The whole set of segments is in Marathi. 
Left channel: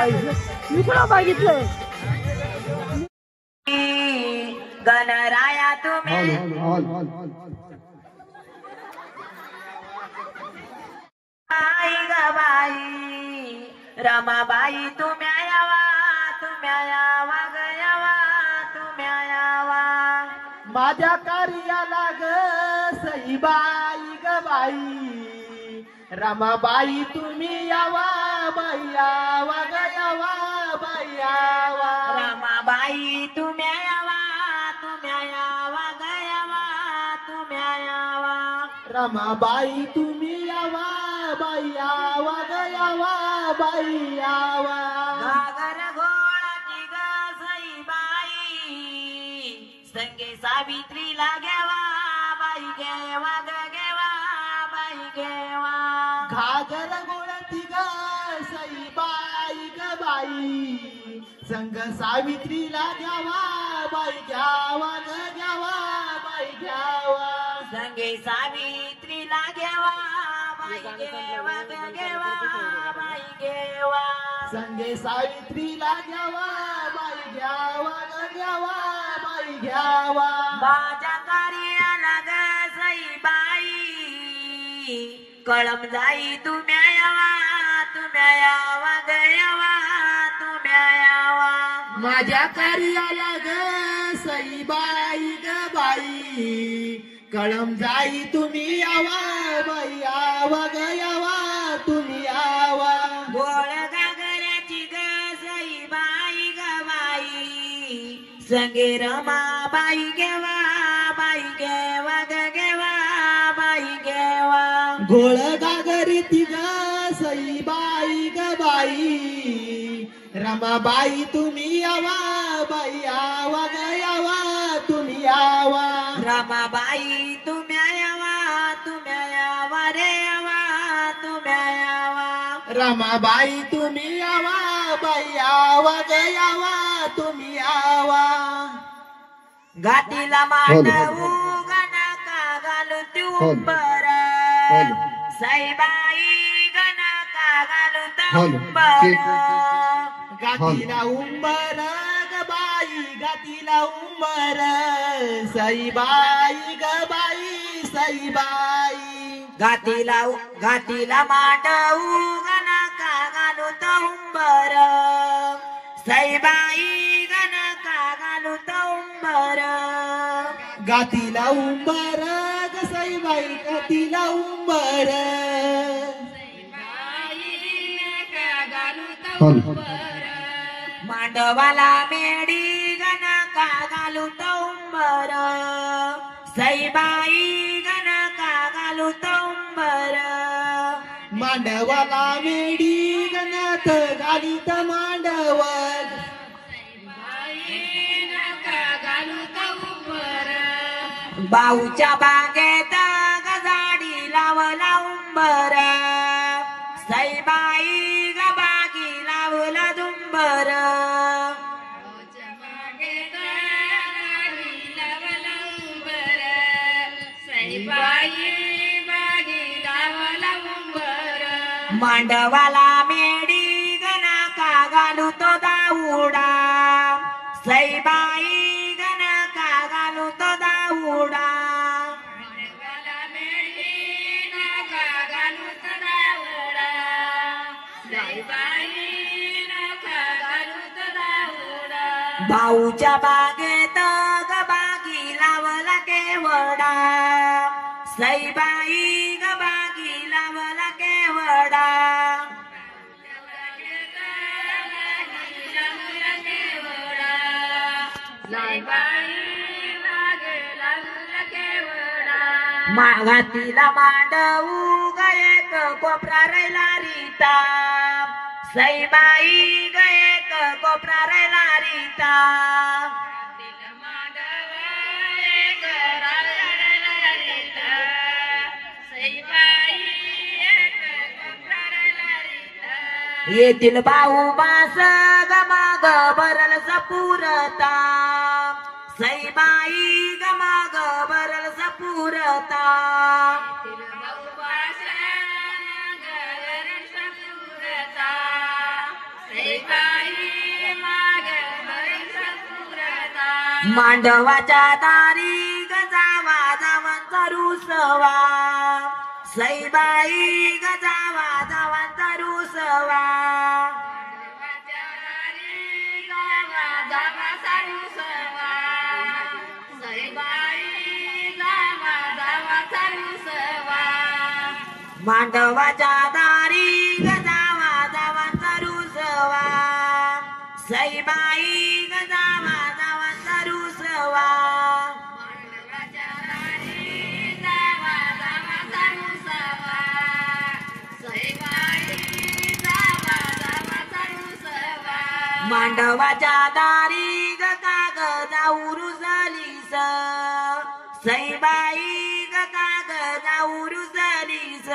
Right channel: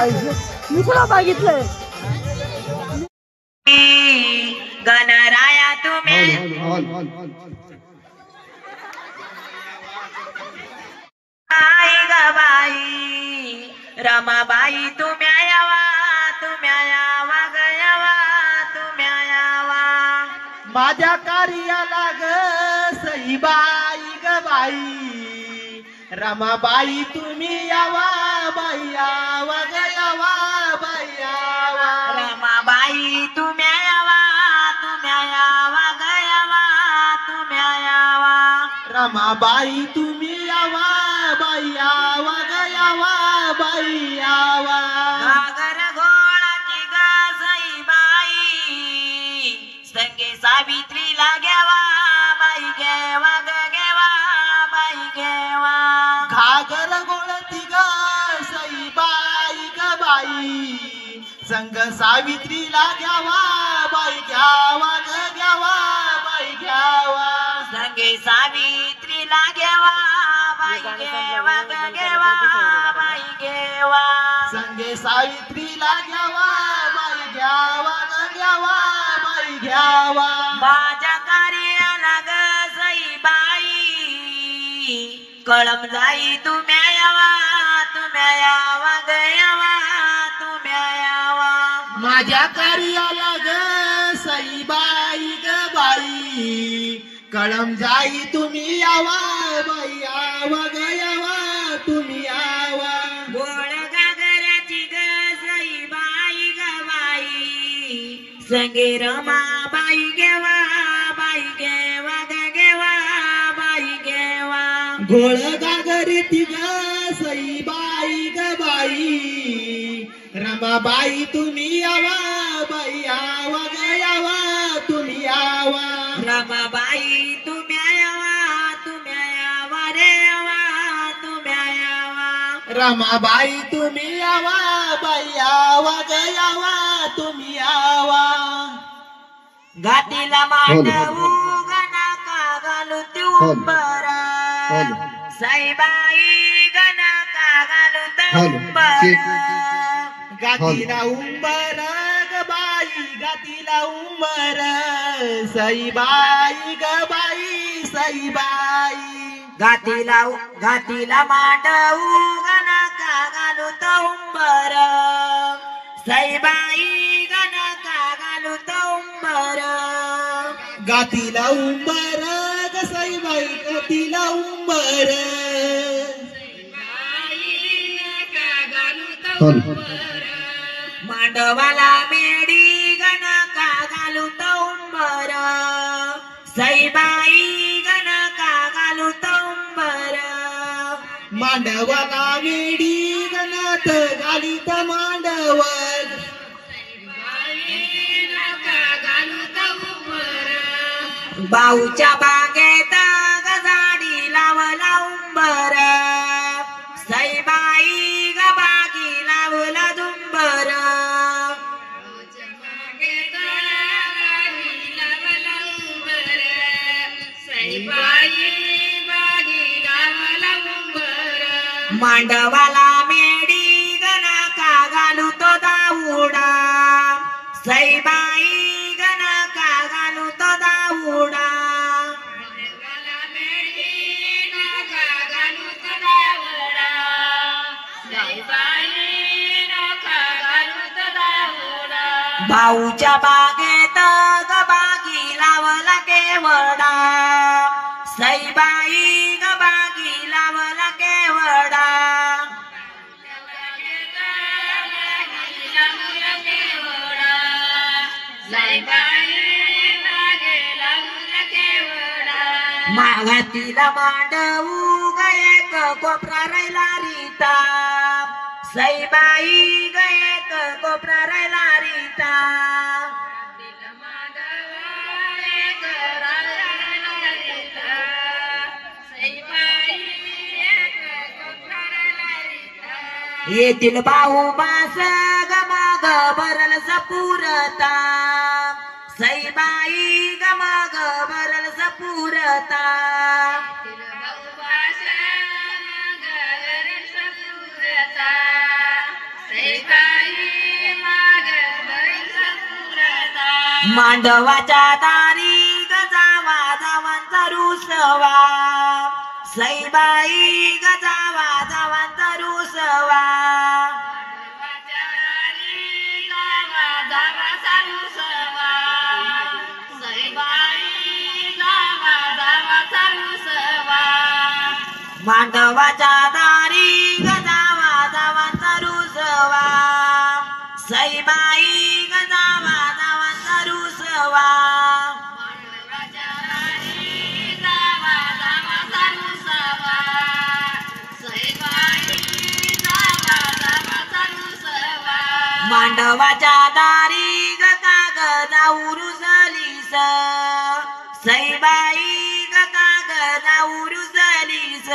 मी तुला बघितलं गणराया तुम्ही बाई ग बाई रमाबाई तुम्ही यावा ग यावा तुम्ही यावा माझ्या कार्याला ग सईबाई ग बाई रमाबाई तुम्ही यावा बाई यावा ग यावा बाई यावा रमाबाई तुम्ही यावा ग यावा तुम्ही यावा रमाबाई तुम्ही यावा बाई यावा ग यावा बाई यावा घागर घोळाची ग सईबाई संगे सावित्रीला घ्यावा बाई घेवा ग घेवा बाई घेवा घागर गोळती ग सईबाई ग बाई संग सावित्रीला घ्यावा बाई घ्यावा ग घ्यावा बाई घ्यावा संगे सावित्रीला घेवा बाई घेवा ग घेवा बाई घेवा संगे सावित्रीला घ्यावा बाई घ्यावा ग घ्यावा बाई घ्यावा माझ्या कार्याला ग सईबाई कळम जाई तुम्ही यावा ग यावा तुम्ही यावा माझ्या कार्याला ग सईबाई ग बाई कळम जाई तुम्ही यावा बाई यावा ग यावा तुम्ही यावा गोळ गागराची ग सईबाई ग बाई संगे रमाबाई घेवा बाई घेवा ग घेवा बाई घेवा गोळ गागरीती ग सईबाई ग बाई रमाबाई तुम्ही यावा बाई यावा ग यावा तुम्ही यावा रमाबाई तुम्ही यावा रे यावा तुम्ही यावा रमाबाई तुम्ही यावा बाई यावा ग यावा तुम्ही यावा घाटीला मांडवू गणका घालू तुंबर सईबाई गणका घालू तुंबर गातीला उंबर ग बाई गातीला उंबर सईबाई ग बाई सईबाई घाटीला मांडवू गणका घालू तुंबर सईबाई गणका घालू तुंबर गातीला उंबर ग सईबाई गातीला उंबर मांडवाला मेडी गणका घालू तुंबर सईबाई गणका घालू तुंबर मांडवाला मेडी गणत गालीत मांडव बाऊच्या बागेत गजाडी लावला उंबर सईबाई ग बागी लावला दुंबर मांडवाला मेडी गणका घालू तो दाऊडा सईबाई गणका घालू तो दाऊडा भाऊच्या बागेत ग बागी लावला केवडा सईबाई ग बागी लावला केवडा माघातीला मांडवू ग एक कोपरा राहिला रीता सईबाई ग एक कोपरा राहिला रीता येतील भाऊ बास गमाग भरल सपूरता सईबाई गमाग भरल सपूरता Say मांडवाच्या दारी गजावा जावांचा रुसवा सईबाई गजावा जावांचा रुसवा मांडवाच्या दारी गजावा जावांचा रुसवा सईबाई गजावा जावांचा रुसवा मांडवाच्या दारी गगा गजाऊ रुसलीस सईबाई गगा गजाऊ रुसलीस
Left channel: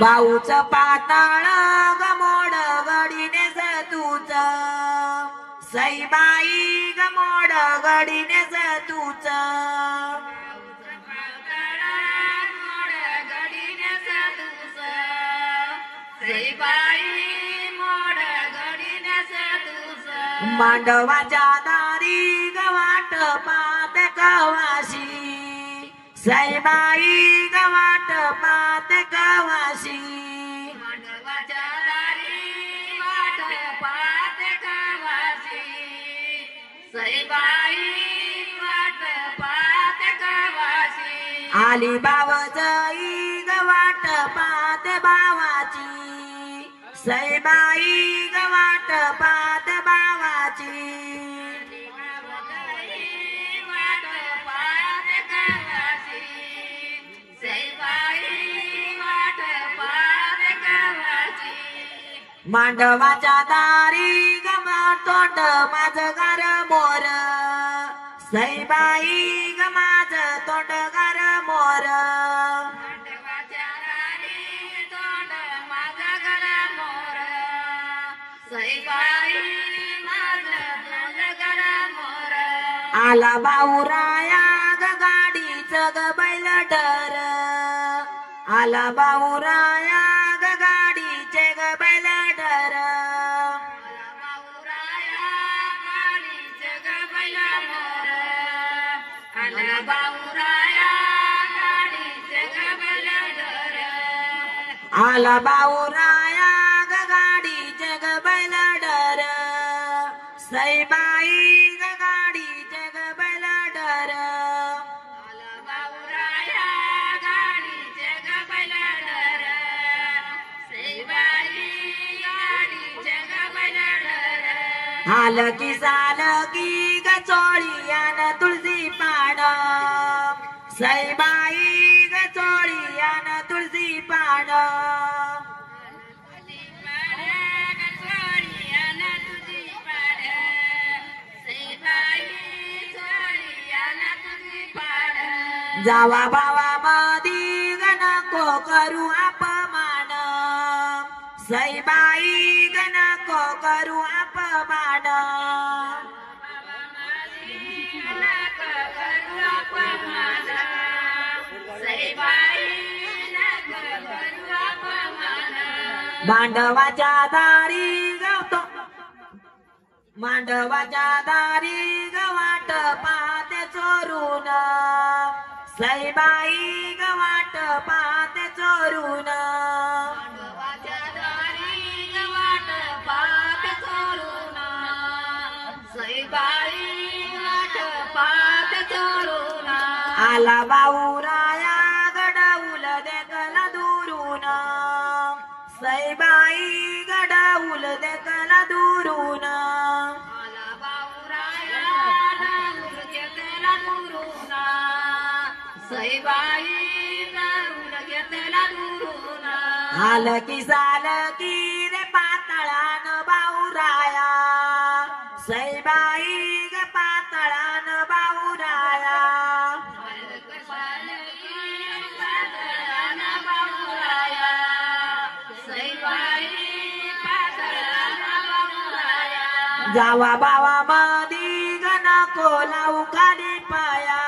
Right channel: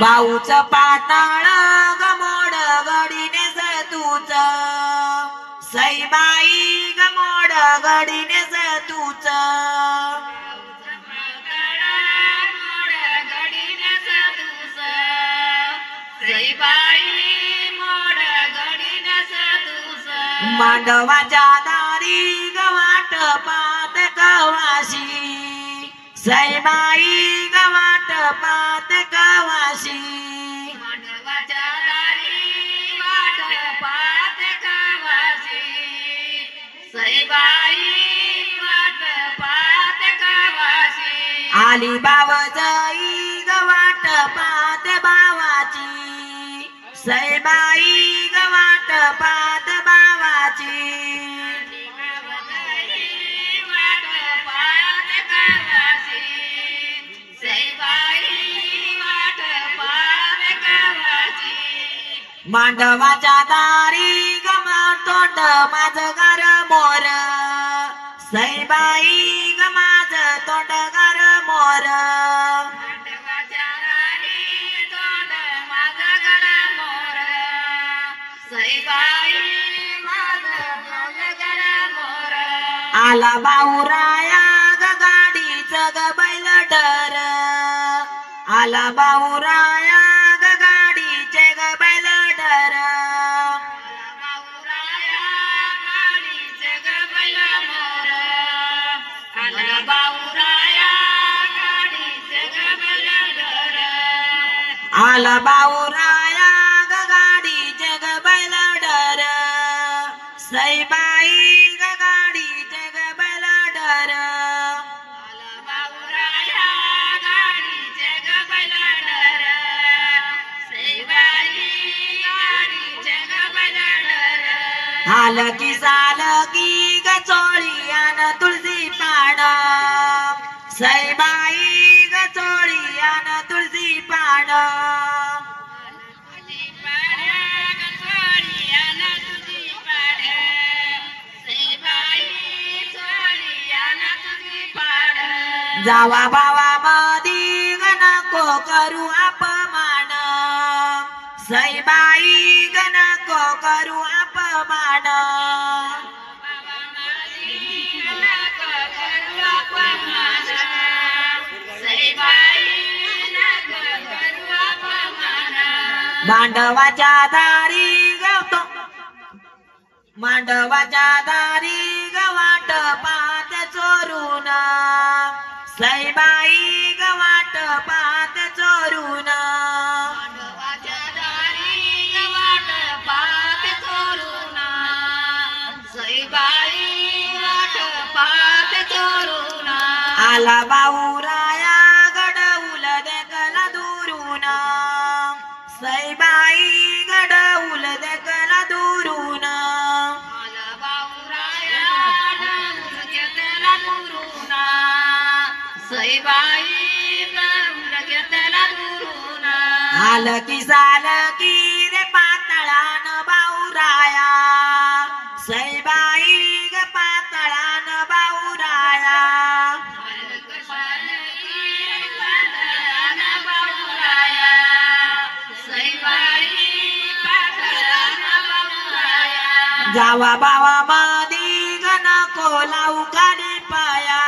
बाऊच पातळ गमोड गडीने सतूच सईबाई गमोड गडीने सतूच मांडवाच्या दारी गवाट पात कवाशी सईबाई गवाट पात कवाशी आली बावजाई गवाट पात बावाची सईबाई गवाट पात बावाची मांडवाच्या दारी गमा तोंड माझं गार मोर सईबाई ग माझं तोंड गार मोर आला बाऊराया ग गाडीच ग बैल डर आला बाऊराया ग गाडीचे ग बैल डर आला बाऊराया ग गाडीचे ग बैल डर सईबाई ग गाडीचे ग बैल डर हाल की साल की ग चोळीयान तुळशी पाण सईबाई ग चोळीयान तुळशी पाण जावा बावा मधी ग नको करू अपमान सईबाई ग नको करू अपमान मांडवाच्या दारी गवतो मांडवाच्या दारी गवाट पात चोरून सईबाई गवाट पात चोरून आला बाऊराया गडौल देखला दुरून सईबाई गडौल देखला दुरून आल की साल की रे पातळान बाऊराया सईबाई ग पातळान बाऊराया जावा बावा मधी ग नको लावू खाली पाया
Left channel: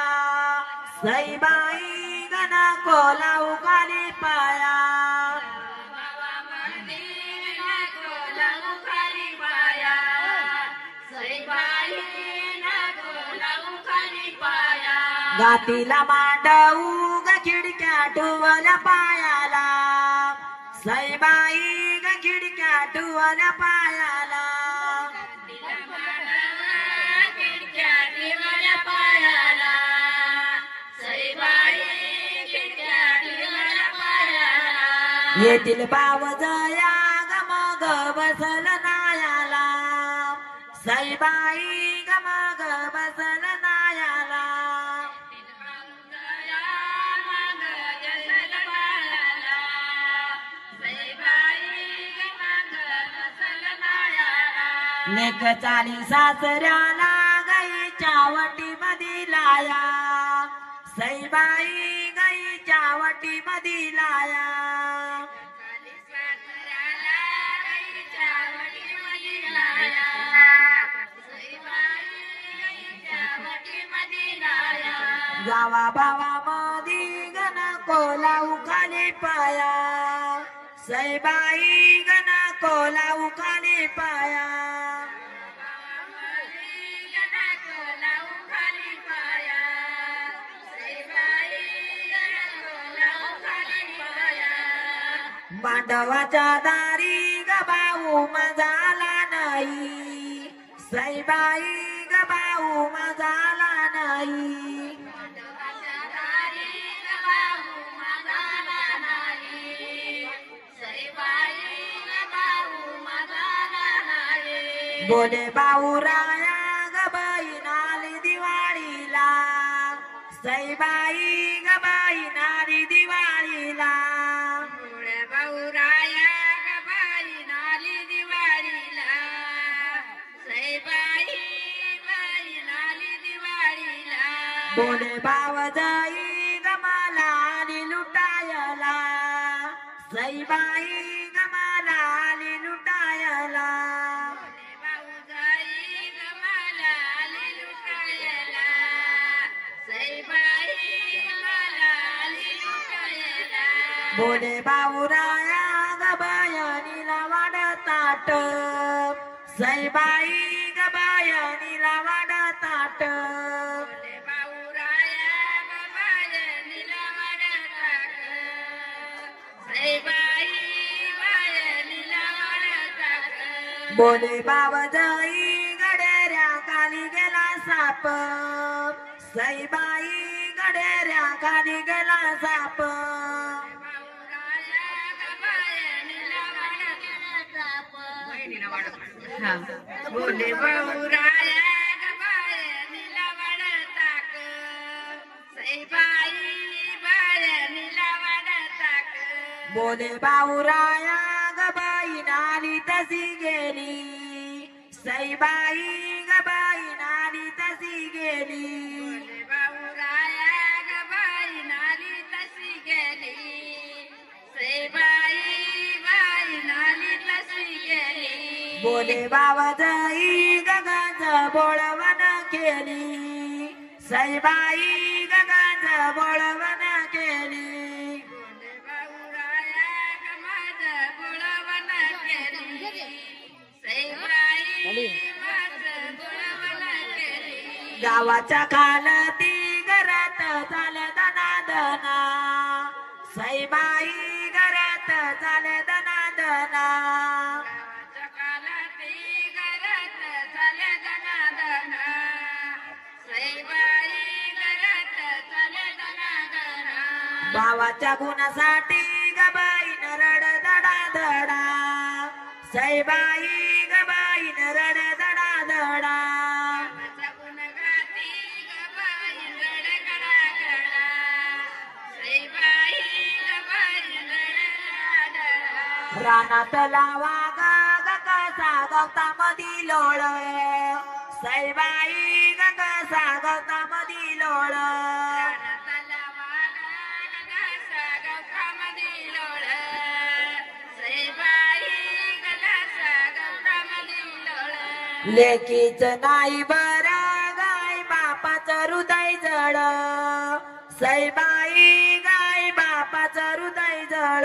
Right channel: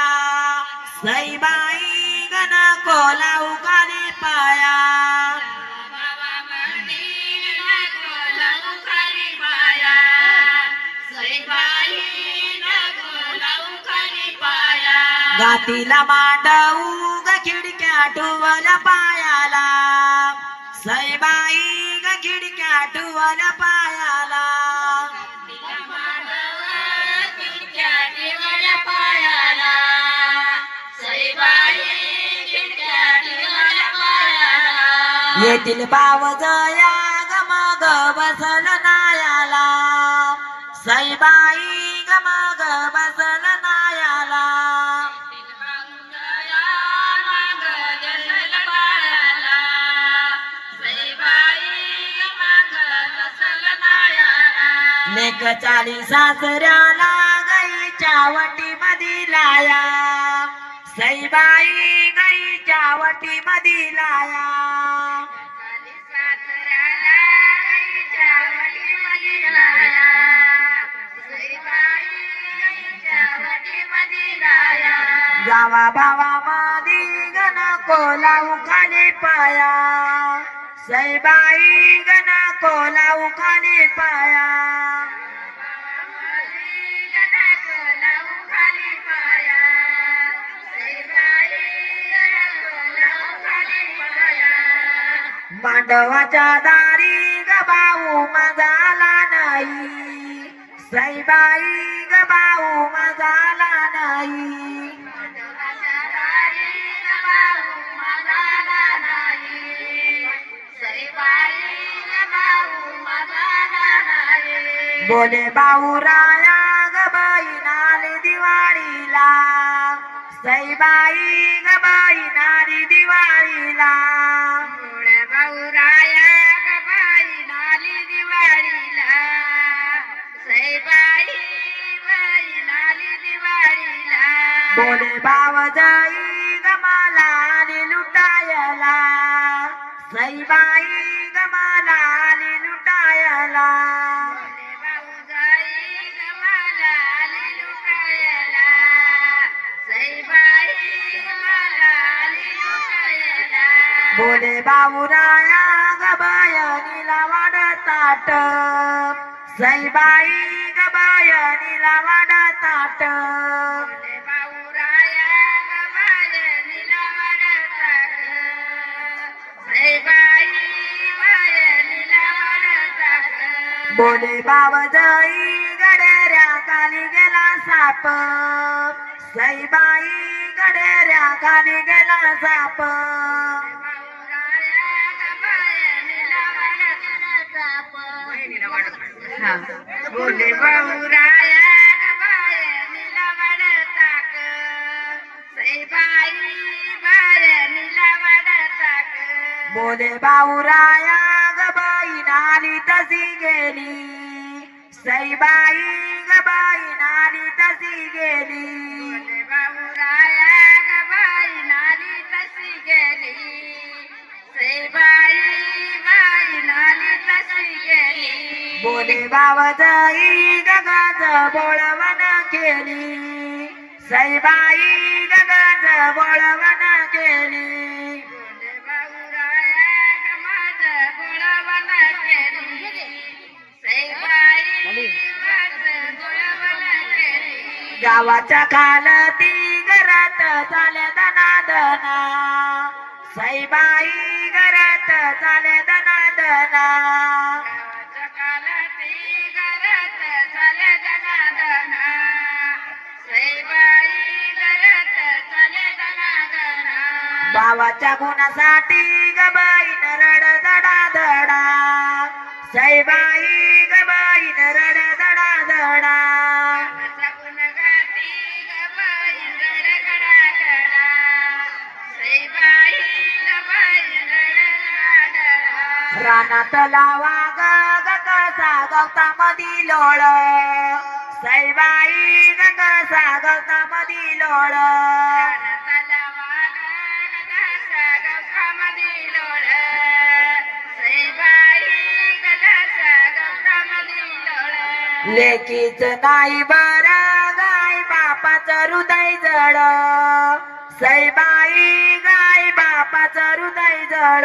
सईबाई ग नको नको लावू खाली पाया गातीला मांडवू ग खिडक्या टुवल पायाला सईबाई ग खिडक्या टुवल पायाला येतील पावजया ग मग बसल नायाला सईबाई ग मग बसल नायाला नेक चाली सासऱ्याला गाईच्या वटी मधी लाया सईबाई गाईच्या वटी मधी लाया गावा बावा मधी गण कोलाऊ खाली पाया सईबाई गण कोलाऊ खाली पाया मांडवाच्या दारी ग भाऊ माझाला नाही सईबाई ग भाऊ माझाला नाही बोले भाऊ राया ग बाई नाली दिवाळीला सईबाई ग बाई नाली दिवाळीला बोले बावजाई ग मला आली लुटायला सईबाई ग मला आली लुटायला बोले बाऊराया ग बायनीला वाढताट सईबाई ग बायनीला वाढताट बोले बावजाई गडेऱ्या खाली गेला साप सईबाई गडेऱ्या खाली गेला साप बोले बाऊराया बोले बाऊराया ग बाई नाली तशी गेली सईबाई ग बाई नाली तशी गेली बोले बावजाई गगाज बोळवण केली सईबाई गगाज बोळवण केली गावाच्या खालती घरात चाले दनादना सईबाई घरात चाले दनादना भावाच्या गुणासाठी ग बाईन रड दडा दडा सईबाई ग बाईन रड दडा दडा रानात लावा ग कसा गवता मधी लोळ सईबाई ग कसा गवता मधी लोळ लेकीच नाही बर गाय बापाच हृदय जड सईबाई गाय बापाचं हृदय जळ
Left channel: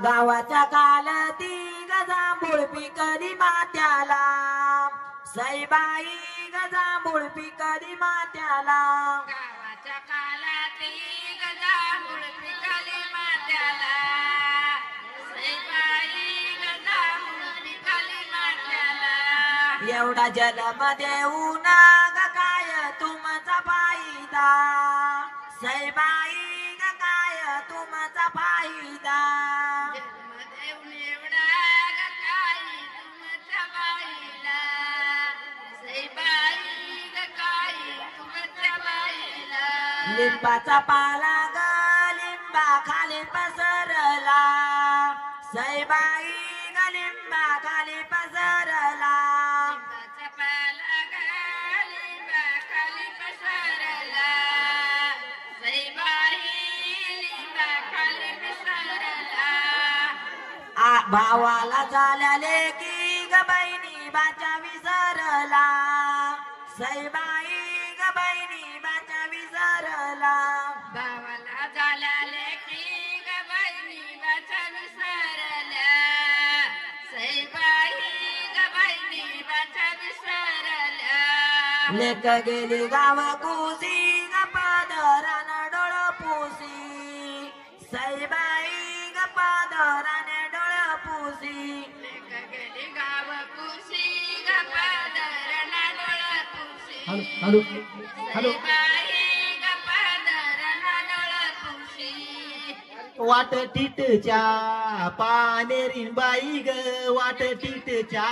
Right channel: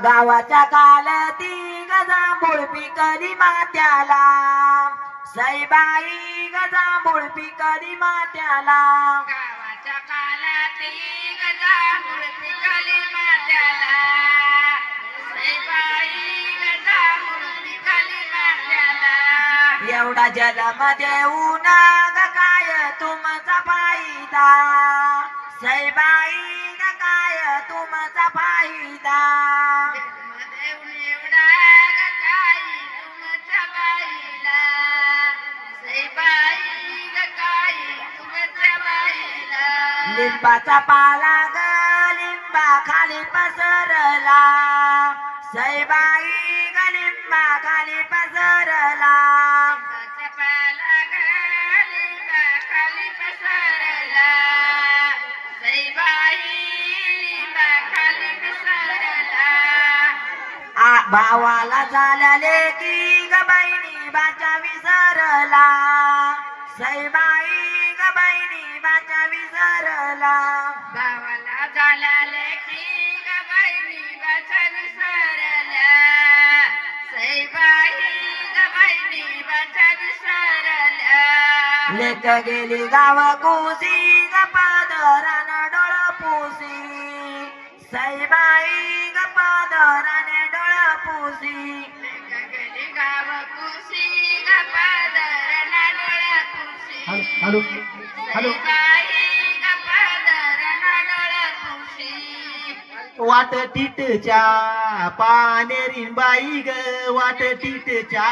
गावाच्या कालती गजांभूळ पिकली मात्याला सईबाई गजांभूळ पिकली मात्याला गावाच्या कालती गजांभूळ पिकली मात्याला सईबाई गजांभूळ पिकली मात्याला एवढा जन्म देऊन ग काय तुमचा फायदा सईबाई काय तुमचा फायदा लिंबाचा पाला ग लिंबा खाली पसरला सईबाई ग लिंबा खाली पसरला भावाला झाल्याले की ग बहिणी बाचा विसरला सईबाई ग बहिणी बाचा विसरला भावाला झाल्याले की ग बहिणी बाचा विसरला सईबाई ग बहिणी बाचा विसरला लेक गेली गाव कुसी ग पादरान डोळ पुसी सईबाई ग पादरान हॅलो हॅलो वाट टिटच्या पानेरीन बाई ग वाट टिटच्या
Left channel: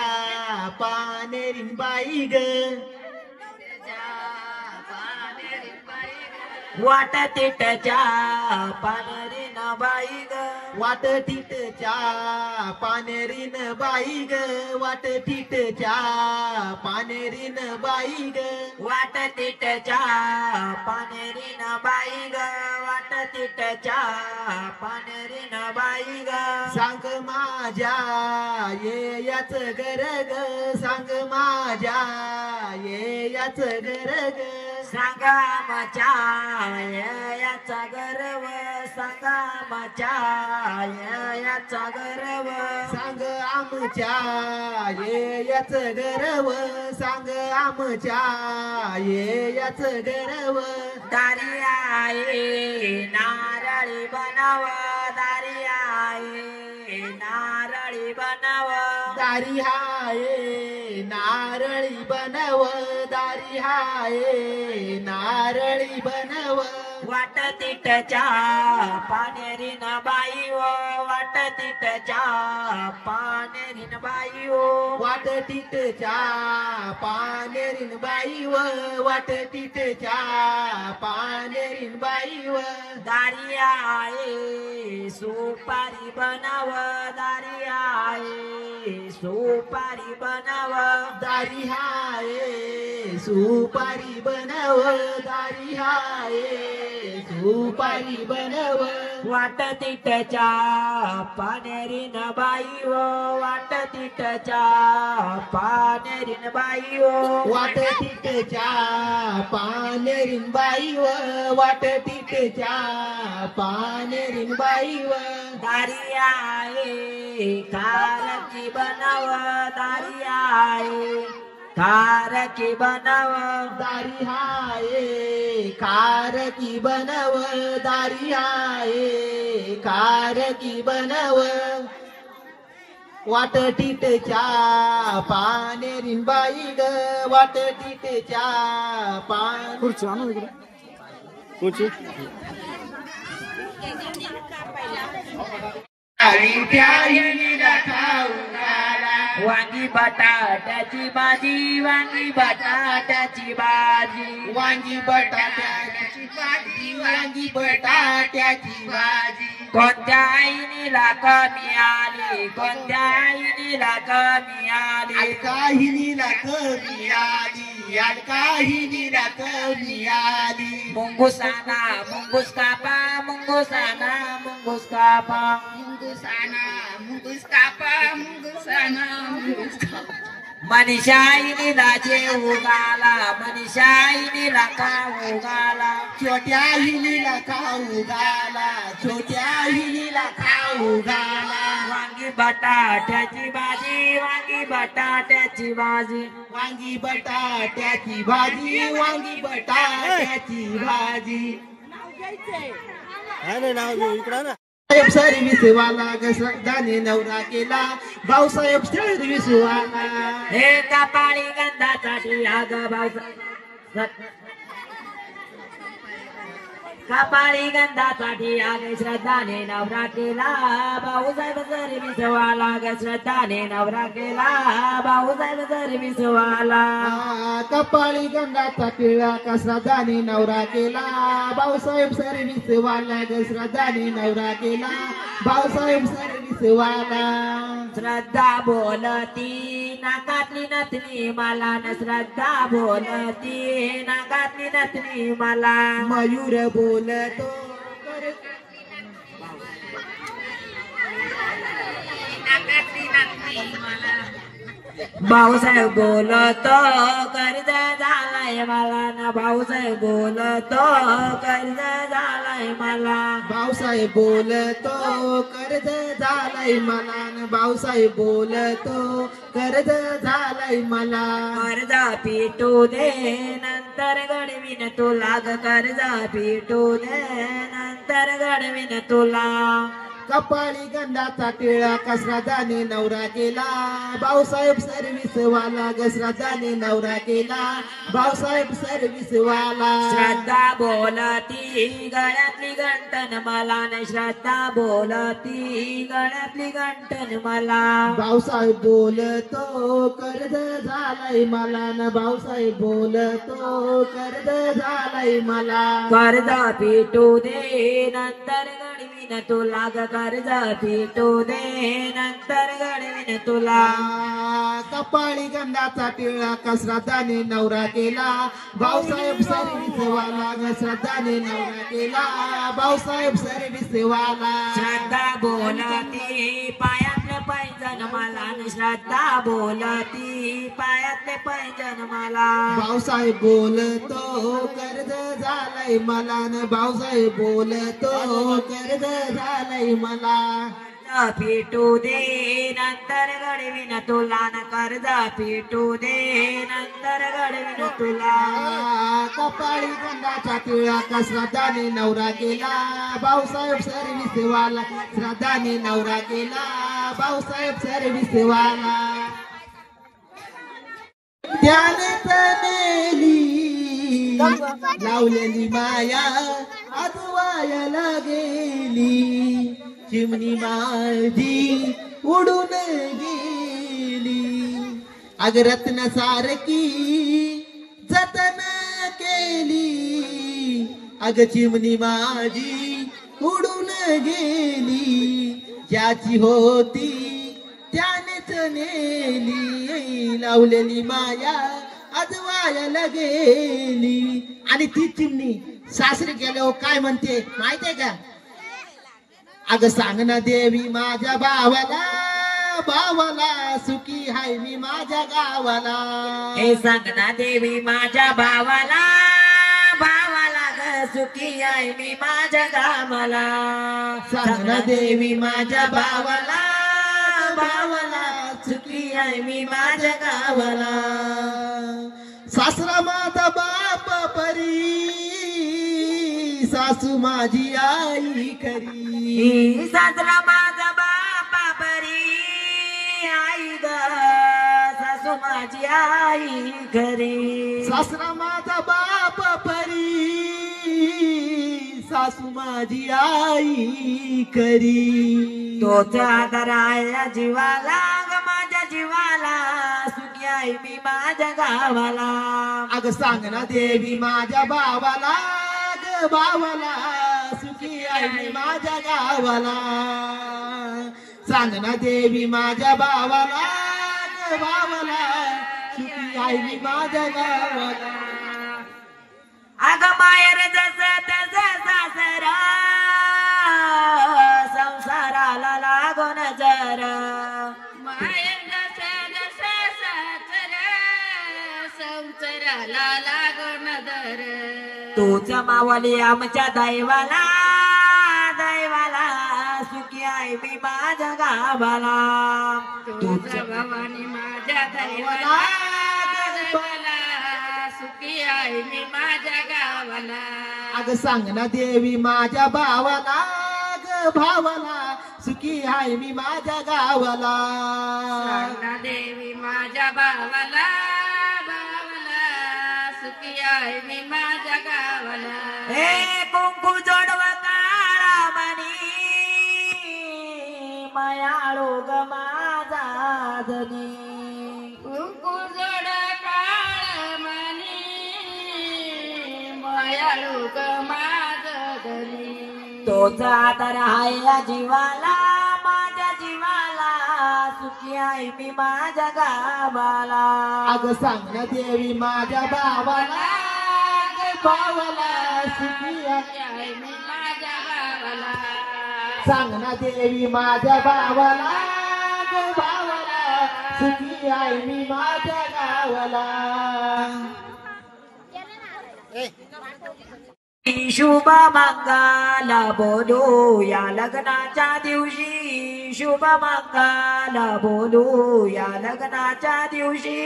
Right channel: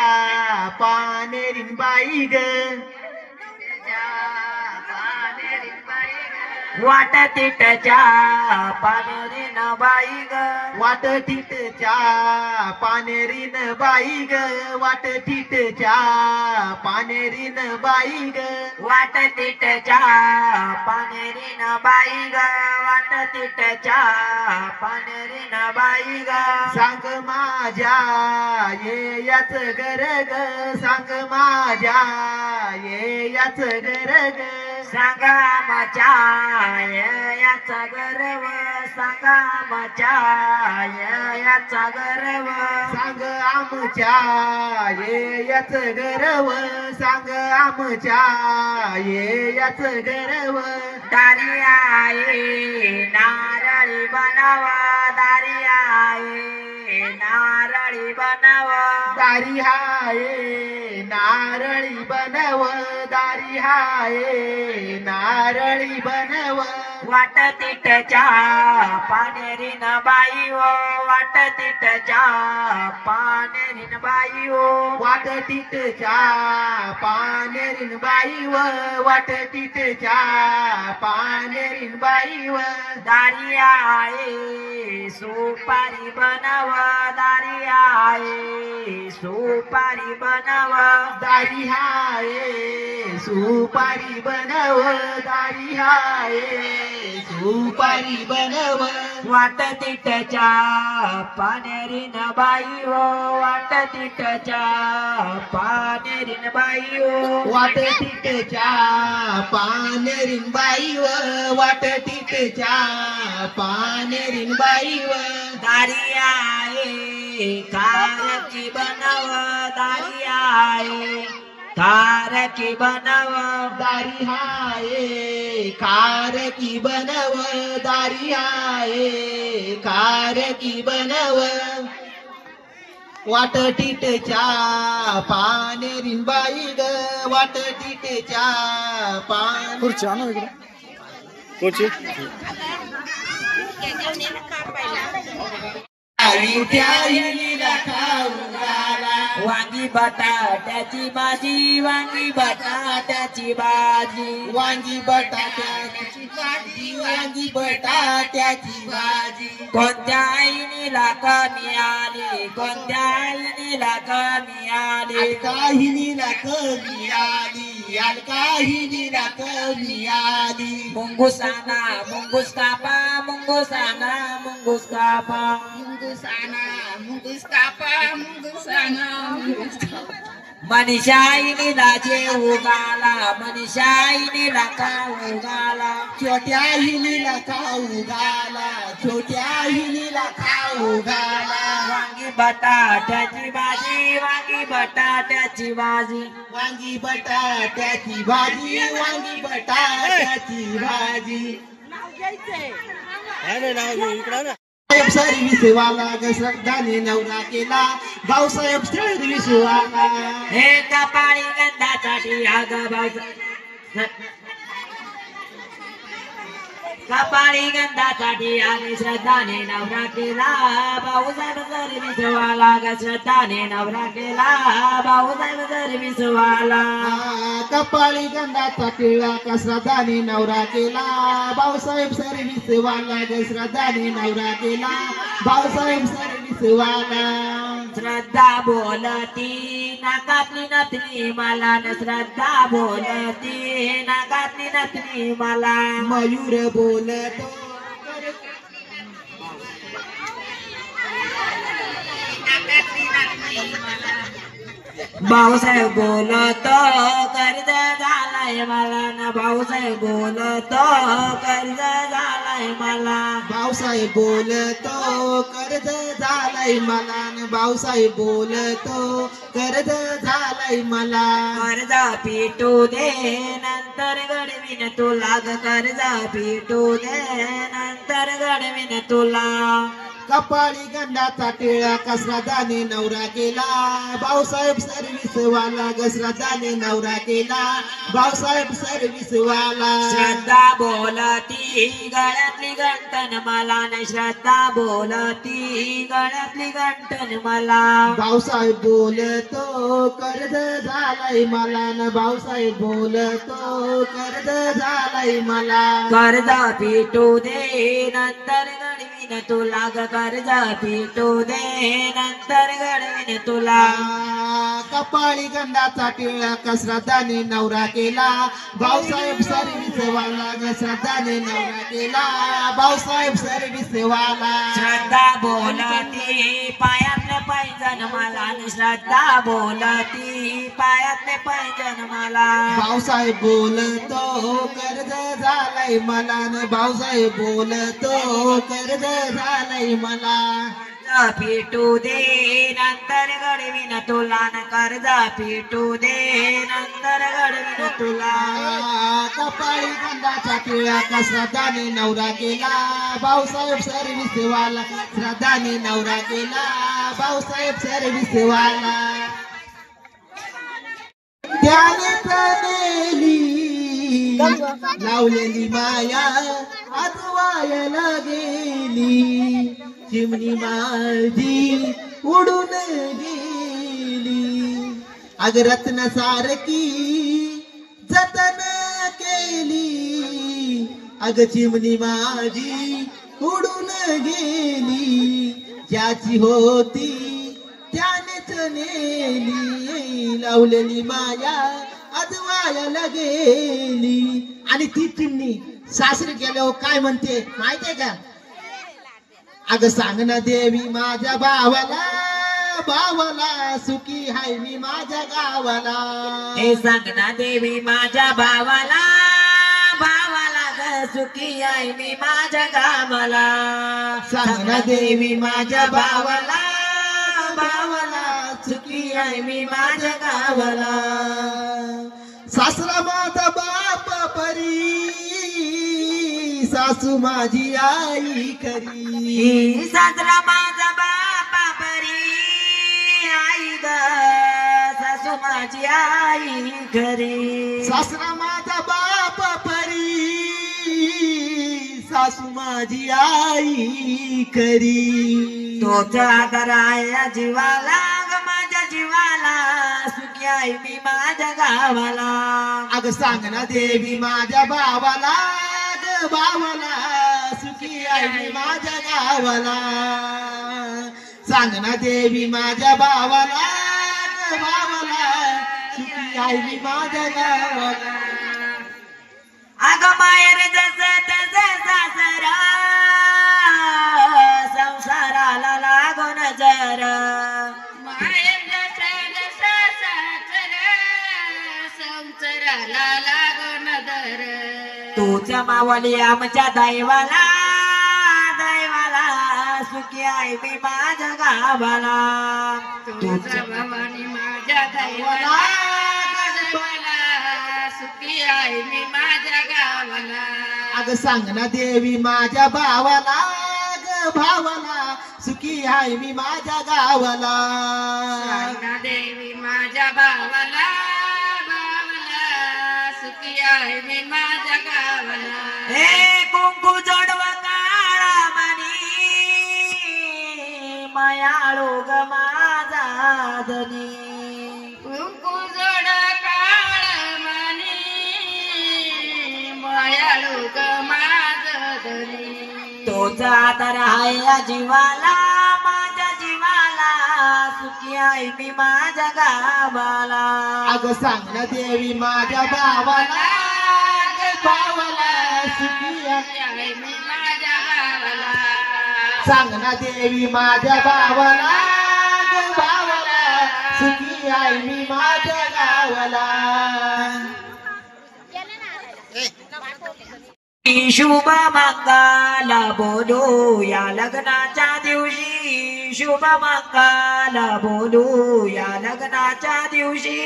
पानेरीन बाई ग वाट तिटच्या पानेरीन बाई ग वाट तिटच्या पानेरीन बाई ग वाट तिटच्या पानेरीन बाई ग वाट तिटच्या पानेरीन बाई ग वाट तिटच्या पानेरीन बाई ग सांग माझ्या ये याच घर ग सांग माझ्या ये याच घर ग सांगा आमच्या याचा गर्व सांगा आमच्या याचा गर्व सांग आमच्या याच गर्व सांग आमच्या याच गर्व दारी आहे नारळी बनाव दारी आहे नारळी बनाव दारी हाय नारळी बनव दारी हाय नारळी बनव वाट तिटच्या पानेरीन बाई ओ वाट तिटच्या पानेरीन बाई ओ वाट तिटच्या पानेरीन बाई व वाट तिटच्या पानेरीन बाई व दारी आहे सुपारी बनव दारी आहे सुपारी बनव दारी हाय सुपारी बनव दारी हाय सुपारी बनव वाट तिटच्या पानेरीन बाई ओ वाट तिटच्या पानेरीन बाई ओ वाट तिटच्या पानेरीन बाई व वाट तिटच्या पानेरीन बाई व दारी आहे कारकी बनव दारी आहे कारकी बनव दारी हाय कारकी बनव दारी हाय कारकी बनव वाट टिटच्या पानेरीन बाई ग वाट टिटच्या पान खुर्ची आणू इकडे खुर्ची वांगी बटाट्याची भाजी वांगी बटाट्याची भाजी वांगी बटाट्याची भाजी वांगी बटाट्याची भाजी कोणत्या आईनीला कमी आली कोणत्या आईनीला कमी आली काहिनीला कमी आली याल काही निरात मिळाली मुंगुसाना मुंगुस कापा मुंगुसाना मुंगुस कापा मुंगुसाना मुंगुस कापा मुंगुसाना मुंगुस कापा मनीषाईनी लाजे उगाला मनीषाईनी लाका उगाला छोट्या हिनीला खाऊ घाला छोट्या हिनीला खाऊ घाला वांगी बटाट्याची भाजी वांगी बटाट्याची भाजी वांगी बटाट्याची भाजी वांगी बटाट्याची भाजी नाही नाव घेऊ इकडं ना साहेब सर्विस वाला गाणे नवरा केला भाऊसाहेब सर्विस वाला हे कपाळी गंधासाठी आग कपाळी गंधासाठी आगे श्रद्धाने नवरा केला भाऊसाहेब सर्विस वाला ग श्रद्धाने नवरा केला भाऊसाहेब सर्विस वाला कपाळी गंधाचा टिळा श्रद्धाने नवरा केला भाऊसाहेब सर्विस वाला ग श्रद्धाने नवरा केला भाऊसाहेब सर्विस वाला श्रद्धा बोलती नाकातली नथनी मला न श्रद्धा बोलती नाकातली नथनी मला मयूर बोलतो भाऊसाहेब बोलतो कर्ज झालाय मला न भाऊसाहेब बोलतो कर्ज झालाय मला भाऊसाहेब बोलतो कर्ज झालाय मला न भाऊसाहेब बोलतो कर्ज झालाय मला कर्ज पिटू दे नंतर घडवीन तुला ग कर्ज पिटू दे नंतर घडवीन तुला कपाळी गंधाचा टिळा श्रद्धाने नवरा केला भाऊसाहेब सर्विस वाला ग श्रद्धाने नवरा केला भाऊसाहेब सर्विस वाला श्रद्धा बोलती गळ्यातली गंटन मला न श्रद्धा बोलती गळ्यातली गंटन मला भाऊसाहेब बोलतो कर्ज झालाय मला न भाऊसाहेब बोलतो कर्ज झालाय मला कर्ज पिटू दे नंतर घडवीन तुला ग कर्ज पिटू दे नंतर घडवीन तुला कपाळी गंधाचा टिळा श्रद्धाने नवरा केला भाऊसाहेब सर्विस वाला ग श्रद्धाने नवरा केला भाऊसाहेब सर्विस वाला श्रद्धा बोलती पायातले पैजण मला आणि श्रद्धा बोलती पायातले पैजण मला भाऊसाहेब बोलतो कर्ज झालाय मला न भाऊसाहेब बोलतो कर्ज झालाय मला पिटू दे नंतर घडवीन तुला न कर्ज पिटू दे नंतर घडवीन तुला कपाळी गंधाचा टिळा श्रद्धाने नवरा केला भाऊसाहेब सर्विस वाला श्रद्धाने नवरा केला भाऊसाहेब सर्विस वाला त्याने प्रणेली लावलेली माया आजवायला गेली चिमणी माझी उडून गेली अग रत्न सारखी जतन केली अग चिमणी माझी उडून गेली ज्याची होती त्यानेच नेली लावलेली माया आजवायला गेली आणि ती चिमणी सासरी गेल्यावर काय म्हणते माहितीये का अग सांग ना देवी माझ्या भावाला सुखी हाय मी माझ्या गावाला हे सांग ना देवी माझ्या भावाला ग सुखी आहे मी माझ्या गावाला सांग ना देवी माझ्या भावाला सुखी आहे मी माझ्या गावाला सासरा माझा बाप परी सासू माझी आई खरी सासरा माझा बापा परी आई ग सासू माझी आई घरी सासरा माझा बाप परी सासू माझी आई खरी तोच आदर आहे जीवाला ग माझ्या जीवाला सुखी आहे मी माझ्या गावाला अग सांग ना देवी माझ्या भावाला सुखी आहे मी माझ्या गावाला सांग ना देवी माझ्या भावाला सुखी आहे मी माझ्या गावाला. अग मायर जसे तसे सासर संसाराला लागून जर माहेर जसा जसा सासर संसाराला लागून दर. तूच मावली आमच्या दैवाला दैवाला सुखी आहे मी माझ्या गावाला. तुझ्या भवानी माझ्या दैवाला सुखी आहे मी माझ्या गावाला. अग सांग ना देवी माझ्या भावाला ग भावाला सुखी आहे मी माझ्या गावाला. सांगा देवी माझ्या भावाला भावाला सुखी आहे मी माझ्या गावाला. हे कुंकू जोडव काळा मणी मायाळू ग माझा धनी. कुंकू जोड काळ मणी मायाळू ग माझ धनी. तोच आदर आहे या जीवाला माझ्या जीवाला सुखी आहे मी माझ्या गावाला. अग सांग ना देवी माझ्या भावाला ग भावाला सुखी आहे. आहे मी माझ्या गावाला. सांग ना देवी माझ्या भावाला ग भावाला सुखी आहे मी माझ्या गावाला. शुभ मंगल बोलू या लग्नाच्या दिवशी. शुभ मंगल बोलू या लग्नाच्या दिवशी.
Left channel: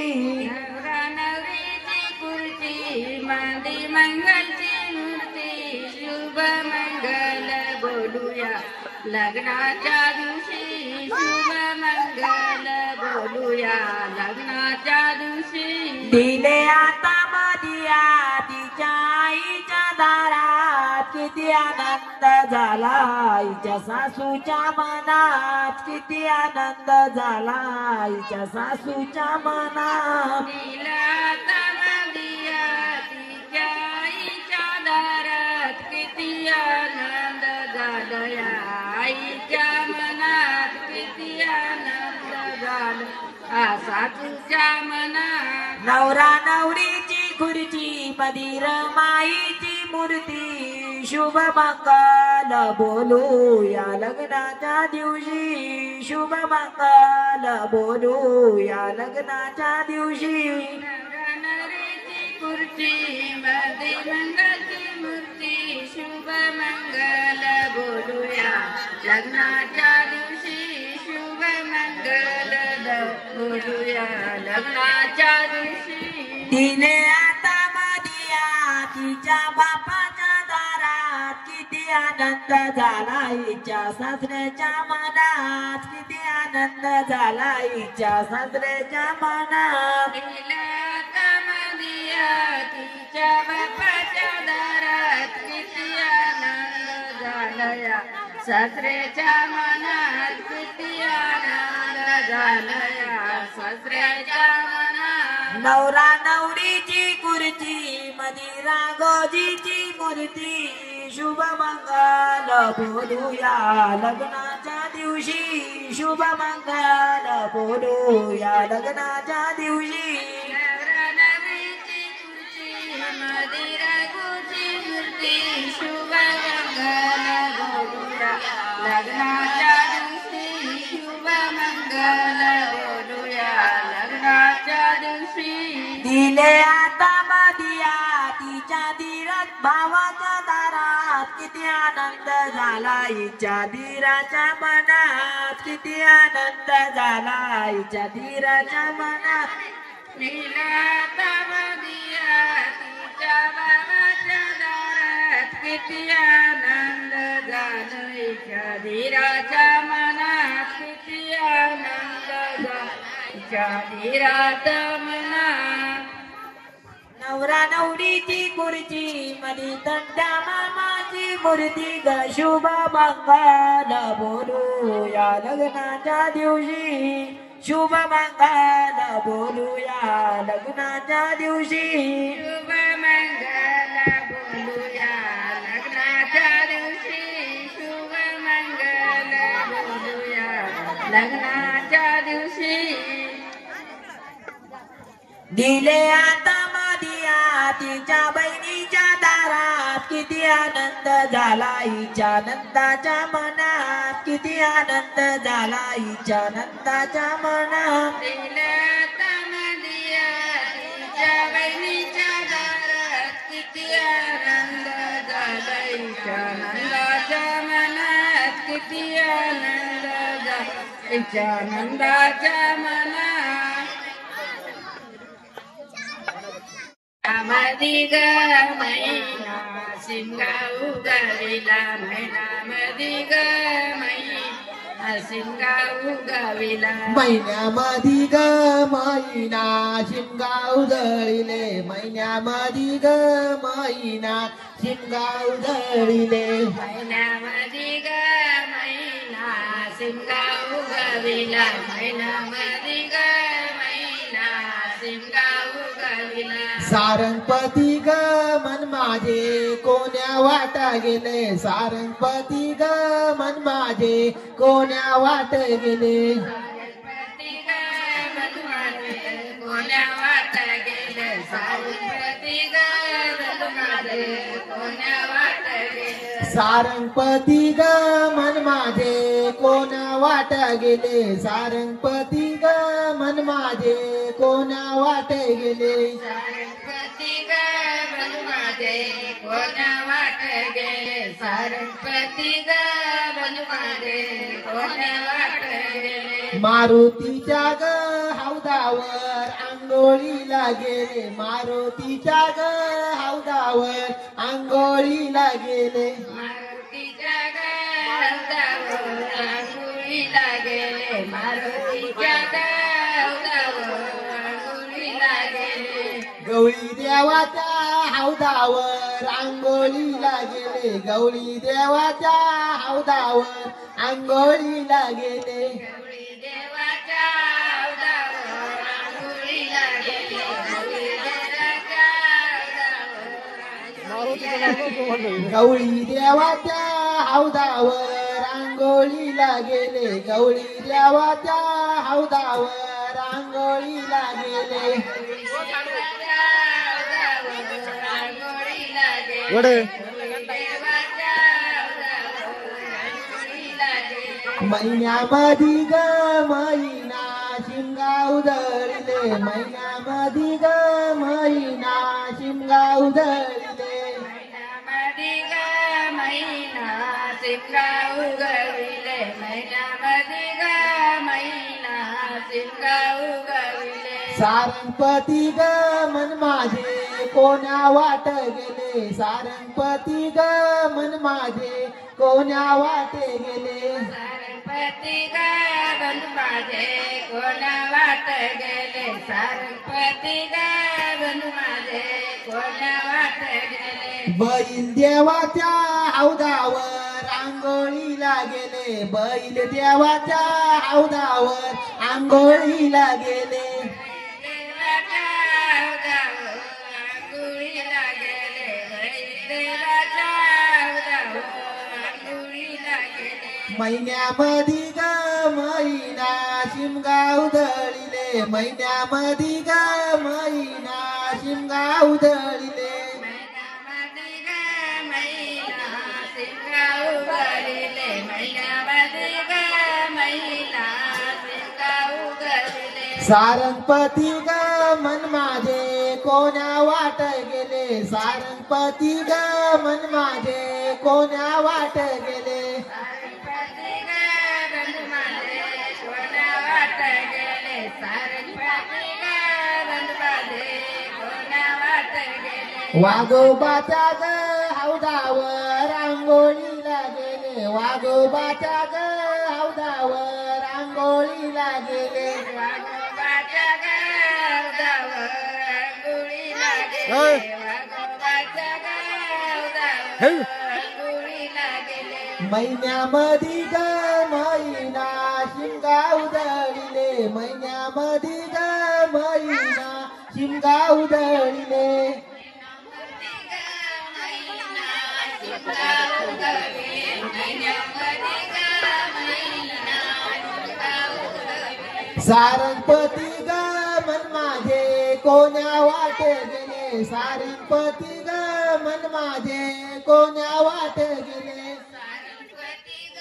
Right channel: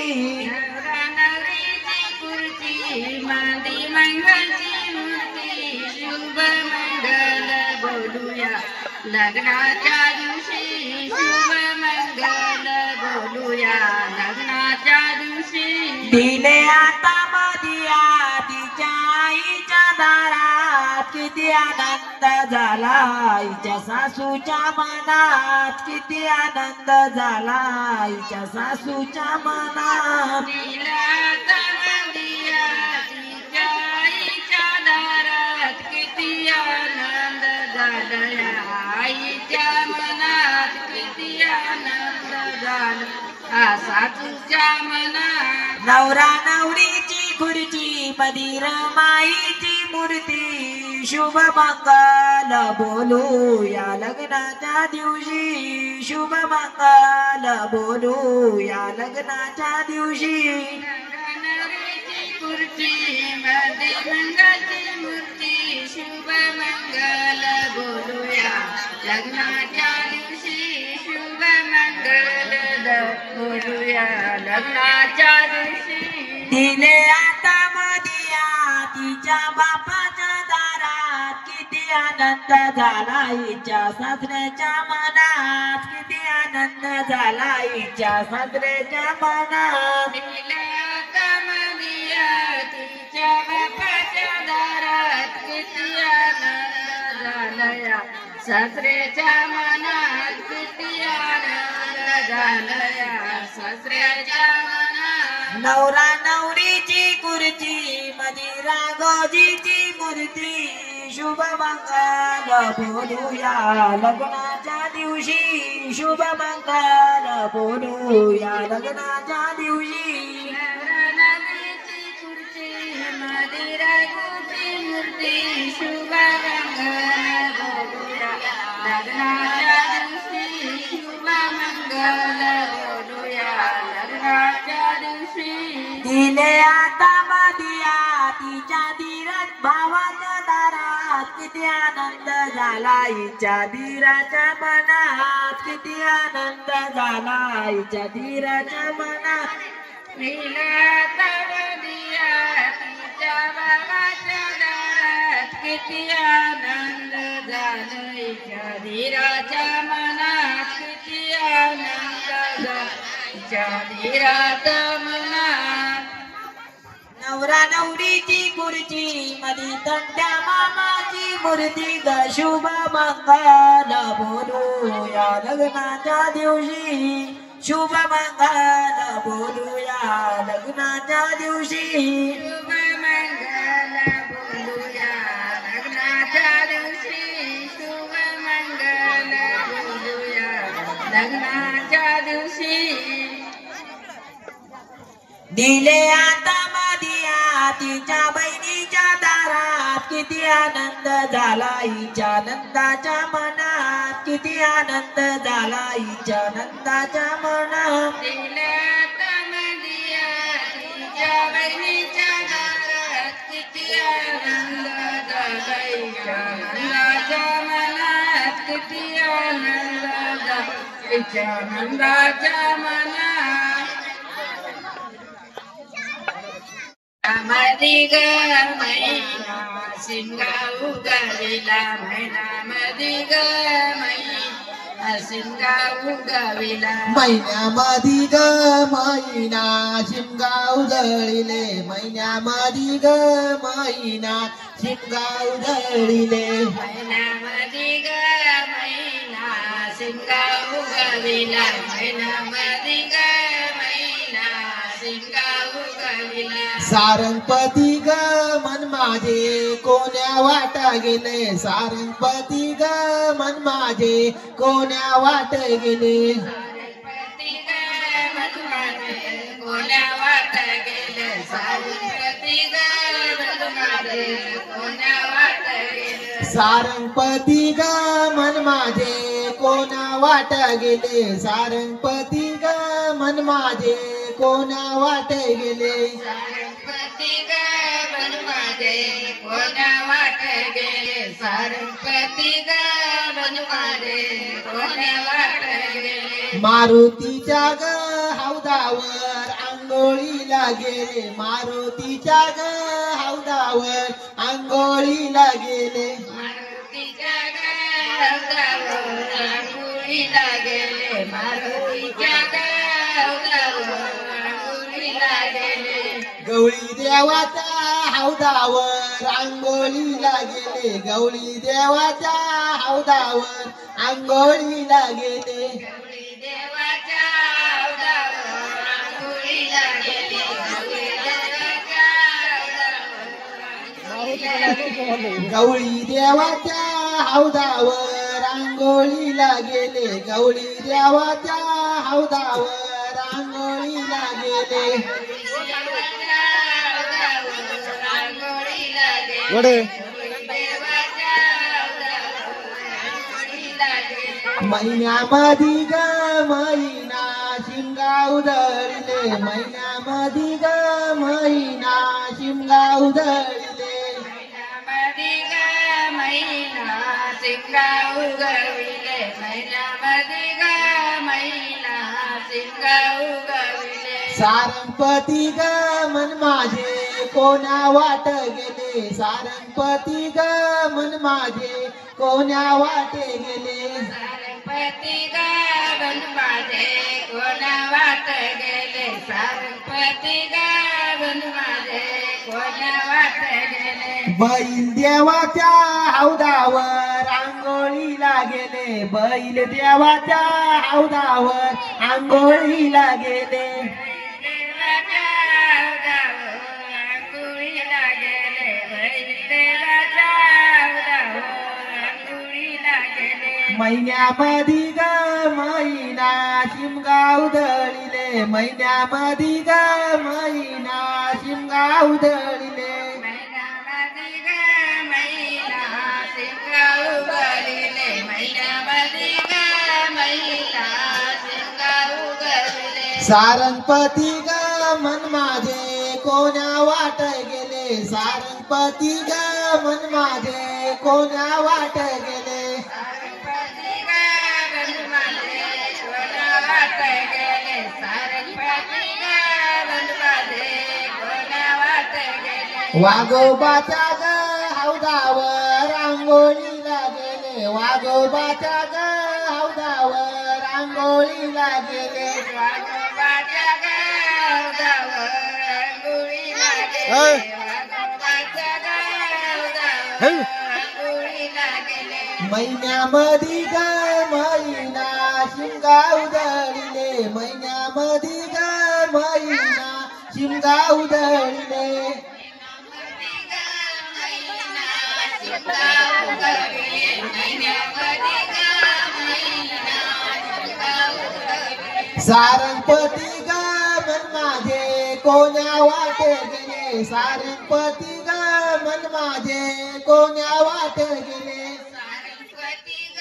नवरा नवरीची खुर्ची मांदी मंगलची मूर्ती. शुभ मंगल बोलूया लग्नाच्या दिवशी. शुभ मंगल बोलूया लग्नाच्या दिवशी. दिले आता मदिया तिच्या आईच्या दारात किती आनंद झाला आईच्या सासूच्या मनात. किती आनंद झाला आईच्या सासूच्या मनात. तिला तवंदिया तिच्या आईच्या दारात किती आनंद झाला आईच्या मनात. किती आनंद झाला सासूच्या मनात. नवरा नवरीची खुर्ची मधीर माईची मूर्ती. शुभ मंगल बोलू या लग्नाच्या दिवशी. शुभ मंगल बोलू या लग्नाच्या दिवशी. नवरीची खुर्ची मध्ये मंगलची मूर्ती. शुभ मंगल बोलूया लग्नाच्या दिवशी. शुभ मंगल बोलूया लग्नाच्या दिवशी. तिने आता मदिया तिच्या बापाच्या दारात किती आनंद झाला आईच्या सासऱ्याच्या मनात. किती आनंद झाला आईच्या सासऱ्याच्या मनात. तिला तमदिया तिच्या बापाच्या दारात किती आनंद झालया सासऱ्याच्या मनात. किती आनंद झालया सासऱ्याच्या मनात. नवरा नवरीची खुर्ची मधी राघोजीची मूर्ती. शुभ मंगल बोलूया लग्नाच्या दिवशी. शुभ मंगल बोलूया लग्नाच्या दिवशी. नवरीची खुर्ची मध्ये राघोची मूर्ती. शुभ मंगल बोलूया लग्नाच्या दिवशी. शुभ मंगल बोलूया लग्नाच्या दिवशी. दिले आता मदिया तिच्या धीरत भावाच्या दारात किती आनंद झाला आईच्या धीराच्या मनात. किती आनंद झाला आईच्या धीराच्या मनात. तिला तवंदिया तिच्या बाबाच्या दारात किती आनंद झाला धीराच्या मनात. किती आनंद झाला धीरात मनात. नवरा नवरीची खुर्ची मधी तंट्या मामाची मूर्ती ग. शुभ मंगल बोलूया लग्नाच्या दिवशी. शुभ मंगल बोलूया लग्नाच्या दिवशी. शुभ मंगल बोलूया लग्नाच्या दिवशी. शुभ मंगल बोलूया लग्नाच्या दिवशी. दिले आता मदिया तिच्या बहिणीच्या दारात किती आनंद झाला हिच्या नंदाच्या मनात किती आनंद झाला हिच्या नंदाच्या मनात दिले आता मदिया तिच्या बहिणीच्या दारात किती आनंद झाला हिच्या नंदाच्या मनात किती आनंद झाला हिच्या नंदाच्या मनात मधी ग मैना शिमगा उगविला मैना मधी ग मैना शिमगा उगविला महिन्यामध्ये ग महिना शिमगा उधळिले महिन्यामध्ये ग महिना शिमगा उधळिले मैना मधी ग मैना शिमगा उगविला मैना मधी ग मैना शिमगा उगविला सारंगपती ग मन माझे कोण्या वाटा गेले सारंगपती ग मन माझे कोण्या वाट गेले सारंगपती ग मन माझे कोण्या वाट गेले सारंगपती ग मन माझे कोण्या वाट गेले सारंगपती ग मन माझे कोण्या वाट गेले सारंगपती ग मन माझे कोण्या वाट गेले सारंगपती ग मन माझे कोण्या वाट गेले सारंगपती ग मन माझे कोण्या वाट गेले मारुतीच्या ग हौदावर आंघोळीला गेले मारुतीच्या ग हौदावर आंघोळीला गेले मारुतीच्या ग हौदावर आंघोळीला गेले मारुतीच्या ग हौदावर आंघोळीला गेले गवळी देवाच्या हौदावर आंघोळीला गेले गवळी देवाच्या हौदावर आंघोळीला गेले गौरी देवाच्या हौदावर आंघोळीला गेले गौरी देवाच्या गवळी देवाच्या हौदावर आंघोळीला गेले गवळी देवाच्या हौदावर आंघोळीला गेले वडे महिन्यामध्ये ग महिना शिमगा उधळले महिन्यामध्ये ग महिना शिमगा उधळले महिन्यामध्ये ग महिना शिमगा उगविले महिन्यामध्ये ग महिना शिमगा उगविले सारंगपती ग मन माझे कोण्या वाट गेले सारंगपती ग मन माझे कोण्या वाट गेले सारंगपती ग मन माझे कोण्या वाट गेले सारंगपती ग मन माझे कोण्या वाट गेले बैल देवाच्या हौदावर आंघोळीला गेले बैल देवाच्या हौदावर आंघोळीला गेले देवाच्या हौदावर आंघोळीला गेले देवाच्या हौदावर आंघोळीला गेले महिन्यामध्ये ग महिना शिमगा उधळिले महिन्यामध्ये ग महिना शिमगा उधळिले महिन्यामध्ये ग महिना शिमगा उगविले महिन्यामध्ये ग महिना शिमगा उगविले सारंगपती ग मन माझे कोण्या वाट गेले सारंगपती ग मन माझे कोण्या वाट गेले सारंगपती ग मन माझे कोण्या वाट गेले सारंगपती ग मन माझे कोण्या वाट गेले वाघोबाच्या ग हौदावर आंघोळीला गेले वाघोबाच्या ग हौदावर आंघोळीला गेले वाघोबाच्या ग हौदावर आंघोळीला गेले ऐ. वाघोबाच्या ग हे. हौदावर आंघोळीला गेले महिन्यामध्ये ग महिना शिमगा उधळिले महिन्यामध्ये ग महिना शिमगा उधळिले सारंगपती ग मन माझे कोण्या वाटे गेले सारंगपती ग मन माझे कोण्या वाटे गेले सारंगपती ग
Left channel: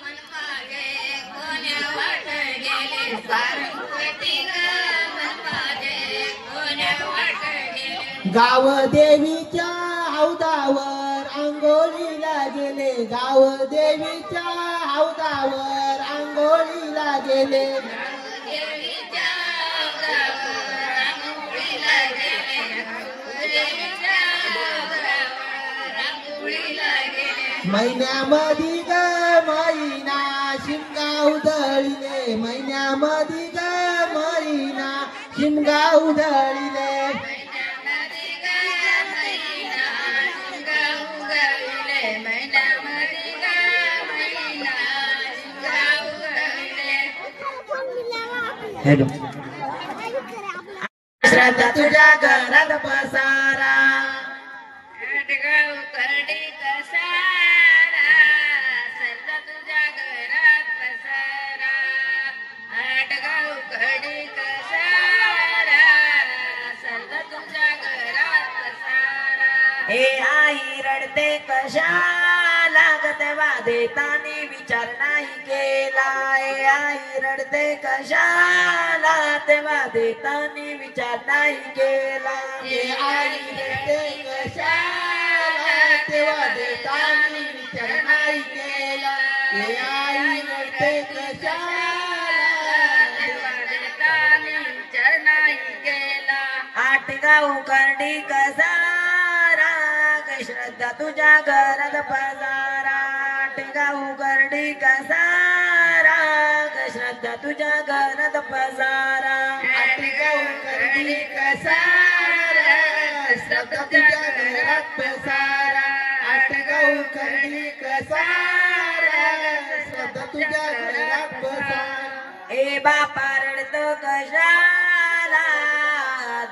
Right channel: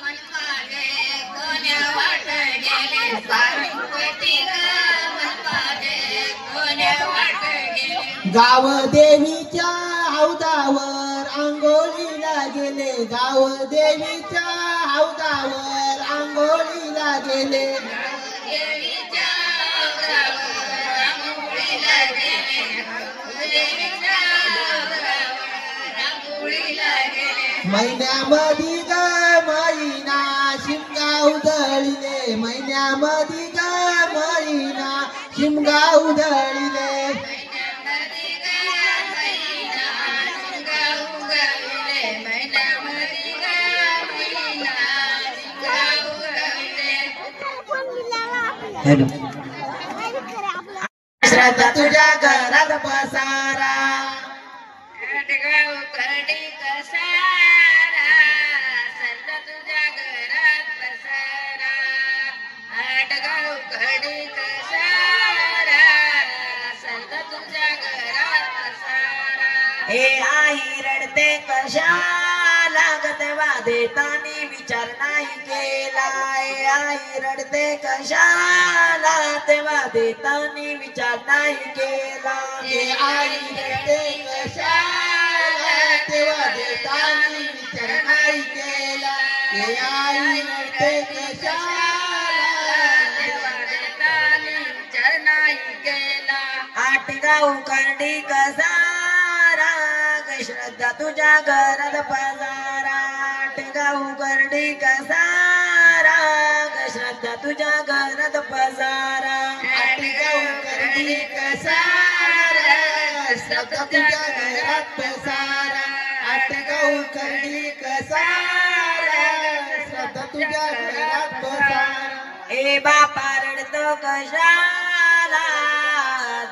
मन माझे कोण्या वाट गेले सारंगपती ग मन माझे कोण्या वाट गेले गाव देवीच्या हौदावर आंघोळीला गेले गाव देवीच्या हौदावर आंघोळीला गेले देवीच्या गावावर रांगोळीला गेले देवीच्या गावावर रांगोळीला गेले महिन्यामध्ये ग महिना शिमगा उधळीले महिन्यामध्ये ग महिना शिमगा उधळीले महिन्यामध्ये ग महिना शिमगा उगविले महिन्यामध्ये ग महिना शिमगा उगविले श्रद्धा तुझ्या घरात पसारा आटगाव करडी कसारा सल्ला तुझ्या घरात पसारा आटगाव करडी कसारा सल्ला तुझ्या घरात पसारा हे आई रडते कशाला ग तेव्हा देतानी विचार नाही केला हे आई रडते कशाला तेव्हा देतानी विचार नाही केला हे आई रडते कशाला तेव्हा देताना विचार नाही केला हे आई रडते कशाला तेव्हा देतानी विचार नाही केला आटगाव करडी कसारा ग श्रद्धा तुझ्या घरात पसारा आटगाव करडी कसारा ग श्रद्धा तुझ्या घरात पसारा आटगाव करडी कसारा श्रद्धा तुझ्या घरात पसारा आटगाव करडी कसारा श्रद्धा तुझ्या घरात पसारा ए बापा रडतो कशाला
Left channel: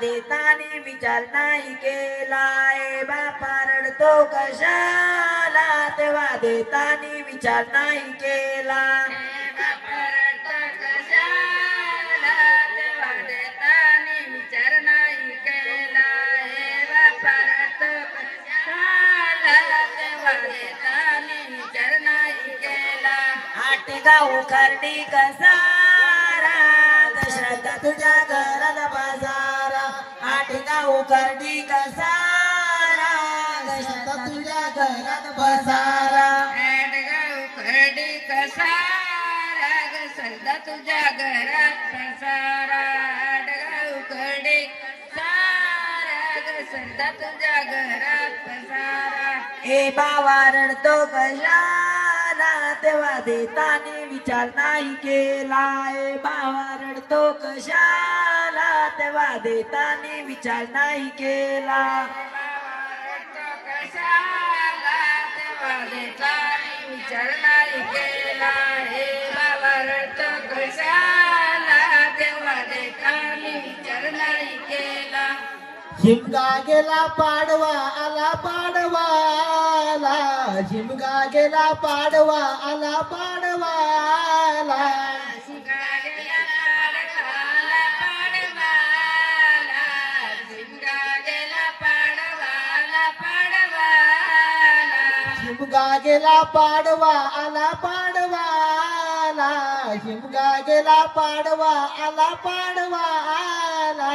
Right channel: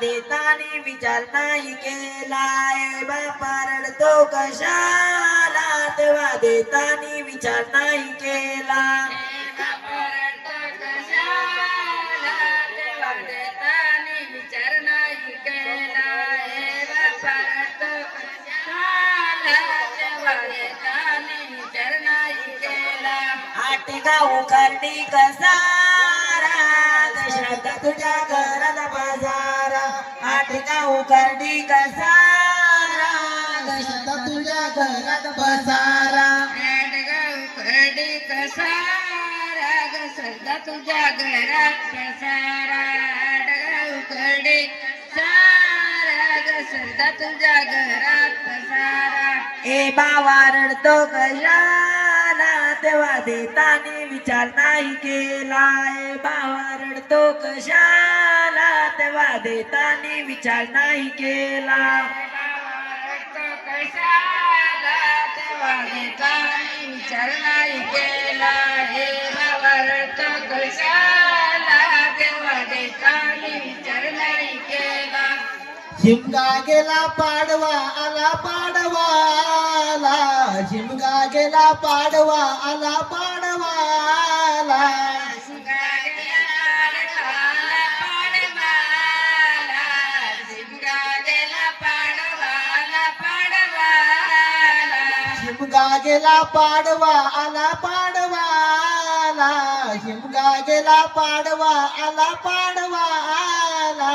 देतानी विचार नाही केला ए बापा रडतो कशाला तेव्हा देतानी विचार नाही केला आटगाव करडी कसारा ग श्रद्धा तुझ्या घरात पसारा आटगाव करडी कसारा ग श्रद्धा तुझ्या घरात पसारा सदा तुझ्या घरात पसारा आडगाव करडे सारा ग सदा तुझ्या घरात पसारा ए बाबा रडतो कशाला तेव्हा देतानी विचार नाही केला ए बाबा रडतो कशाला तेव्हा देतानी विचार नाही केला कशाला तेव्हा देतानी विचार नाही केला हे बाबा रडतो कशाला तेव्हा देतानी विचार नाही केला शिमगा गेला पाडवा आला पाडवा आला शिमगा गेला पाडवा आला पाडवा आला शिमगा गेला पाडवा आला पाडवा आला शिमगा गेला पाडवा आला पाडवा आला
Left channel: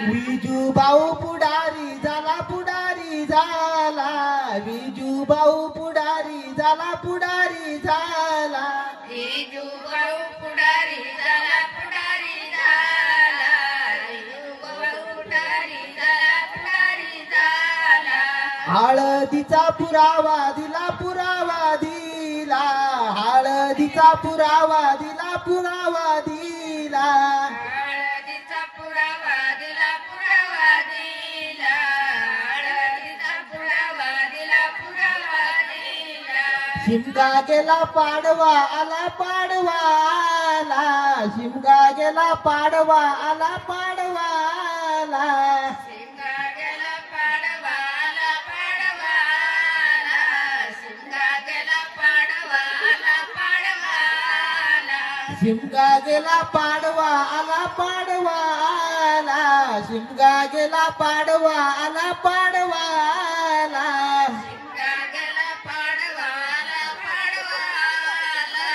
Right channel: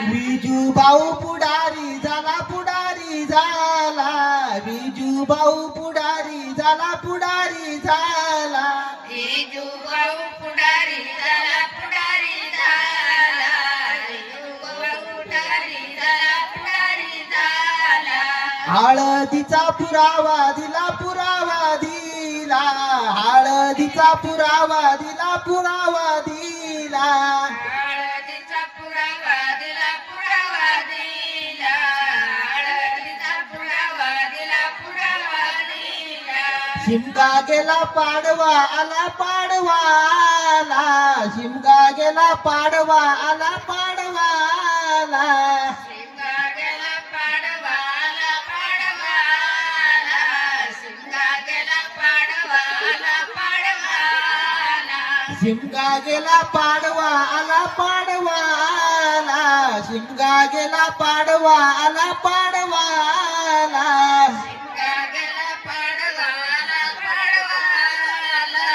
विजू भाऊ पुढारी झाला पुढारी झाला विजू भाऊ पुढारी झाला पुढारी झाला हळदीचा पुरावा दिला पुरावा दिला हळदीचा पुरावा दिला पुरावा दिला हळदीचा पुरावा दिला पुरावा दिला हळदीचा पुरावा दिला पुरावा दिला शिमगा गेला पाडवा आला पाडवा आला शिमगा गेला पाडवा आला पाडवा आला शिमगा गेला पाडवा आला पाडवा आला शिमगा गेला पाडवा आला पाडवा आला शिमगा गेला पाडवा आला पाडवा आला शिमगा गेला पाडवाला पाडवाला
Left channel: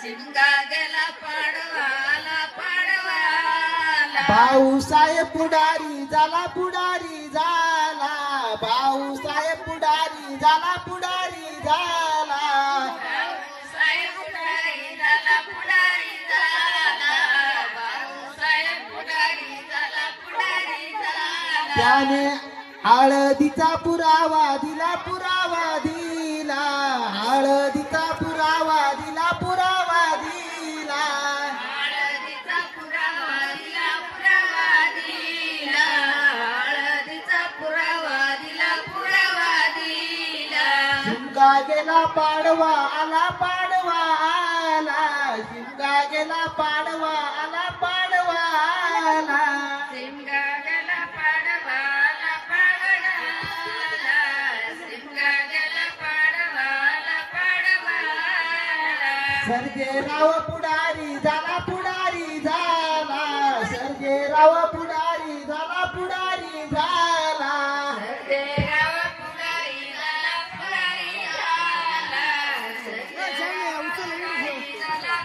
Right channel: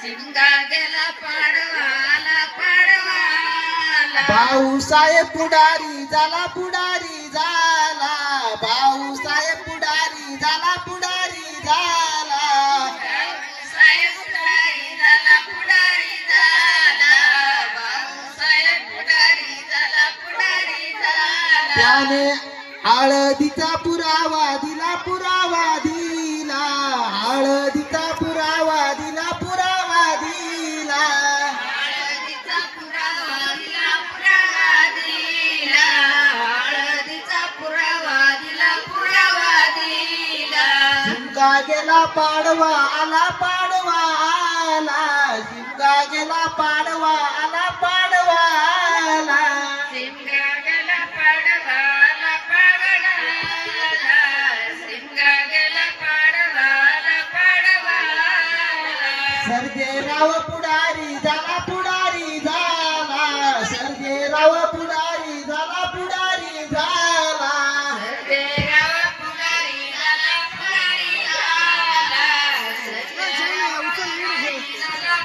शिमगा गेला पाडवाला पाडवाला भाऊसाहेब पुढारी झाला पुढारी झाला भाऊसाहेब पुढारी झाला पुढारी झाला भाऊसाहेब पुढारी झाला पुढारी झाला भाऊसाहेब पुढारी झाला पुढारी झाला त्याने हळदीचा पुरावा दिला पुरावा दिला हळदीचा पुरावा दिला पुरावा दिला हळदीचा पुरावा दिला पुरावा दिला हळदीचा पुरावा दिला पुरावा दिला शिमगा गेला पाडवा आला पाडवा आला शिमगा गेला पाडवा आला पाडवा आला शिमगा गेला पाडवाला पाडवाला शिमगा गेला पाडवाला पाडवाला सर्जेराव पुढारी झाला पुढारी झाला सर्जेराव पुढारी झाला पुढारी झाला देवा पुढारी झाला पुढारी झाला देवा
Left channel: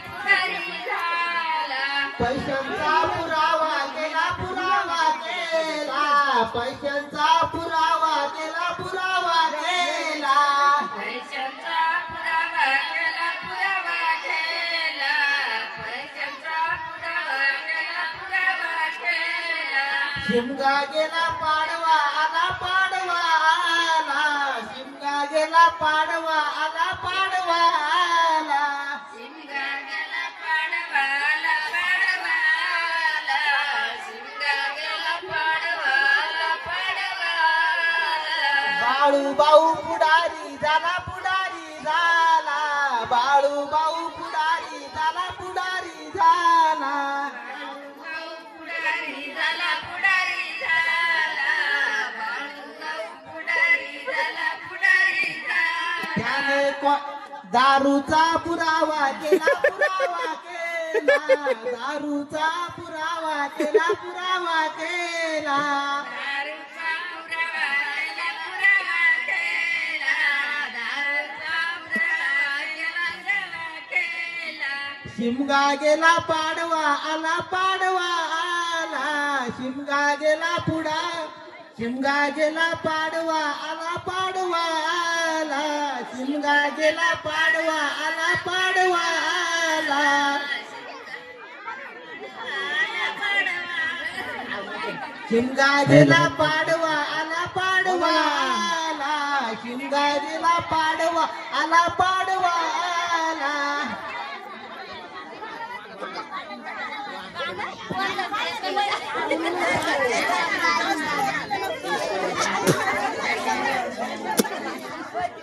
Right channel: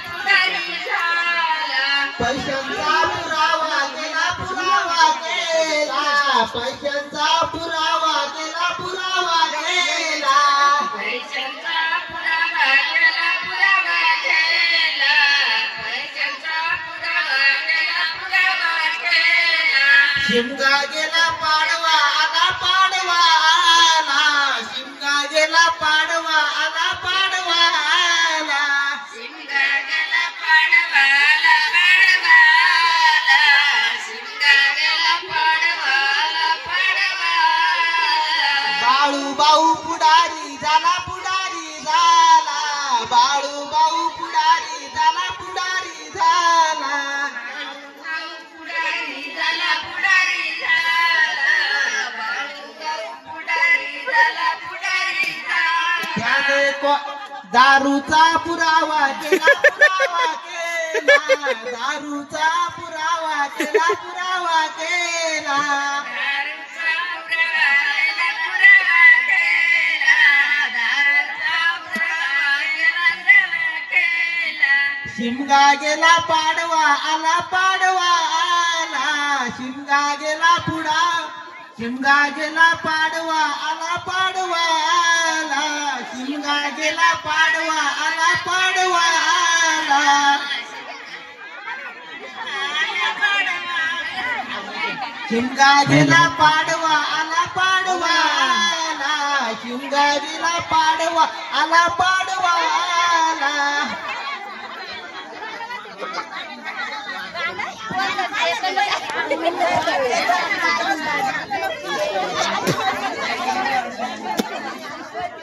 पुढारी झाला पैशांचा पुरावा केला पुरावा केला पैशांचा पुरावा केला पुरावा केला पैशांचा पुरावा केला पुरावा केला पैशांचा पुरावा केला पुरावा केला शिमगा गेला पाडवा आला पाडवा आला शिमगा गेला पाडवा आला पाडवा आला शिमगा गेला पाडवाला पाडवाला शिमगा गेला पाडवाला पाडवाला बाळू भाऊ पुढारी झाला पुढारी झाला बाळू भाऊ पुढारी झाला पुढारी झाला पुढारी झाला पुढारी झाला पुढारी झाला पुढारी झाला त्याने दारूचा पुरावा केला पुरावा केला दारूचा पुरावा केला पुरावा केला दारूचा पुरावा पुरावा केला दारूचा पुरावा केला शिमगा गेला पाडवा आला पाडवा आला शिमगा गेला पुढा शिमगा गेला पाडवा आला पाडवा आला शिमगा गेला पाडवा आला पाडवा आला शिमगा गेला पाडवा आला पाडवा आला शिमगा गेला पाडवा आला पाडवा आला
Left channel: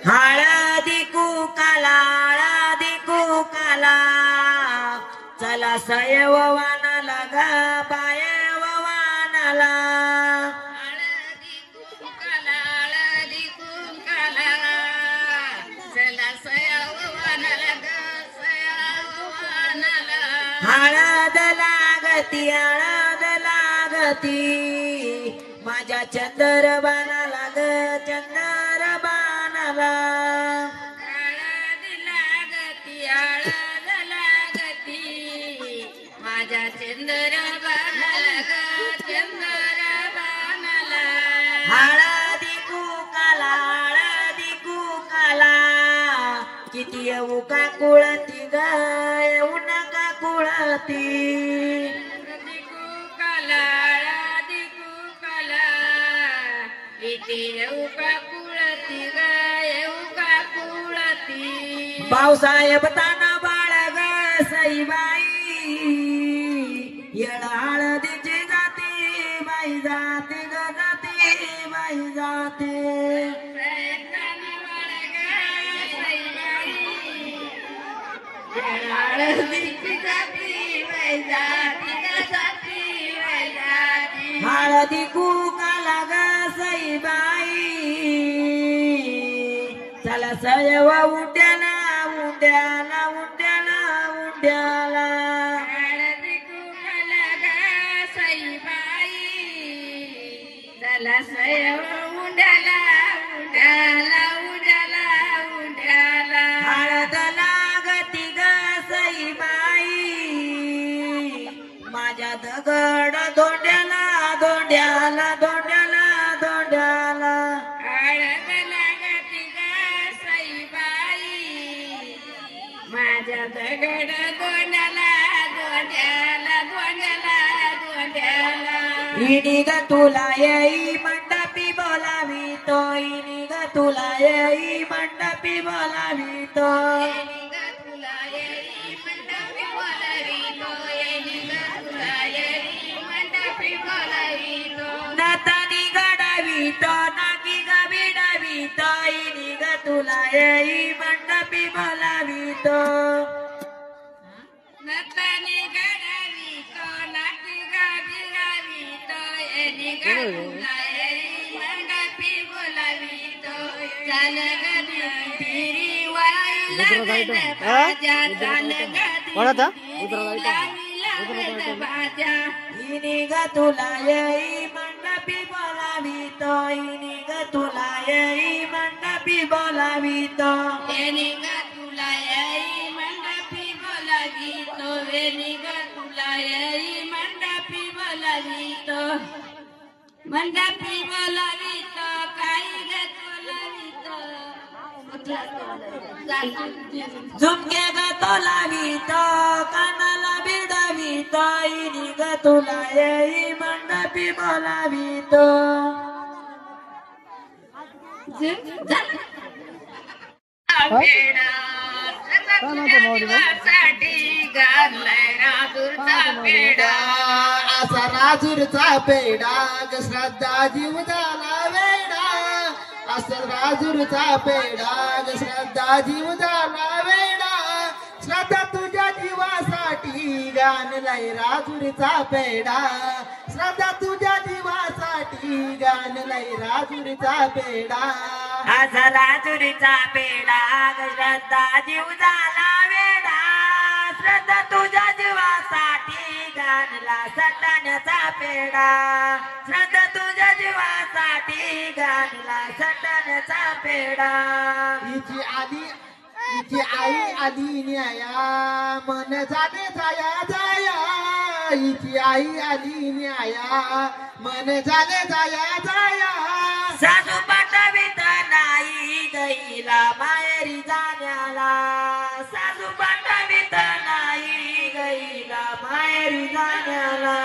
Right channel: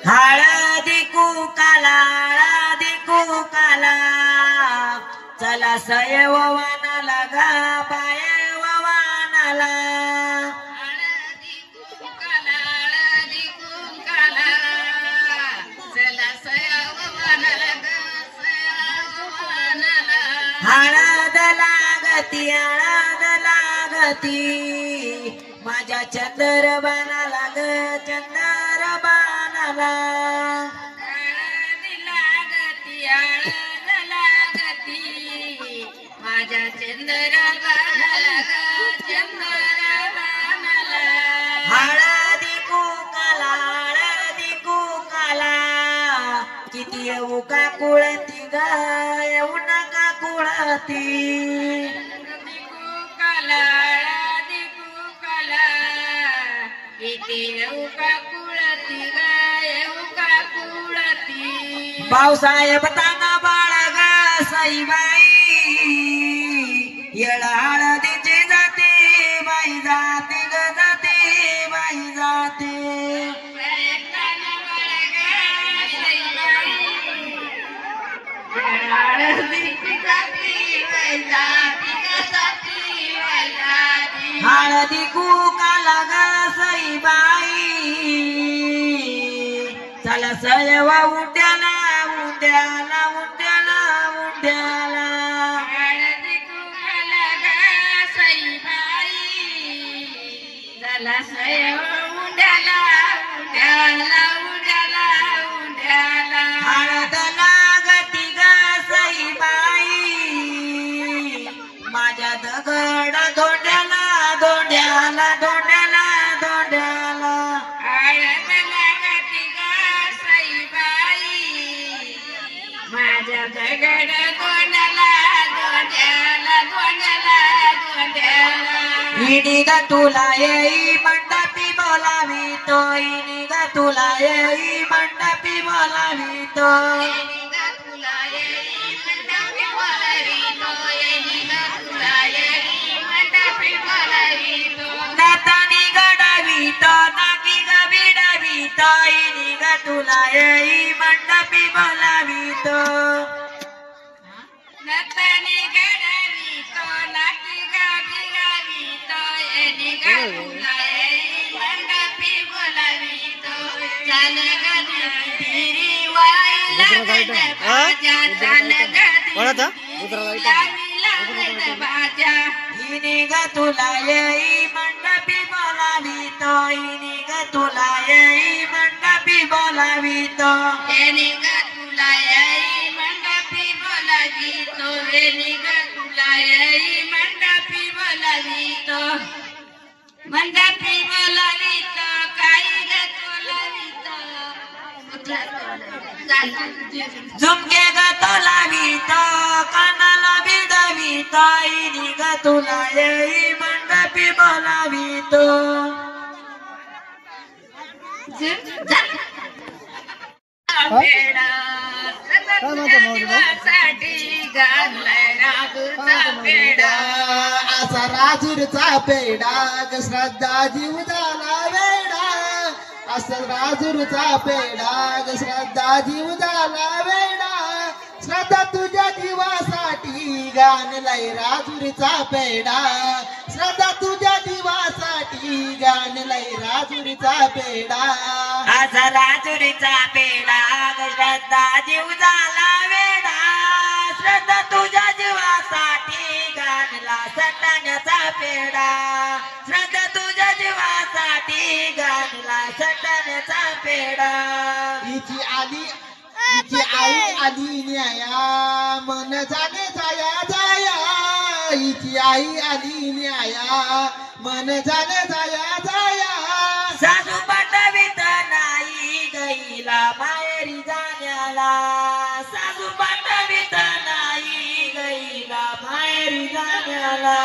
हळदी कुकाला हळदी कुकाला चला सयव वानाला गा बायव वानाला हळदी कुंकाला चला सयावनाला ग सयावनाला हळद लागती माझ्या चंदर बाणाला ग चंदर बाणाला हळद लागती माझ्या चंद्राबाला ग चंद्राबाला हळदी कुकाला किती येऊ का कुळती ग येऊ नका कुळती कुकाला इथे येऊ का कुळती ग येऊ का कुळती पावसाळ्यात ताना बाळा ग साईबाई येळ हळदीची जाते बाई जाते ग जाते बाई जाते हळदी कुकाला ग साईबाई चला सयवा उड्याला उड्याला उड्याला उड्याला असं उंड्याला उंड्याला उंड्याला उंड्याला हळद लागती ग सईबाई माझ्या दगड धोंड्याला धोंड्याला धोंड्याला धोंड्याला हळद लागती ग सईबाई माझ्या दगड गोंड्याला गोंड्याला गोंड्याला गोंड्याला इनी ग तुला येई मंडपी बोलावितो इनी ग तुला येई मंडपी बोलावितो नातानी गडावितो नाकी ग बिडावितो इनी ग तुला येई मंडपी बोलावितो इनी ग तुला येई मंडपी बोलावितो इनी ग तुला येई मंडपी बोलावितो मंडपी बोलावितो काही गत बोलावितो झुमके ग तोलावितो कानाला बिडवितो इनी ग तुला येई मंडपी बोलावितो असा राजूरचा पेडा ग श्रद्धा जीव झाला वेडा असा राजूरचा पेडा ग श्रद्धा जीव झाला वेडा श्रद्धा तुझ्या जीवासाठी गाणलाय राजूरचा पेडा श्रद्धा तुझ्या जीवासाठी गाणलाय राजूरचा पेडा आज राजुरीचा पेडा ग श्रद्धा जीव झाला वेडा श्रद्धा तुझ्या जीवासाठी गाणला सटाण्याचा पेडा श्रद्धा तुझ्या जीवासाठी गाणला सटाण्याचा पेडा हिची आई आली न्याया मन झाले जाया जाया हिची आई आली न्याया मन झाले जाया जाया सासू पाठवित नाही गईला माहेरी जाण्याला सासू पाठवित नाही गईला माहेरी जाण्याला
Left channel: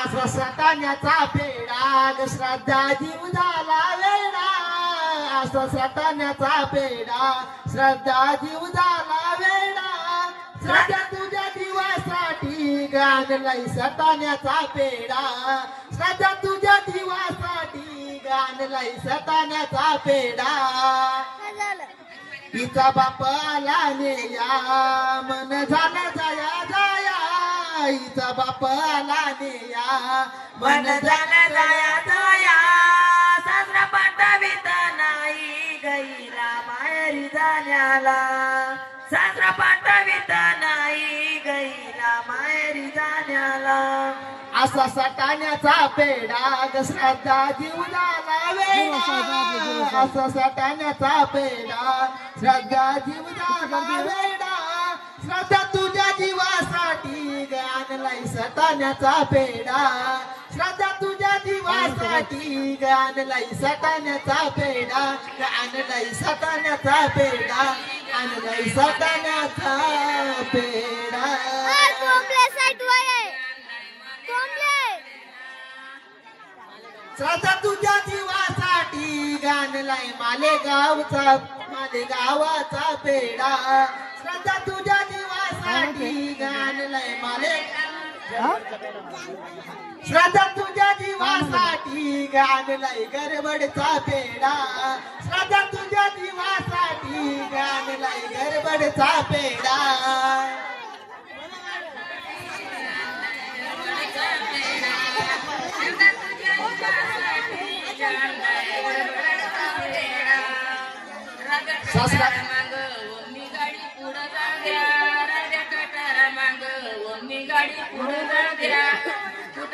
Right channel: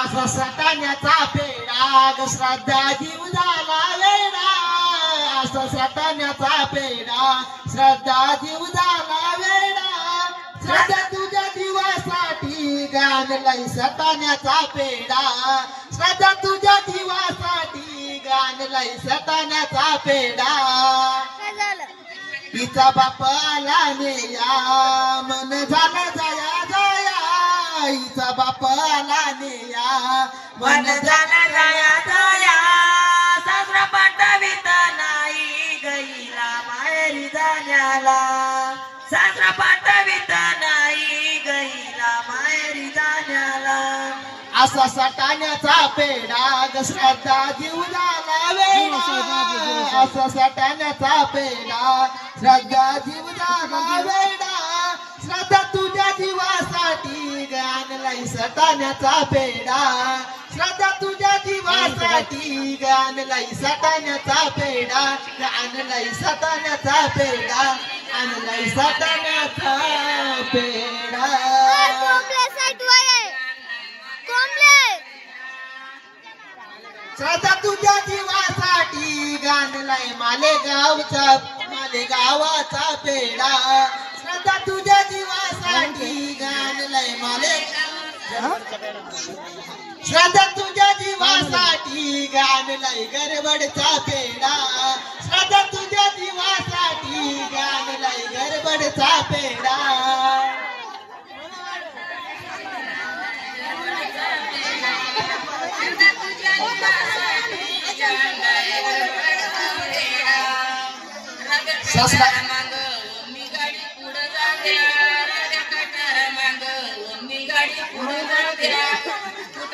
असा सटाण्याचा पेडा ग श्रद्धा जीव झाला वेडा असा सटाण्याचा पेडा श्रद्धा जीव झाला वेडा श्रद्धा तुझ्या जीवासाठी गाणलाय सटाण्याचा पेडा श्रद्धा तुझ्या जीवासाठी गाणलाय सटाण्याचा पेडा तिचा बाप आला नेया मन झालं जाया जाया हिचा बाप आला नेया मन झालं गया दया सासरा पाठवित नाही गईला माहेरी जाण्याला सासरा पाठवित नाही गईला माहेरी जाण्याला असा सटाण्याचा पेडा ग श्रद्धा जीव झाला वेडा असा सटाण्याचा पेडा श्रद्धा जीव झाला वेडा श्रद्धा तुझ्या जीवासाठी गाणलाय सटाण्याचा पेडा श्रद्धा तुझ्या जीवासाठी गाणलाय सटाण्याचा पेडा गाणलाय सटाण्याचा पेडा गाणलाय सटाण्याचा पेडा श्रद्धा तुझ्या जीवासाठी गाणलाय मालेगावचा मालेगावाचा पेडा श्रद्धा तुझ्या जीवासाठी गाणलाय श्रद्धा तुझ्या जीवासाठी गाणलाय गरबडचा पेडा श्रद्धा तुझ्या जीवासाठी गाणलाय गरबडचा पेडा सासरा गाडी पुढे जाऊ द्या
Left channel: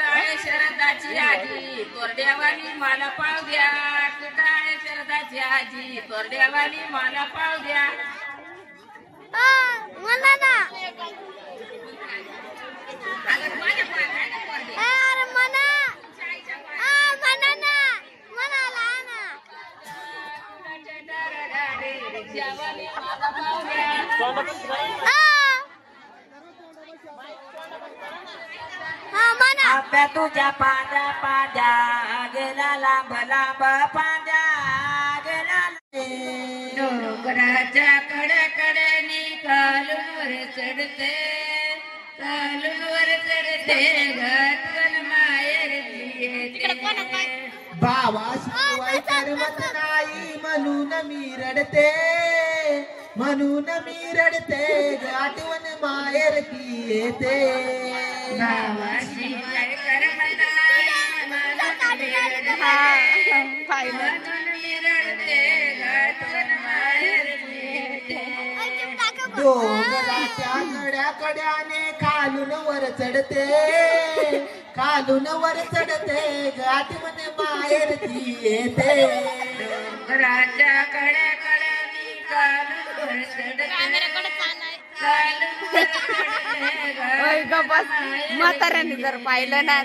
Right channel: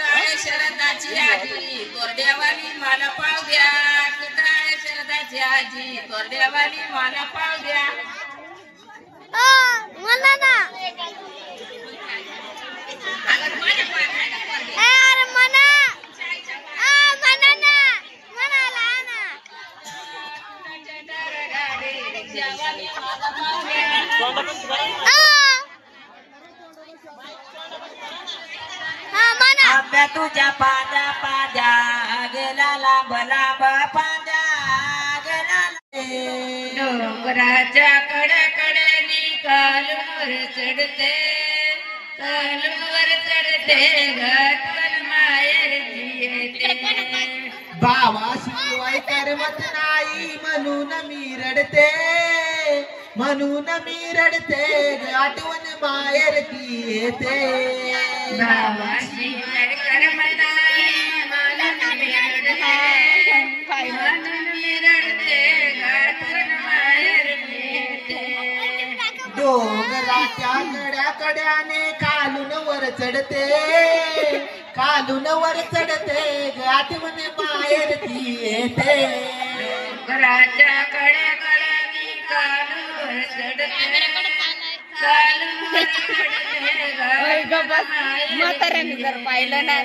कुठं आहे शरदाची आजी तोरड्यावाली मला पाव द्या कुठं आहे शरदाची आजी तोरड्यावाली मला पाव द्या मला ना अरे मना मना ना मनाला ना आंब्या तुझ्या पाद्या पाद्या गेला लांब लांब पाद्या गेला डोंगराच्या कड्याकड्यानी कालूनवर चढते घाटवल माहेर येते भावाशिवाय करमत नाही म्हणून मी रडते आठवण माहेरची येते भावाशिवाय करमत नाही म्हणून मी रडते घाटवल माहेर येते डोंगराच्या कड्याकड्याने खालून वर चढते आठवण माहेरची येते डोंगराच्या कड्याकड्यानी कालूनवर चढते म्हाताऱ्याने जर पाहिलं ना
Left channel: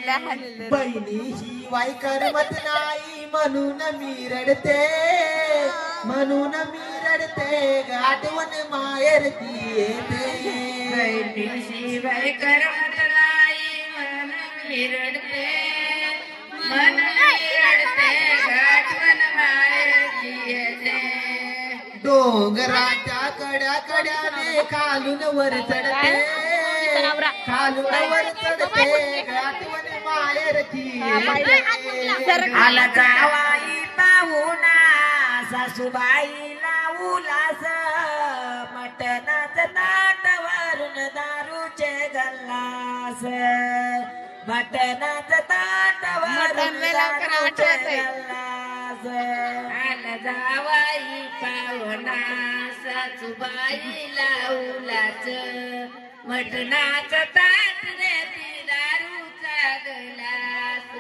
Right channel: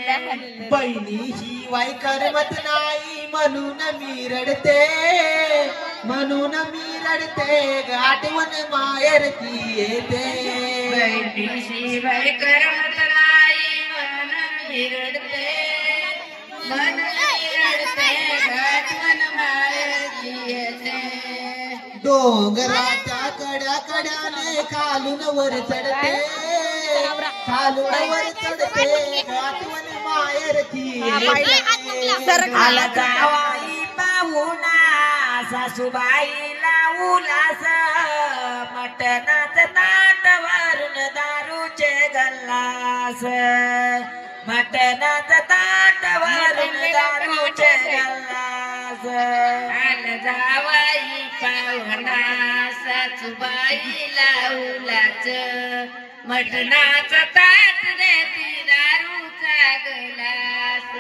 बहिणी शिवाय करमत नाही म्हणून मी रडते आठवण माहेरची येते शिवाय करमत नाही म्हणून मी रडते आठवण माहेरची येते डोंगराच्या कड्याकड्याने खालून वर चढते आठवण माहेरची आला जावाई पाहुणा सासूबाईला उलास मटणाच ताट वरून दारूचे गल्लास मटणाच ताट वरून दारूचे गल्लास आला जावाई पाहुणा सासूबाईला उलाच मटणाचं ताट देती दारूचा गलास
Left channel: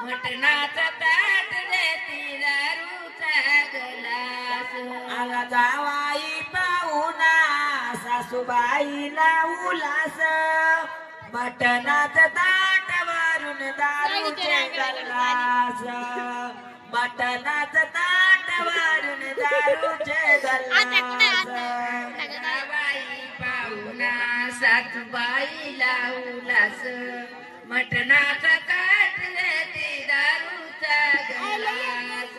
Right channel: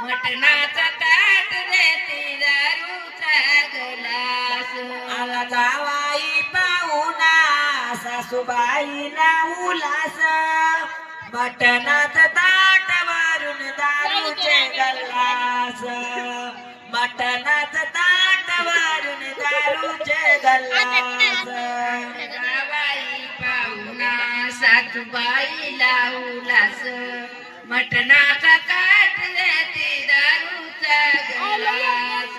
मटणाचं ताट देती दारूचा गलास आला जावाई पाहुणा सासूबाईला उलास मटणाचं ताट वरून दारूचे गल्लास मटणाचं ताट वरून दारूचे गल्लास जावाई पाहुणा सासूबाईला उलास मटणाचा ताट देती दारूचा गलास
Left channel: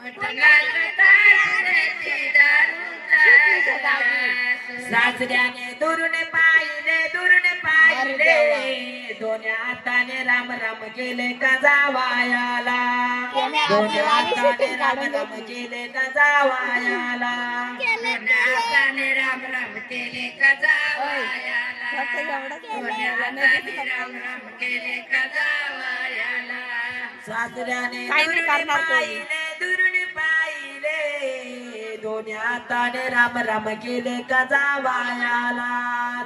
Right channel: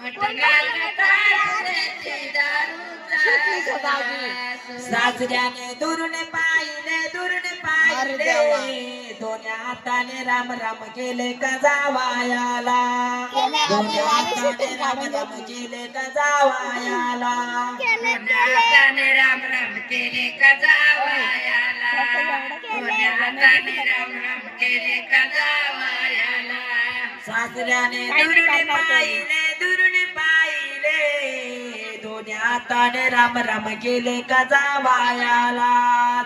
मटणाचा ताट देती दारूचा गलास सासऱ्याने दुरून पाहिले दोन्ही हाताने राम राम केले का जावायाला दोन्ही हाताने राम राम केले का जावायाला हाताने राम राम केले का जावायाला हाताने राम राम केले का जावायाला सासऱ्याने दुरून पाहिले दोन्ही हाताने राम राम केले का जावायाला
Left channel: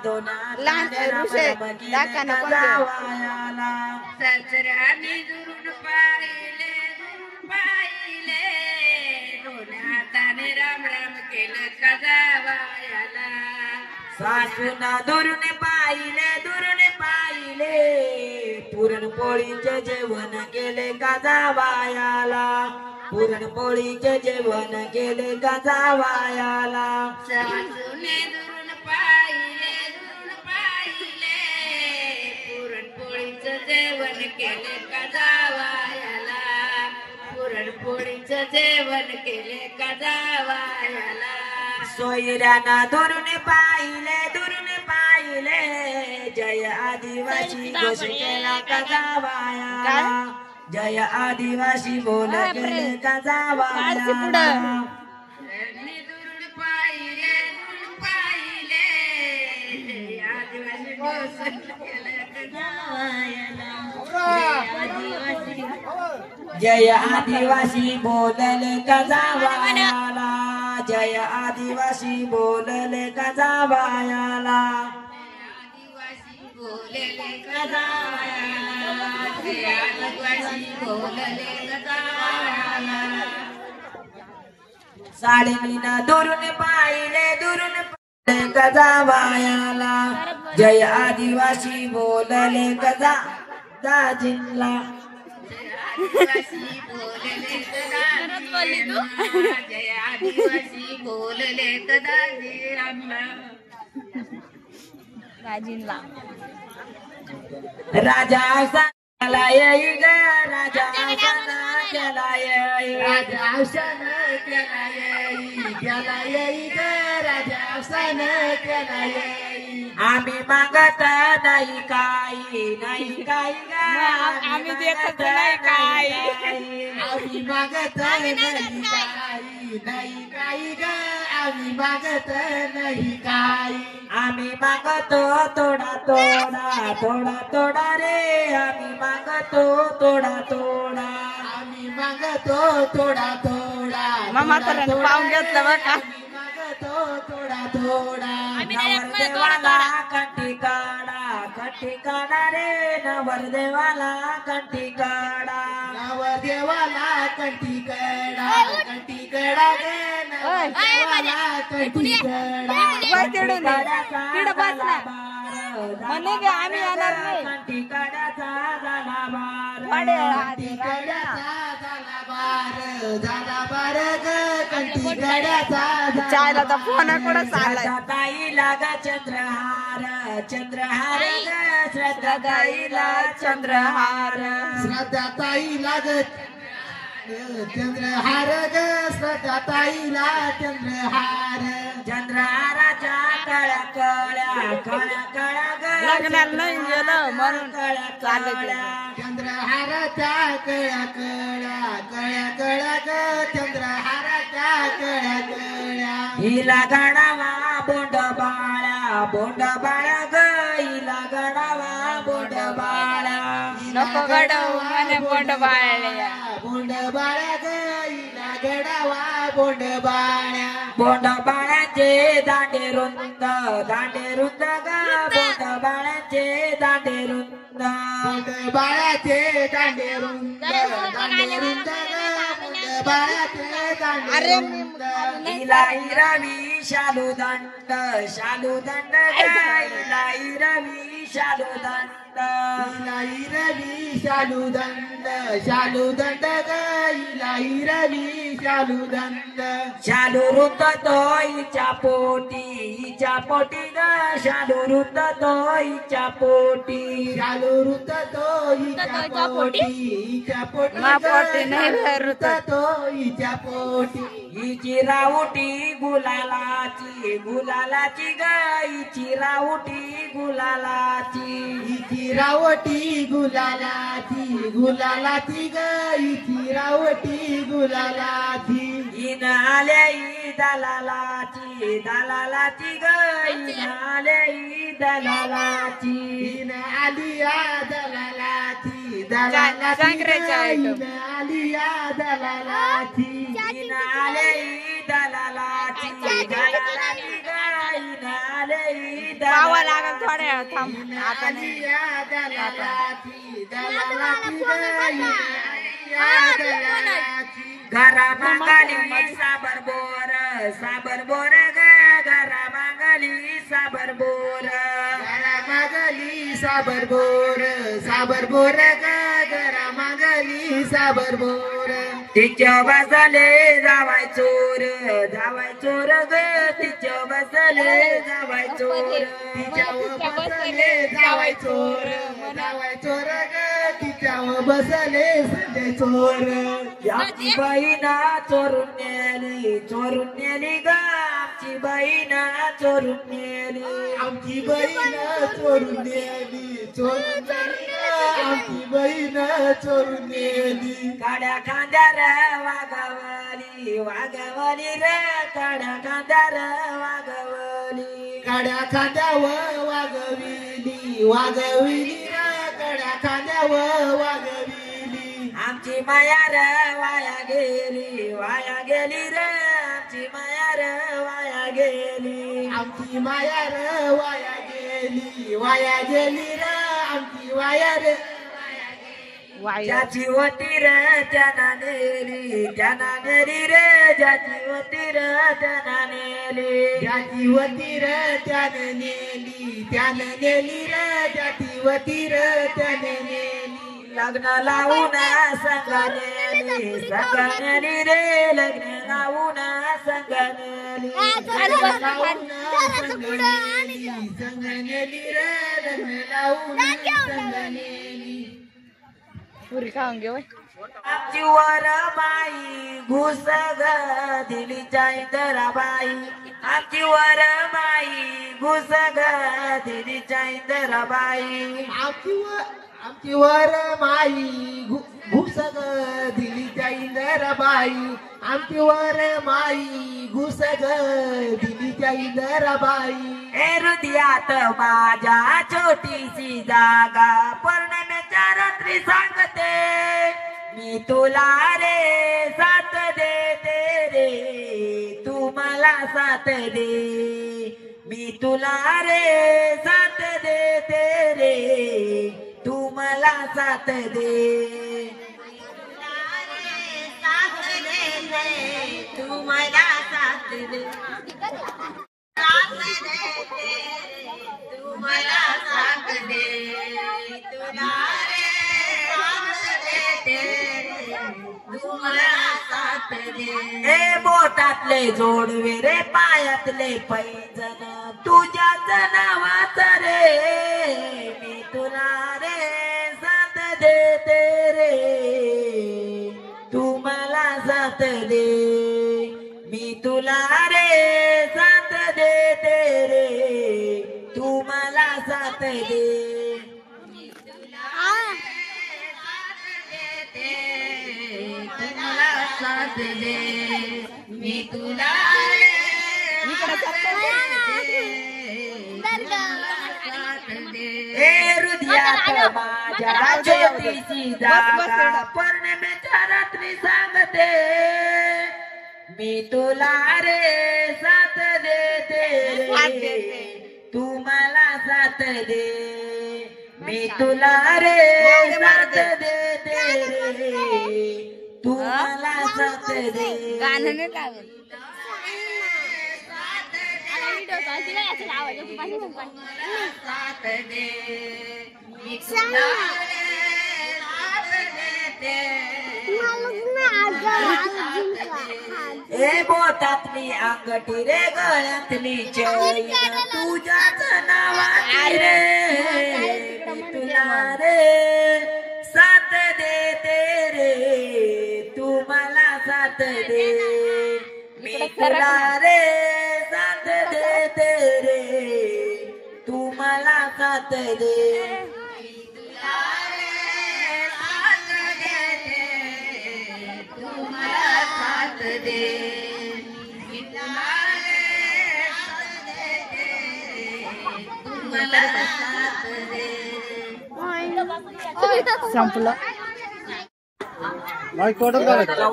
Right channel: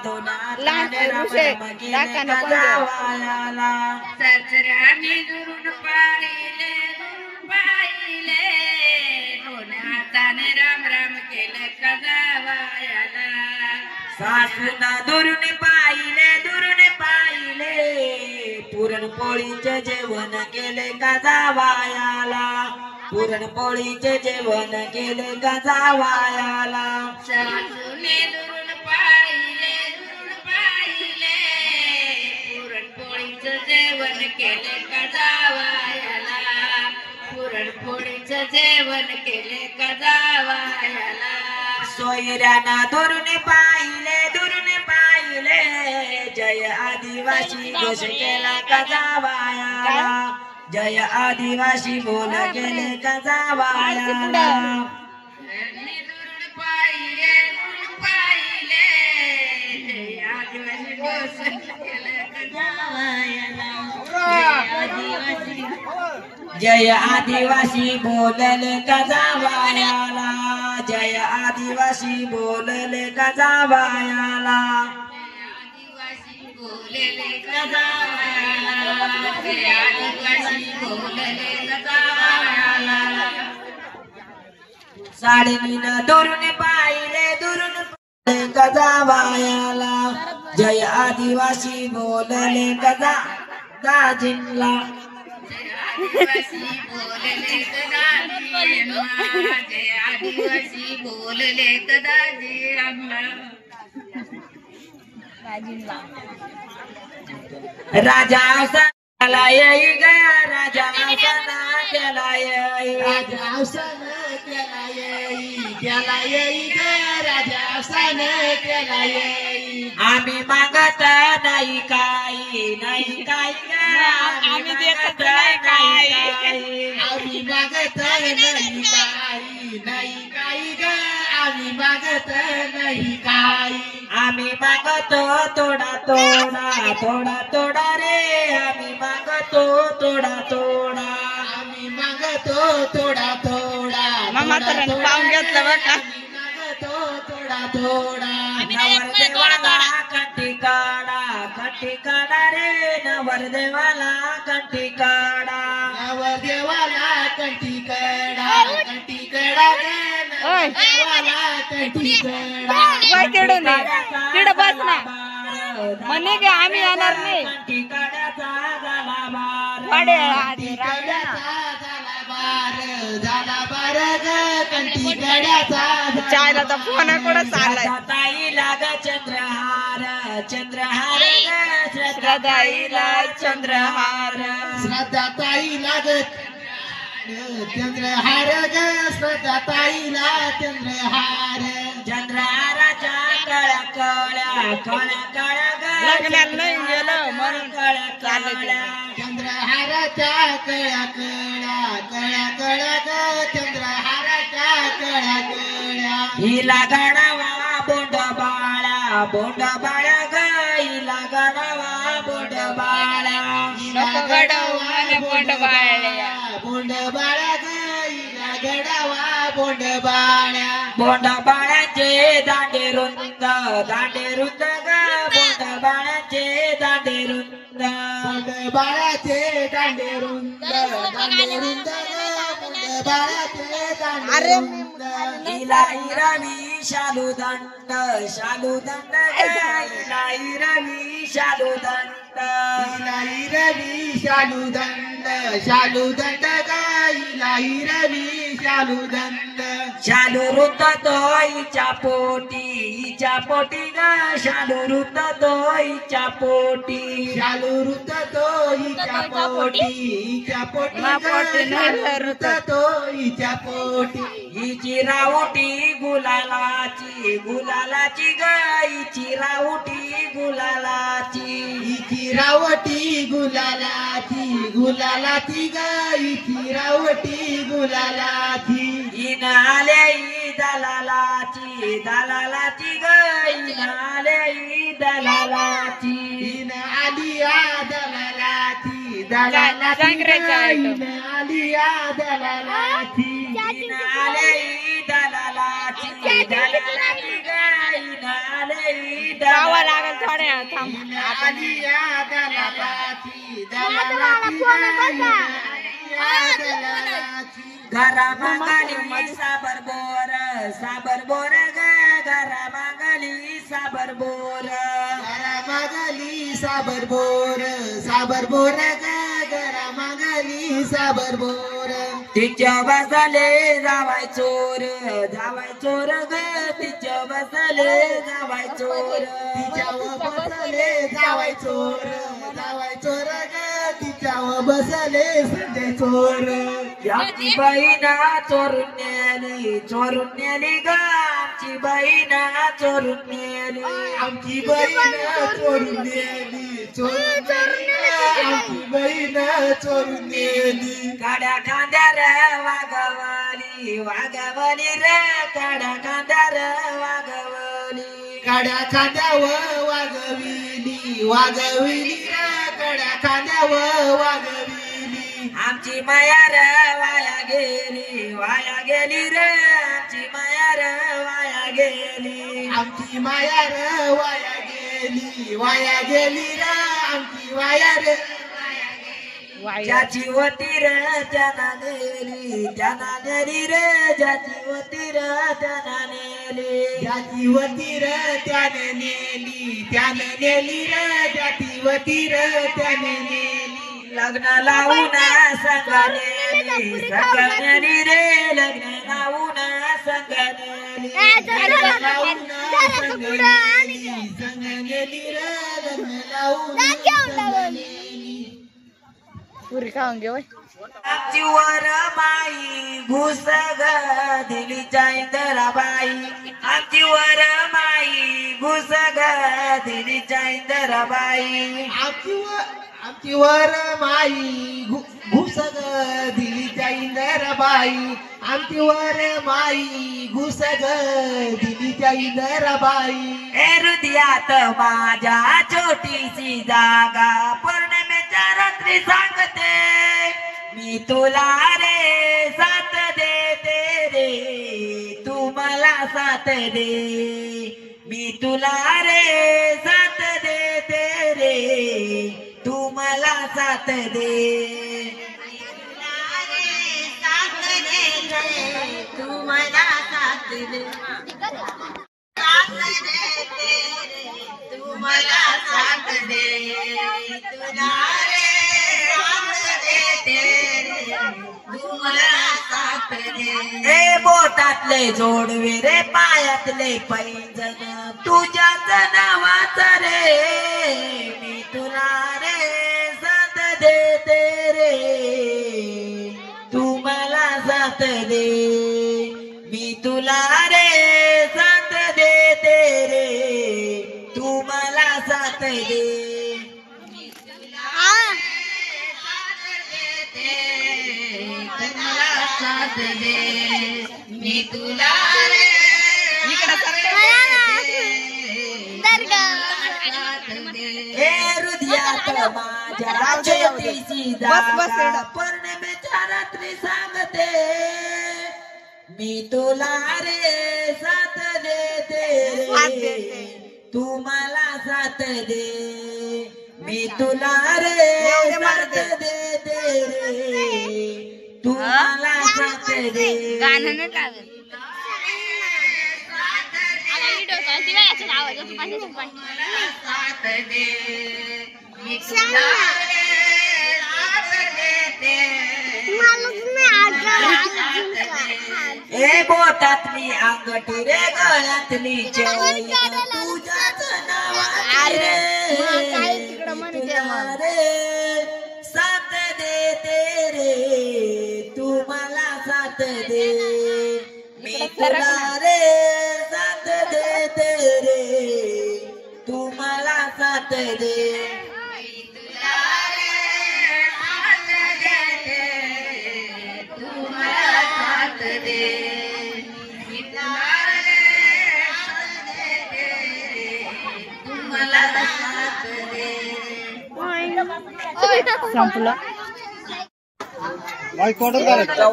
दोन्ही हाताने राम राम केले का जावायाला सासऱ्याने दुरून पाहिले दोन्ही हाताने राम राम केले का जावायाला सासूना दुरून पाहिले पुरणपोळीचे जेवण केले का जावायाला पुरणपोळीचे जेवण केले का जावायाला सासूने दुरून पाहिले पुरणपोळीचं जेवण केले का जावायाला पुरणपोळीचं जेवण केले का जावायाला सोयऱ्याना दुरून पाहिले जय आदिवासी घोष केला का जावायाला जय आदिवासी बोल केले का जावायाला दुरून पाहिले जय आदिवासी घोष केले का जावायाला जय आदिवासी बोलले का जावायाला जय आदिवासी बोलले का जावायाला आदिवासी बोलले का जावायाला आदिवासी बोलले गजावायाला साडीनं दुरून पाहिले गजावायाला जय आदिवासी बोलले गजा दाजींला आदिवासी बोलले गदाजींना जय आदिवासी बोलले गदाजींना राजा सणाला येई ग राजा सणा केला येई राजा सन केला येई केला येई ग राजा सन केला येई आम्ही मागत नाही काही नाही काही ग आम्ही देत नाही काही आम्ही मागत नाही काही नाही काही ग आम्ही मागत नाही काही आम्ही मागतो थोडा थोडा थोडा थोडा रे आम्ही मागतो थोडा थोडा आम्ही मागतो थोडा थोडा मामा तर पाहून घेतलं बघ का आम्ही मागतो थोडा थोडा नवरदेवाला कंठी काढा रे नवरदेवाला कंठी काढा नवदेवाला कंठी कडा ग नवदेवाला कंठी कडा वय तिडून तिड बस ना म्हणे की आम्ही येणार नाही कंठी काढ्याचा झाला बार वाडे आधी झाला बार ग कंठी कड्याचा चायला तर फोन कुठं चाललाय ताईला ग चंद्रहार चंद्रहार ग श्रद्धाईला चंद्रहार श्रद्धा ताई लागत चंद्रहार ग श्रद्धा ताईला चंद्रहार चंद्रहाराच्या कळ्या कळ्या कळ्या कळ्या ग लग्नाला नाही गेलं म्हणून चालले चंद्रहाराच्या कळ्या कळ्या कळ्या कळ्या ग चंद्रहाराच्या कळ्या कळ्या हिला गडावा बोंड बाळा ग हिला गडावा बोंड बाळा नको घडव म्हणे पोट बाळल्या बोंड बाळा ग हिला गडावा बोंड बाळ्या बोंड बाळाचे दांडे रुंद ग बोंड बाळाचे दांडे रुंद बोंड बाळाचे दांडे रुंद ग बोंड बाळाचे दांडे रुंद हिला हिरवी शालूदंड ग हिला हिरवी शालूदंड हिलाई रवी शालूदंड ग हिलाई रवी शालूदंड शालू रुंद तो हिच्या पोटी ग शालू रुंद तो हिच्या पोटी शालू रुत तो हिच्या पोटी मा पोटी नाही रुत तो हिच्या पोटी हिची राऊटी गुलालाची ग हिची राऊटी गुलालाची हिची रावटी गुलालाची ग हिची रावटी गुलालाची इन आले ही दलालाची ग इन आले ही दलालाची इन आलिया दलालाची जांगरेचा आयटम. आलिया दलालाची इन आले ही दलालाची ग इन आले ही पावा दलालाची लागल थोड्या वेळ थांब आता आलिया दलालाची दलालाची ग इन आलिया दलालाची घरा मागाली साबर बोर ग घरा मागाली साबर बोर मागली साबर बोर ग गरा मागली साबर बोर तिच्या बसले जावाय चोर ग तिच्या बसले जावाय चोर तिच्यावर बसले जावाय चोर ग तिच्यावर बसले संजय चोर आमची बहिणा चोरून नेली ग आमची बहिणा चोरून नेली आमची बहीण चोरून नेली आमची बहीण चोरून नेली काड्या खांद्यार वागवली रे काड्या खांद्यार वागवली काड्या खांद्यावर वागविली रे काड्या खांद्यावर वागविली आमची मायार वाया गेली रे आमची मायार वाया गेली आमची माया रे वाया गेली रे आमची वाया रे ज्याची होती रे त्याना नेली त्याना नेली रे ज्याची होती रे त्याना नेली ज्याची वती र त्याने नेली त्याने नेली रे ज्याची वती र त्याने नेली लग्न लावून संगनेली संगनेली रे लग्न लावून संगनेली लग्न लावून संग नेली संग नेली रे लग्न लावून संग नेली पुरी खाऊन घे आमची वर माई घुस ग दिली इंदराबाई आमची वर माई घुस ग दिली इंदराबाई आमची वर माई घुस ग दिलीच्या इंदराबाई आमची वर माई घुस ग दिलीच्या इंदराबाई हृदयात माझ्या छोटीशी जागा पौर्णिमेच्या रात्री सांगते मी तुला रे साथ देते रे तू मला साथ दे मी तुला रे साथ देते रे तू मला साथ दे तू मला साथ दे तू मला साथ दे तुला ए बोटातले जोडवे रे पायातले पैंजण तुझ्याच नावाच रे मी तुला रे साथ देते रे तू मला साथ दे मी तुला रे साथ देते रे तू मला साथ दे साथ दे मी तुला हृदयात माझ्या छोटीशी जागा पौर्णिमेच्या रात्री सांगते मी तुला रे साथ देते रे तू मला साथ दे मी तुला रे साथ देते रे तू मला साथ दे गाणं नाही लावत साथ दे मी तुला ए बोटातली अंगठी रे गळ्यातली चैन तुझ्याच नावाची रे तुला रे साथ देते रे तू मला साथ दे मी तुला रे साथ देते रे तू मला साथ दे संपलं माईक ऑर्डर करायचं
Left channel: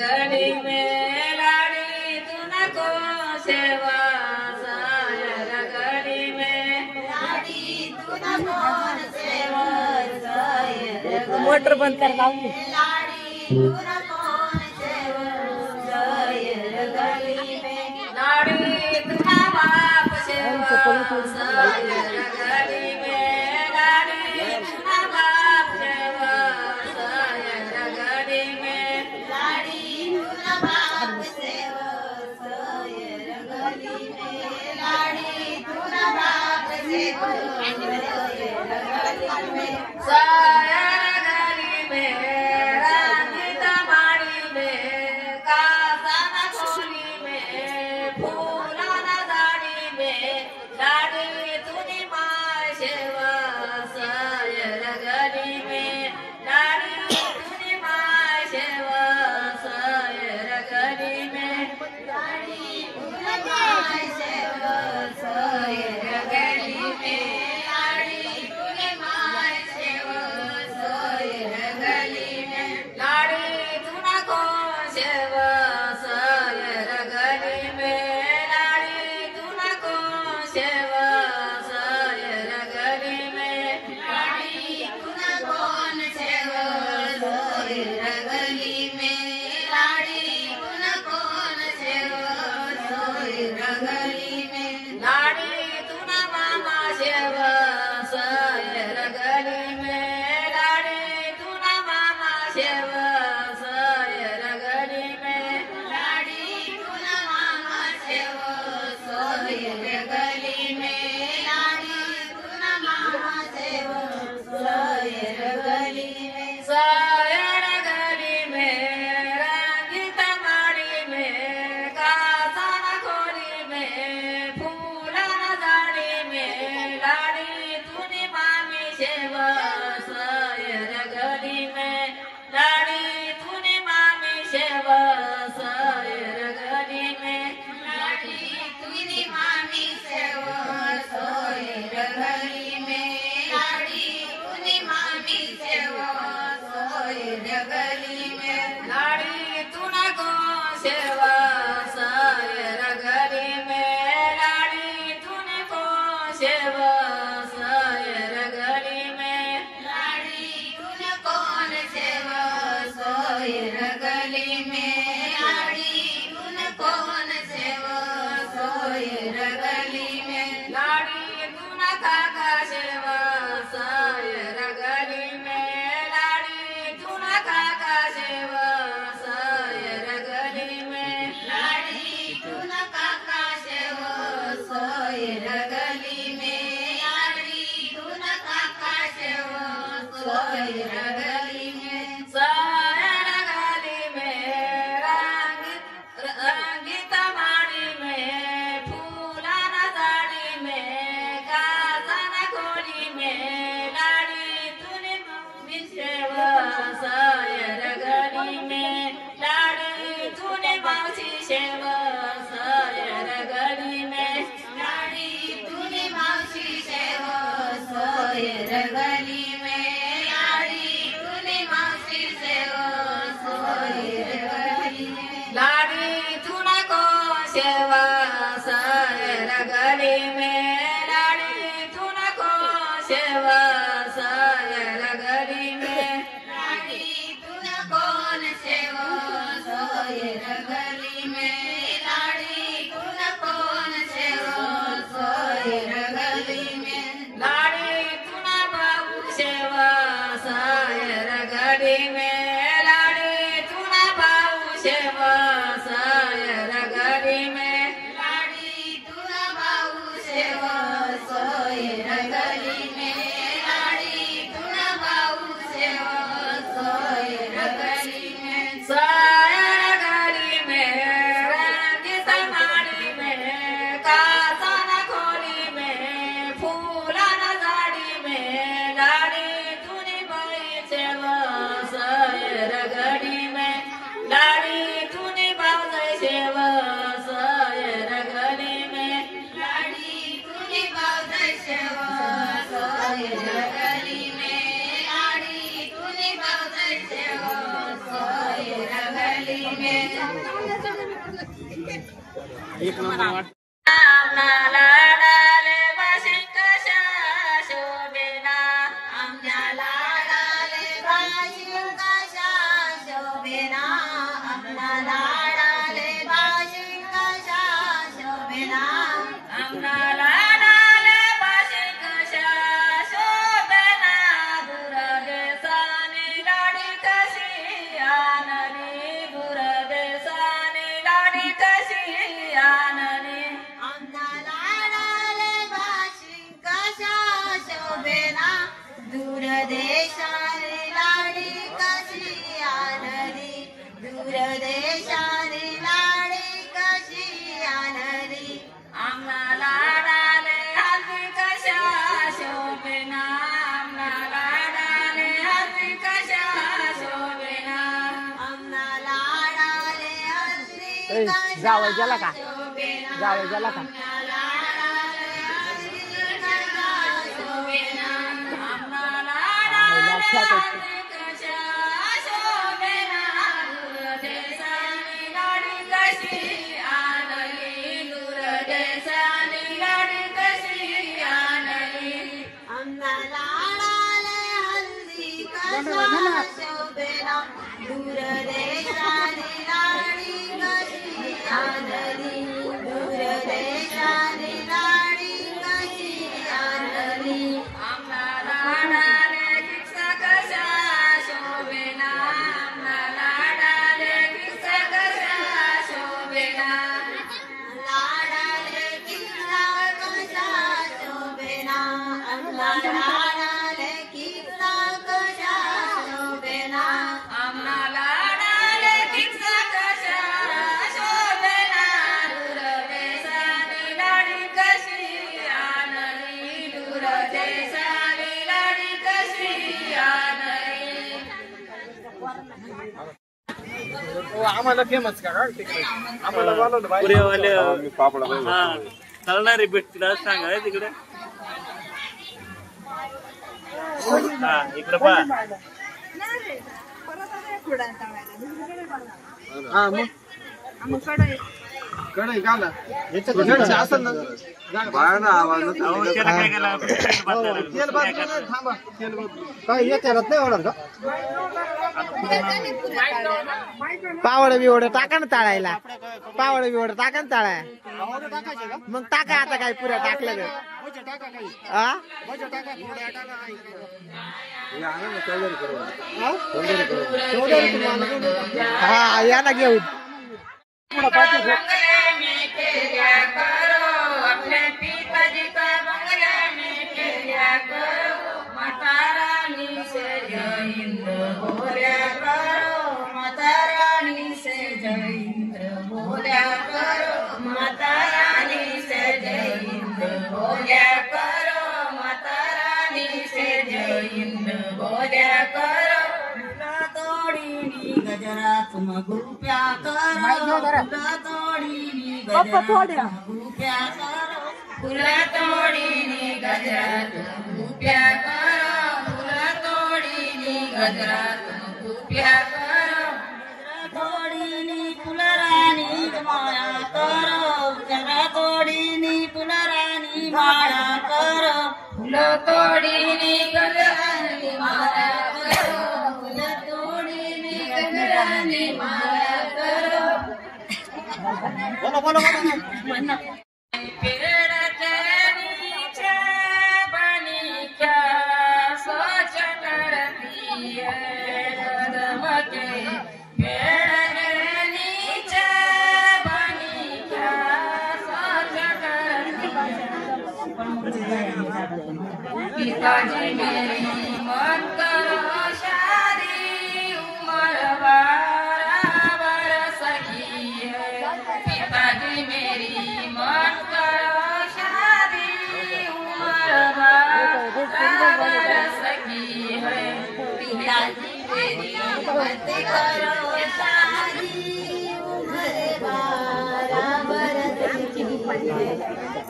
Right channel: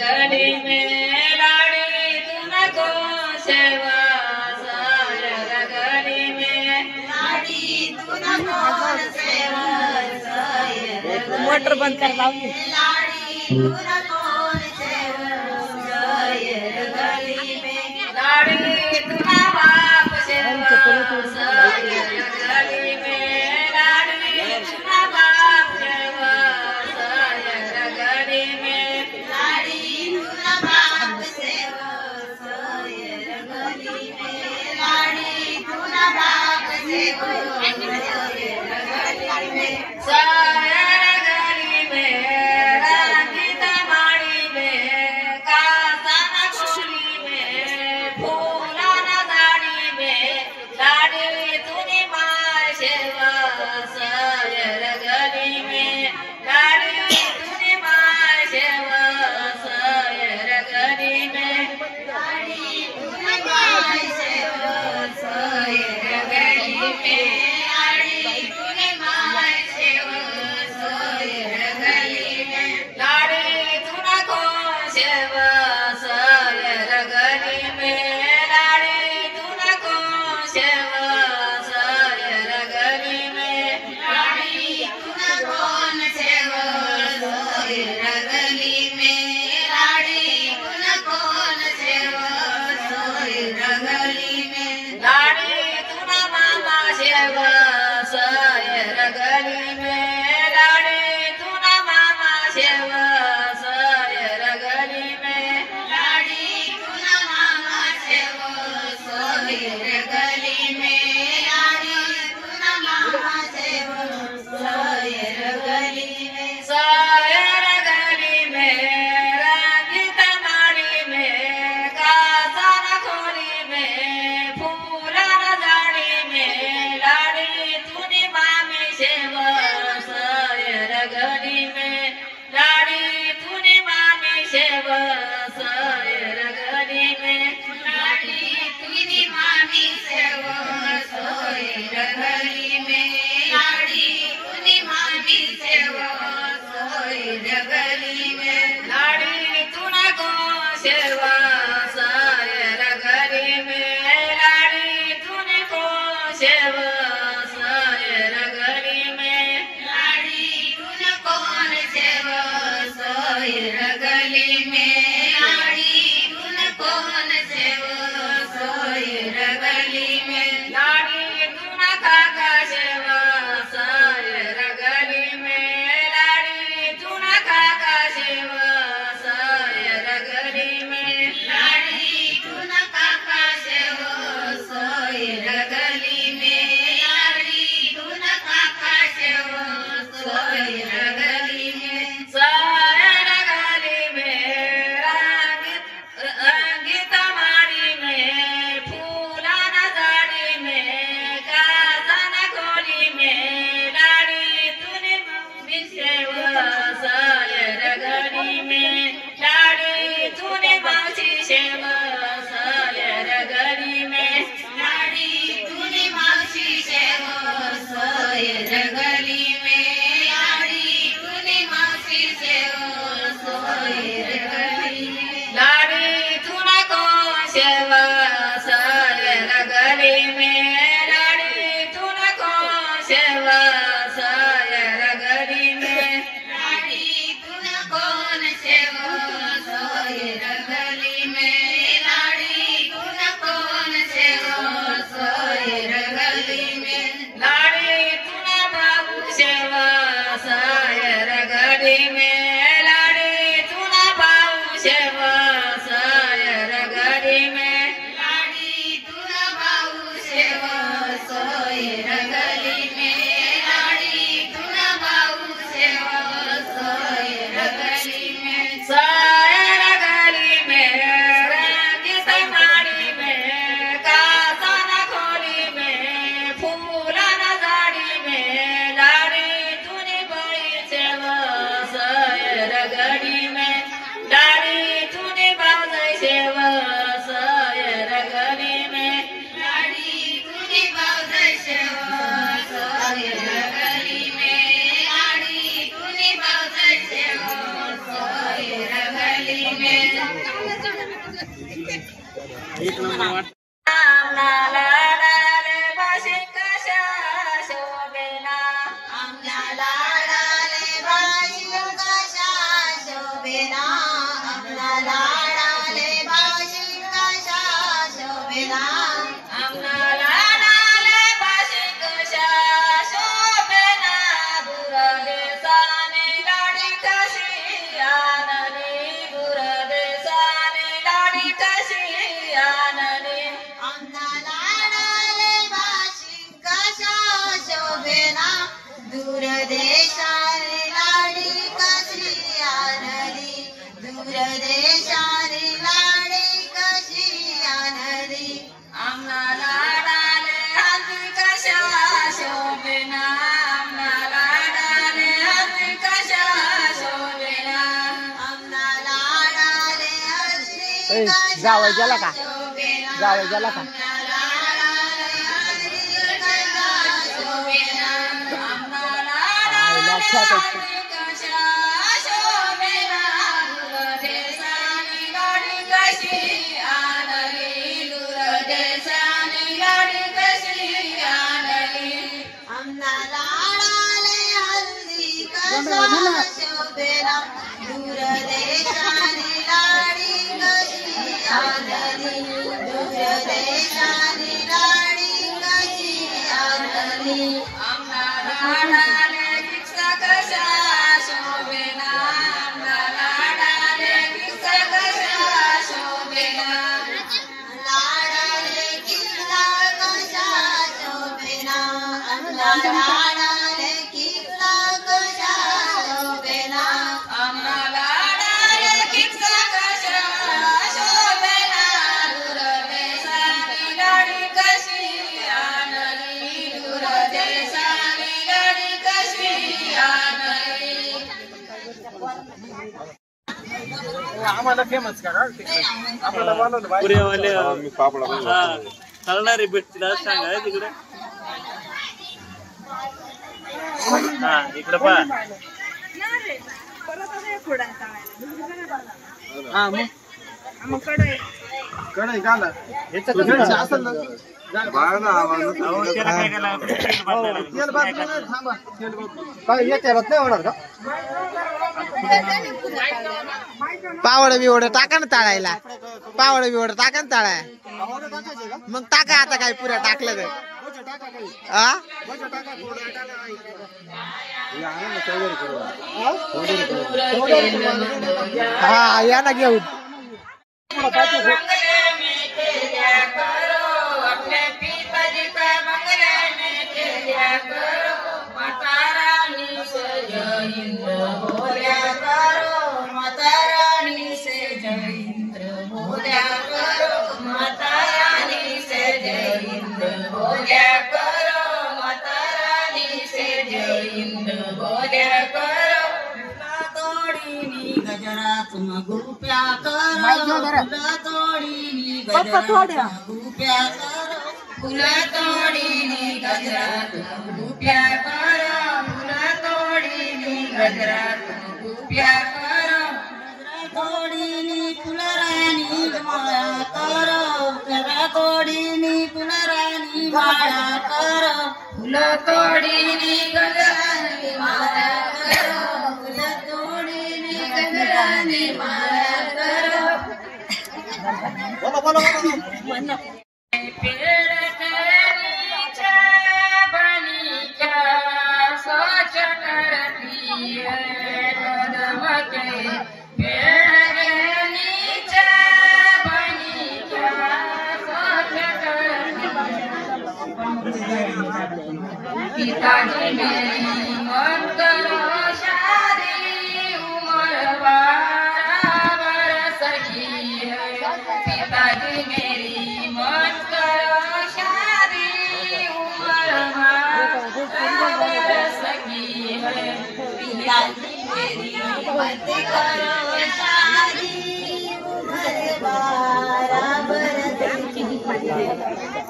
गली में लाड़ी तू न को सेवा गली में लाड़ी तू न को सेवा मोटर बंद कर लाड़ी तू न को सेवा गली में लाड़ी तू न बाप सेवा गली में लाड़ी तू न बाप सेवा गली में लाड़ी तू न बाप सेवा गली में लाड़ी तू न बाप सेवा गली में सायर गली में रंजित माड़ी में कांसा खोली में फूला दाढ़ी में लाड़ी तूने मार सेवा सायर गली में लाड़ी तूने मार सेवा सायर गली में लाड़ी तूने मार सेवा सायर गली में लाड़ी तूने मार सेवा सायर गली में लाड़ी तूना को सेवा सायर गली में लाड़ी तूना रगली में लाडी तुनी मामी सेव सोय रगली में लाडी तुनी मामी सेव सोय रगली में लाडी तुना को सेवा सोय रगली में लाडी तुने को सेवा सोय रगली में लाडी तुन कौन सेवा सोय रगली में लाडी तुन कौन सेवा सोय रगली में लाडी तुन काका सेवा सोय रगली में लाडी तुन काका सेवा सोय रगली में लाडी तुन काका सेवा सोय रगली में लाडी तुन काका सेवा सोय रगली में सोय रगली में रंगीत माड़ी में फूलाना साड़ी में काजन खोली में लाडी तूने मम्मी सेवा सोय रगली में लाडी तूने मासी सेवा सोय रगली में लाडी तूने मासी सेवा सोय रगली में लाडी तूने मासी सेवा सोय रगली में लाडी तुना को सेवा सोय रगली में लाडी तुना को सेवा सोय रगली में लाडी तुना कौन सेवा सोय रगली में लाडी तुना कौन सेवा सोय रगली में लाडी तुना बाबू सेवा सोय रगली में लाडी तुना बाबू सेवा सोय रगली में लाडी तुना बाबू सेवा सोय रगली में लाडी तुना बाबू सेवा सोय रगली में सोय रगली में रंगीत माड़ी में कासन खोली में फूलाना साड़ी में लाडी तूने बड़ी सेवा सोय रगली में लाडी तूने बावजाई सेवा सोय रगली में लाडी तूने बावजाई सेवा सोय रगली में लाडी तूने बावजाई सेवा सोय रगली में आम्हाला लाडाले बाशिंकशा शोभेना आम्हाला लाडाले बाशिंकशा शोभेना आम्हाला लाडाले बाशिंकशा शोभेना आम्हाला लाडाले बाशिंकशा शोभेना दूरदेशाने लाडी कशी आणली दूरदेशाने लाडी कशी आणली आम्हाला लाडाले बाशिंकशा शोभेना दूरदेशाने लाडी कशी आणली दूरदेशाने लाडी कशी आणली आम्हाला लाडाले हल्ली कशा शोभेना आम्हाला लाडाले हल्ली कशा शोभेना आम्हाला लाडाले हल्ली कशा जावई गेला का? शोभेना जावई गेला का? लक्षात येतं. दूरदेशाने लाडी कशी आणली दूरदेशाने लाडी कशी आणली आम्हाला लाडाले किस्सा कशा शोभेना आम्हाला लाडाले किस्सा कशा शोभेना लाडाले किस्सा कशा शोभेना आम्हाला लाडाले किस्सा कशा शोभेना आम्हाला लाडाले किस्सा कशा शोभेना दूरदेशाने लाडी कशी आणली दूरदेशाने लाडी कशी आणली आम्हाला फेमस करा तिकडे आम्हाला बोलवलं बाहेर. पुरेवाले मी पापडा हा चालणारे भेटतील असं सांगा तिकडे हा इकडे पहा हा मग कढई घाला याचं असेल ना बाहेर ना आवाज अहो, त्याला काय केलं? तेल बदलायला लागलं. तेल काय बदलू करायचं? नये, थांबा तेल बदलू काय हे करत नाही होणार का पावड बिवड टाका ना तळायला पावड बिवड टाका ना तळाय पावडं टाकायचे का मग टाका आता काय पुऱ्या टाकलं तर बजे टाका काही आ बजे टाका थोड्या टाका हा या ना घेऊन अपने पिताजी का बंगला में खेला करो माता रानी से जय इंद्र बोला करो माता रानी से जय इंद्र बोला करो माता रानी से जय इंद्र बोला करो माता रानी से जय इंद्र बोला करो तोड़ी गजरा तुम गुप्या करो फुला तोड़ी गजरा गुप्या करो फुला तोड़ी गजरा तुम गुप्या करो फुला तोड़ी गजरा तुम गुप्या करो तोड़ी फुलरानी माया करो गजरा तोड़ी फुलरानी माया करो फुला तोड़ी गजरानी माया करो फुला तोड़ी गजरानी माया करो बोलो बोलो पेड़ के नीचे बनी क्या सोच करती है कदम के पेड़ के नीचे बनी क्या सोच करती है पिताजी मेरी मन करो शादी उम्र बरस की है पिताजी मेरी मन करो शादी उम्र बरस की है पिताजी मेरी मन करो शादी उम्र बरस की है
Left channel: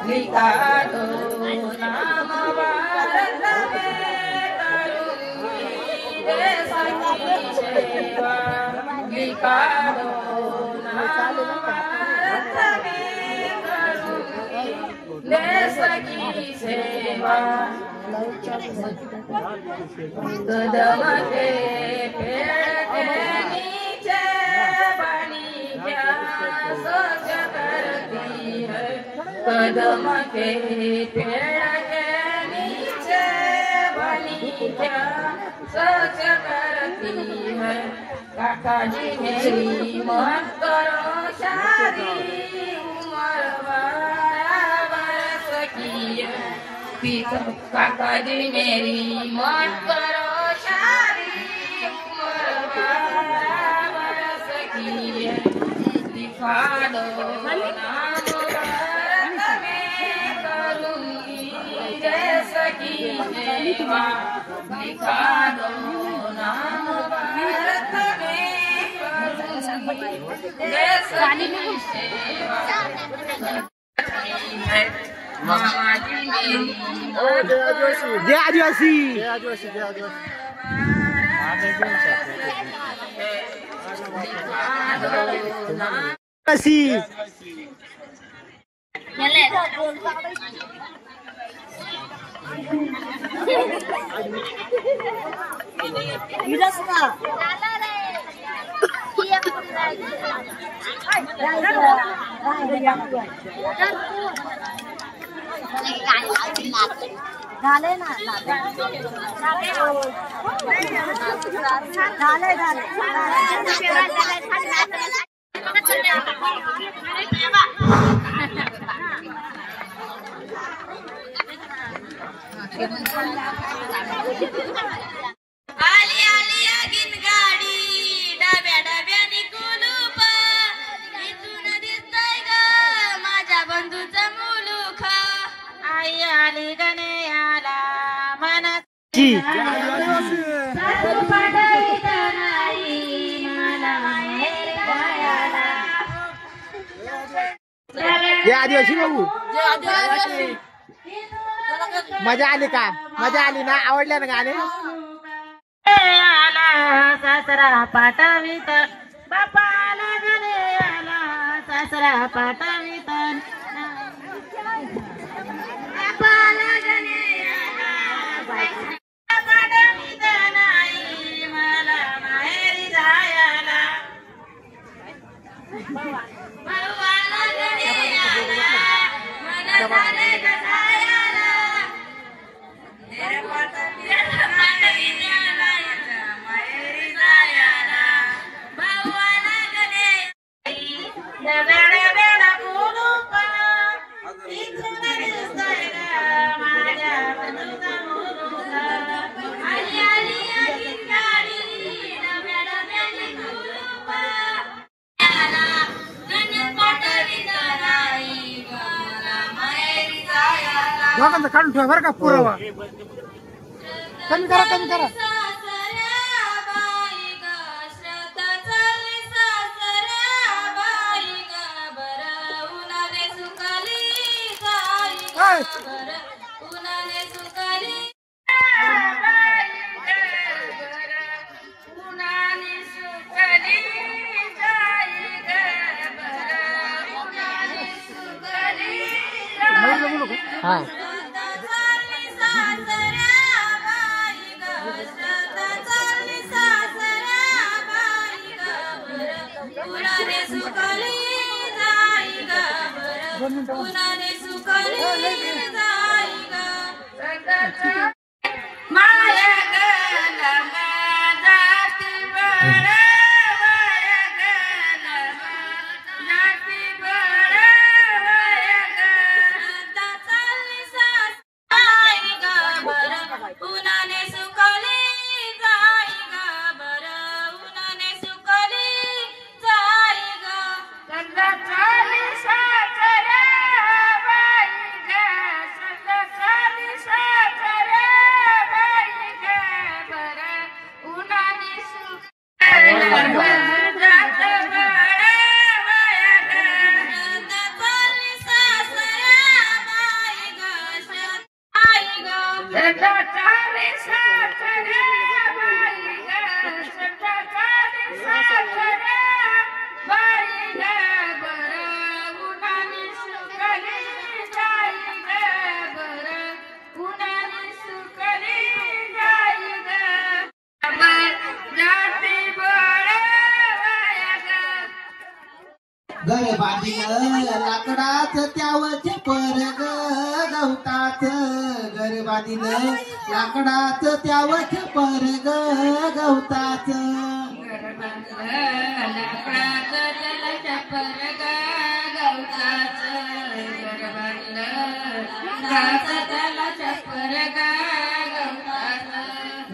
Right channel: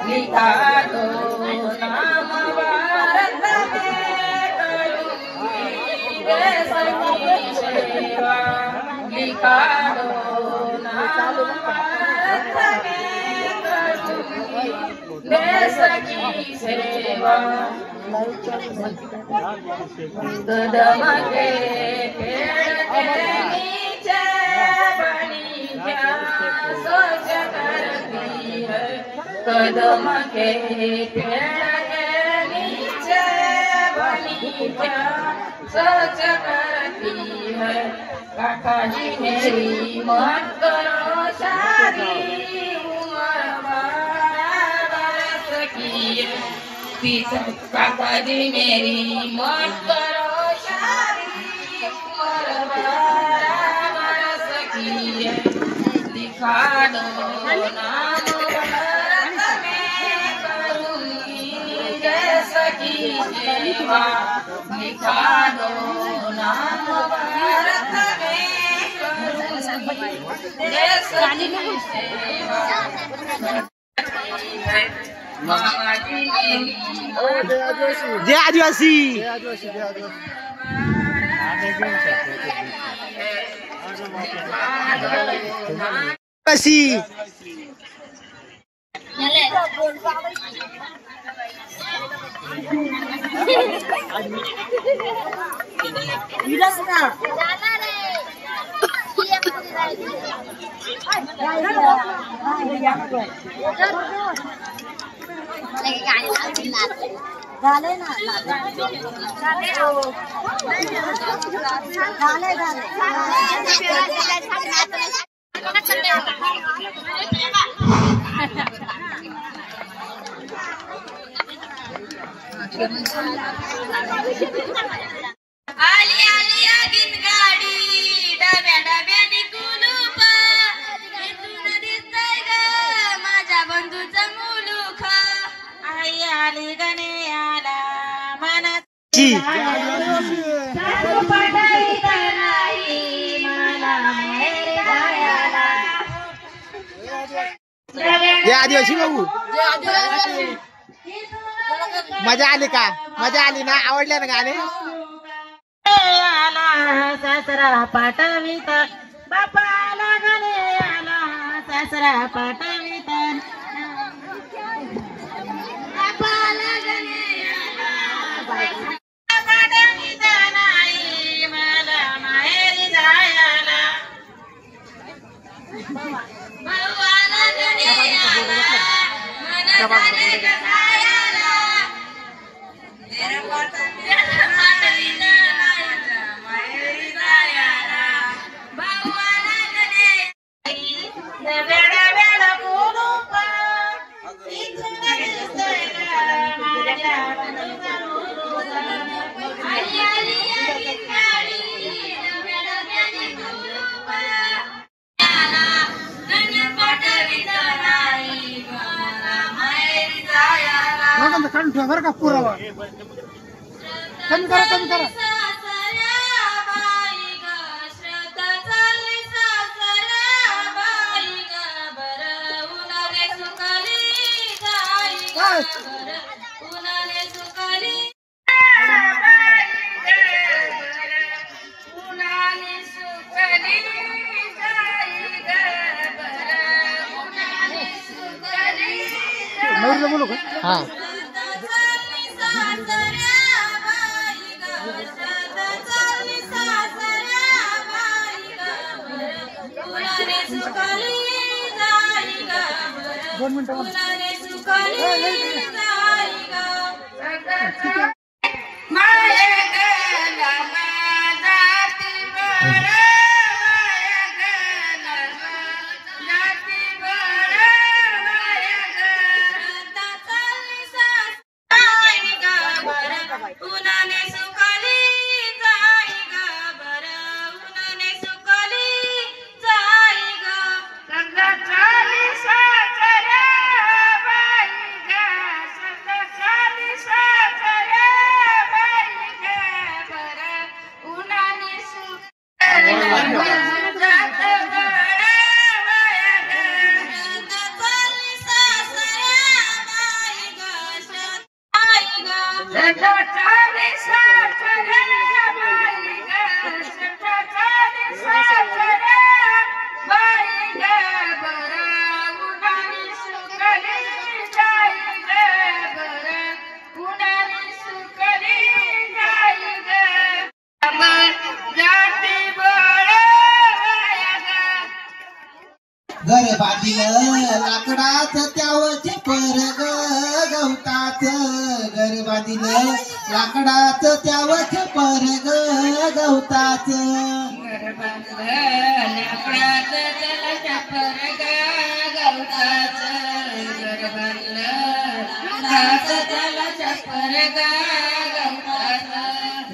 लिखा दो नाम भारत में करूंगी देश की सेवा लिखा दो नाम भारत में करूंगी देश की सेवा कदम के पेड़ के नीचे बनी क्या सोच करती है कदम के पेड़ के नीचे बनी क्या सोच करती है काका जी मेरी मत करो शादी उम्र बरस की है काका जी मेरी मत करो शादी उम्र बरस की है दिखा दो नाम भारत में करूंगी जैसा की सेवा दिखा दो नाम भारत में करूंगी जैसा की सेवा मामा जी मेरी जय आदिवासी आदिवासी झाले ना आली आली आगीन गाडी डब्या डब्याने कुलूप इथून दिसतंय ग माझ्या बंधूचा मुलूख आई आली गणे आला मनात मला जय आदिवासी भाऊ मजा आली का मजा आली ना आवडले ना गाणे आला सासरा पाठवित बापाला गणे आला सासरा पाठवित बापाला गणे आला पाठवित नाही मला माहेरी जायला भावाला गणे आला मला माहेरी जायला काढून ठेवा बरं का पुरावा कमी करा हा घर बांधिलं लाकडाच त्यावच परग गवताच घर बांधिलं लाकडाच त्यावच परग गवताच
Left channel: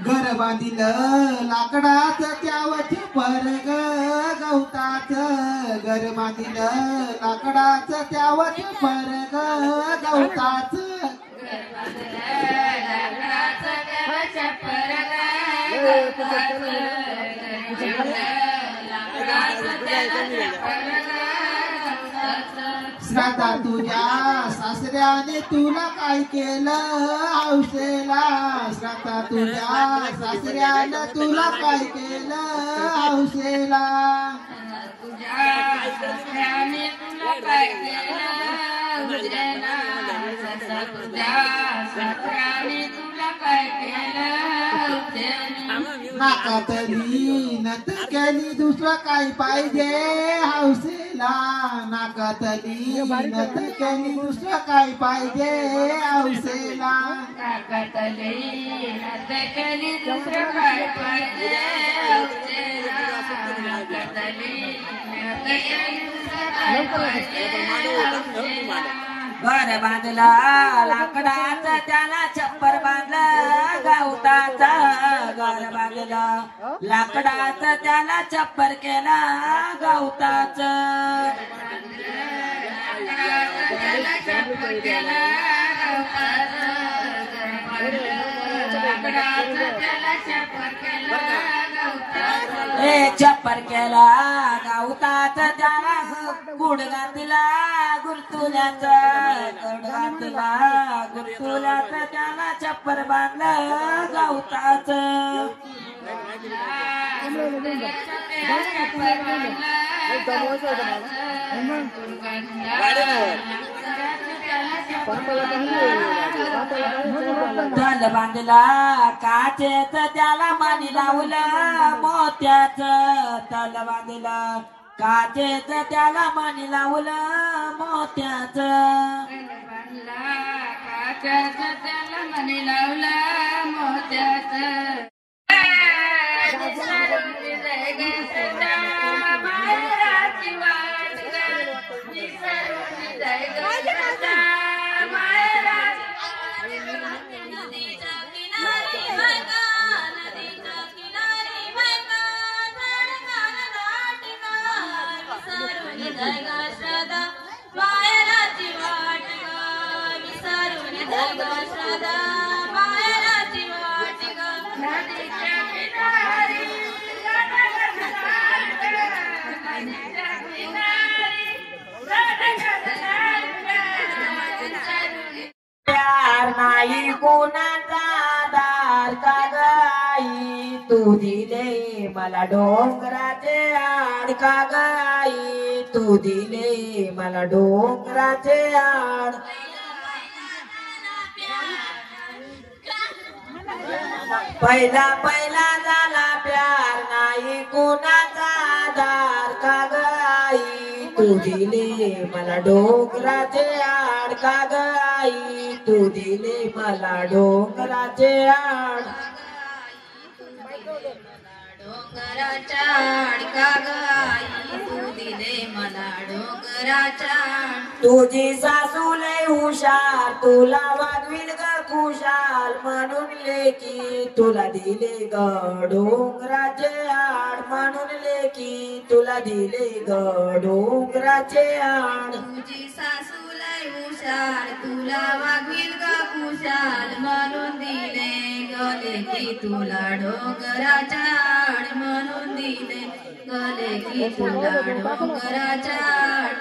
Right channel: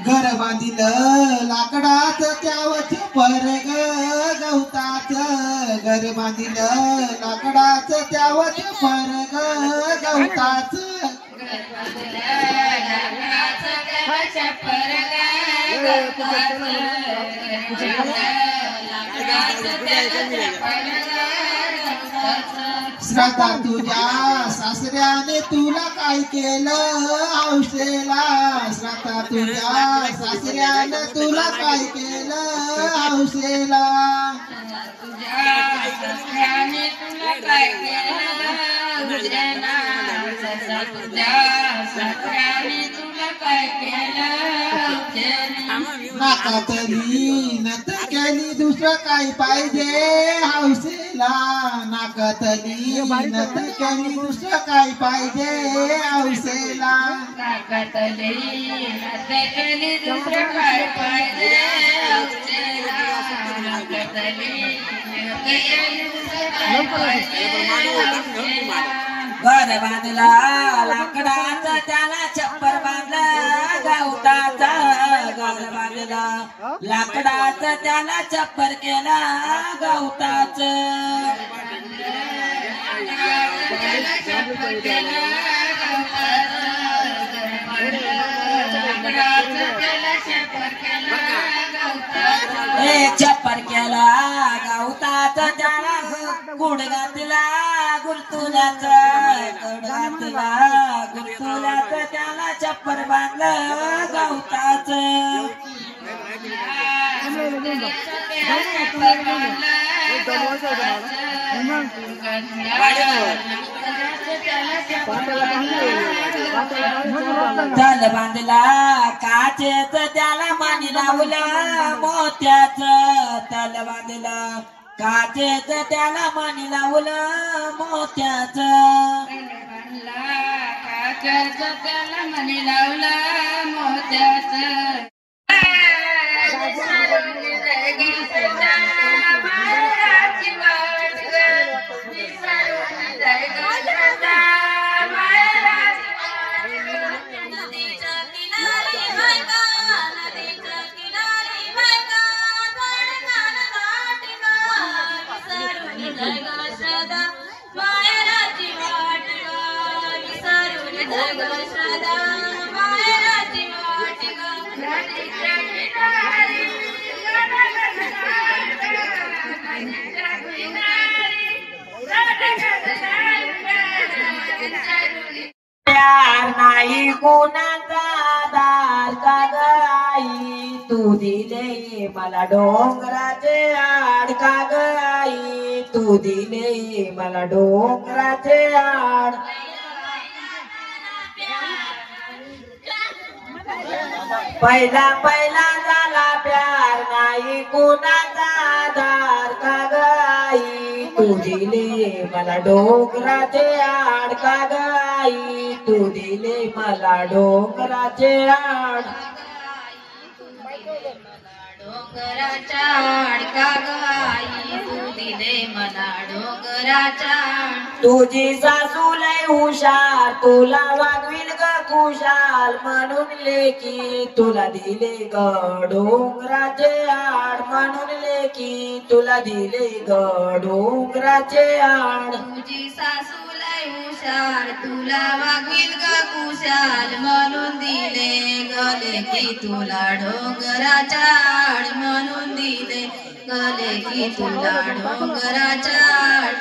घर बांधिलं लाकडाच त्यावच परग गवताच घर बांधिलं लाकडाच त्यावच परग गवताच श्रद्धा तुझ्या सासऱ्याने तुला काय केलं हौसेला श्रद्धा तुझ्या सासऱ्याने तुला काय केलं हौसेला नाकातली नत केली दुसरं काय पाहिजे हौसेला नाकातली नत केली दुसरं काय पाहिजे हौसेला नाकातली नत केली दुसरं काय पाहिजे हौसेला नाकातली नत केली दुसरं काय पाहिजे हौसेला घर बांधला लाकडाचा त्याला छप्पर बांधला गवताचा घर बांधला लाकडाचा त्याला छप्पर केला गवताच छप्पर केला गवताचा त्याला गुड घातला गुड गुंतुल्याचं कडगातीला गुंतुल्याचं त्याला चप्पर बांधलं गवताच तल बांधला काचेच त्याला मानी लावलं मोत्याच तल बांधला काचेच त्याला मानी लावलं मोत्याच काचेच त्याला मानी लावलं मोत्याच प्यार नाही कोणाचा दार का गाई तू दिले मला डोंगराचे आड का गाई तू दिले मला डोंगराचे आड पहिला पहिला झाला प्यार नाही कोणाचा दार का गाई तू दिले मला डोंगराचे आड का गाई तू दिले मला डोंगराचे आड डोंगराच्या आड का गाई तू दिले मला डोंगराच्या आड तुझी सासू लय हुशार तुला वागविल ग खुशाल म्हणून लेकी तुला दिले ग डोंगराचे आड म्हणून लेकी तुला दिले ग डोंगराचे आड तुझी सासू लय हुशार तुला वागील ग कुशाल म्हणून दिले गले की तुला डोंगराच्या आड म्हणून दिले गले की तुला डोंगराच्या आड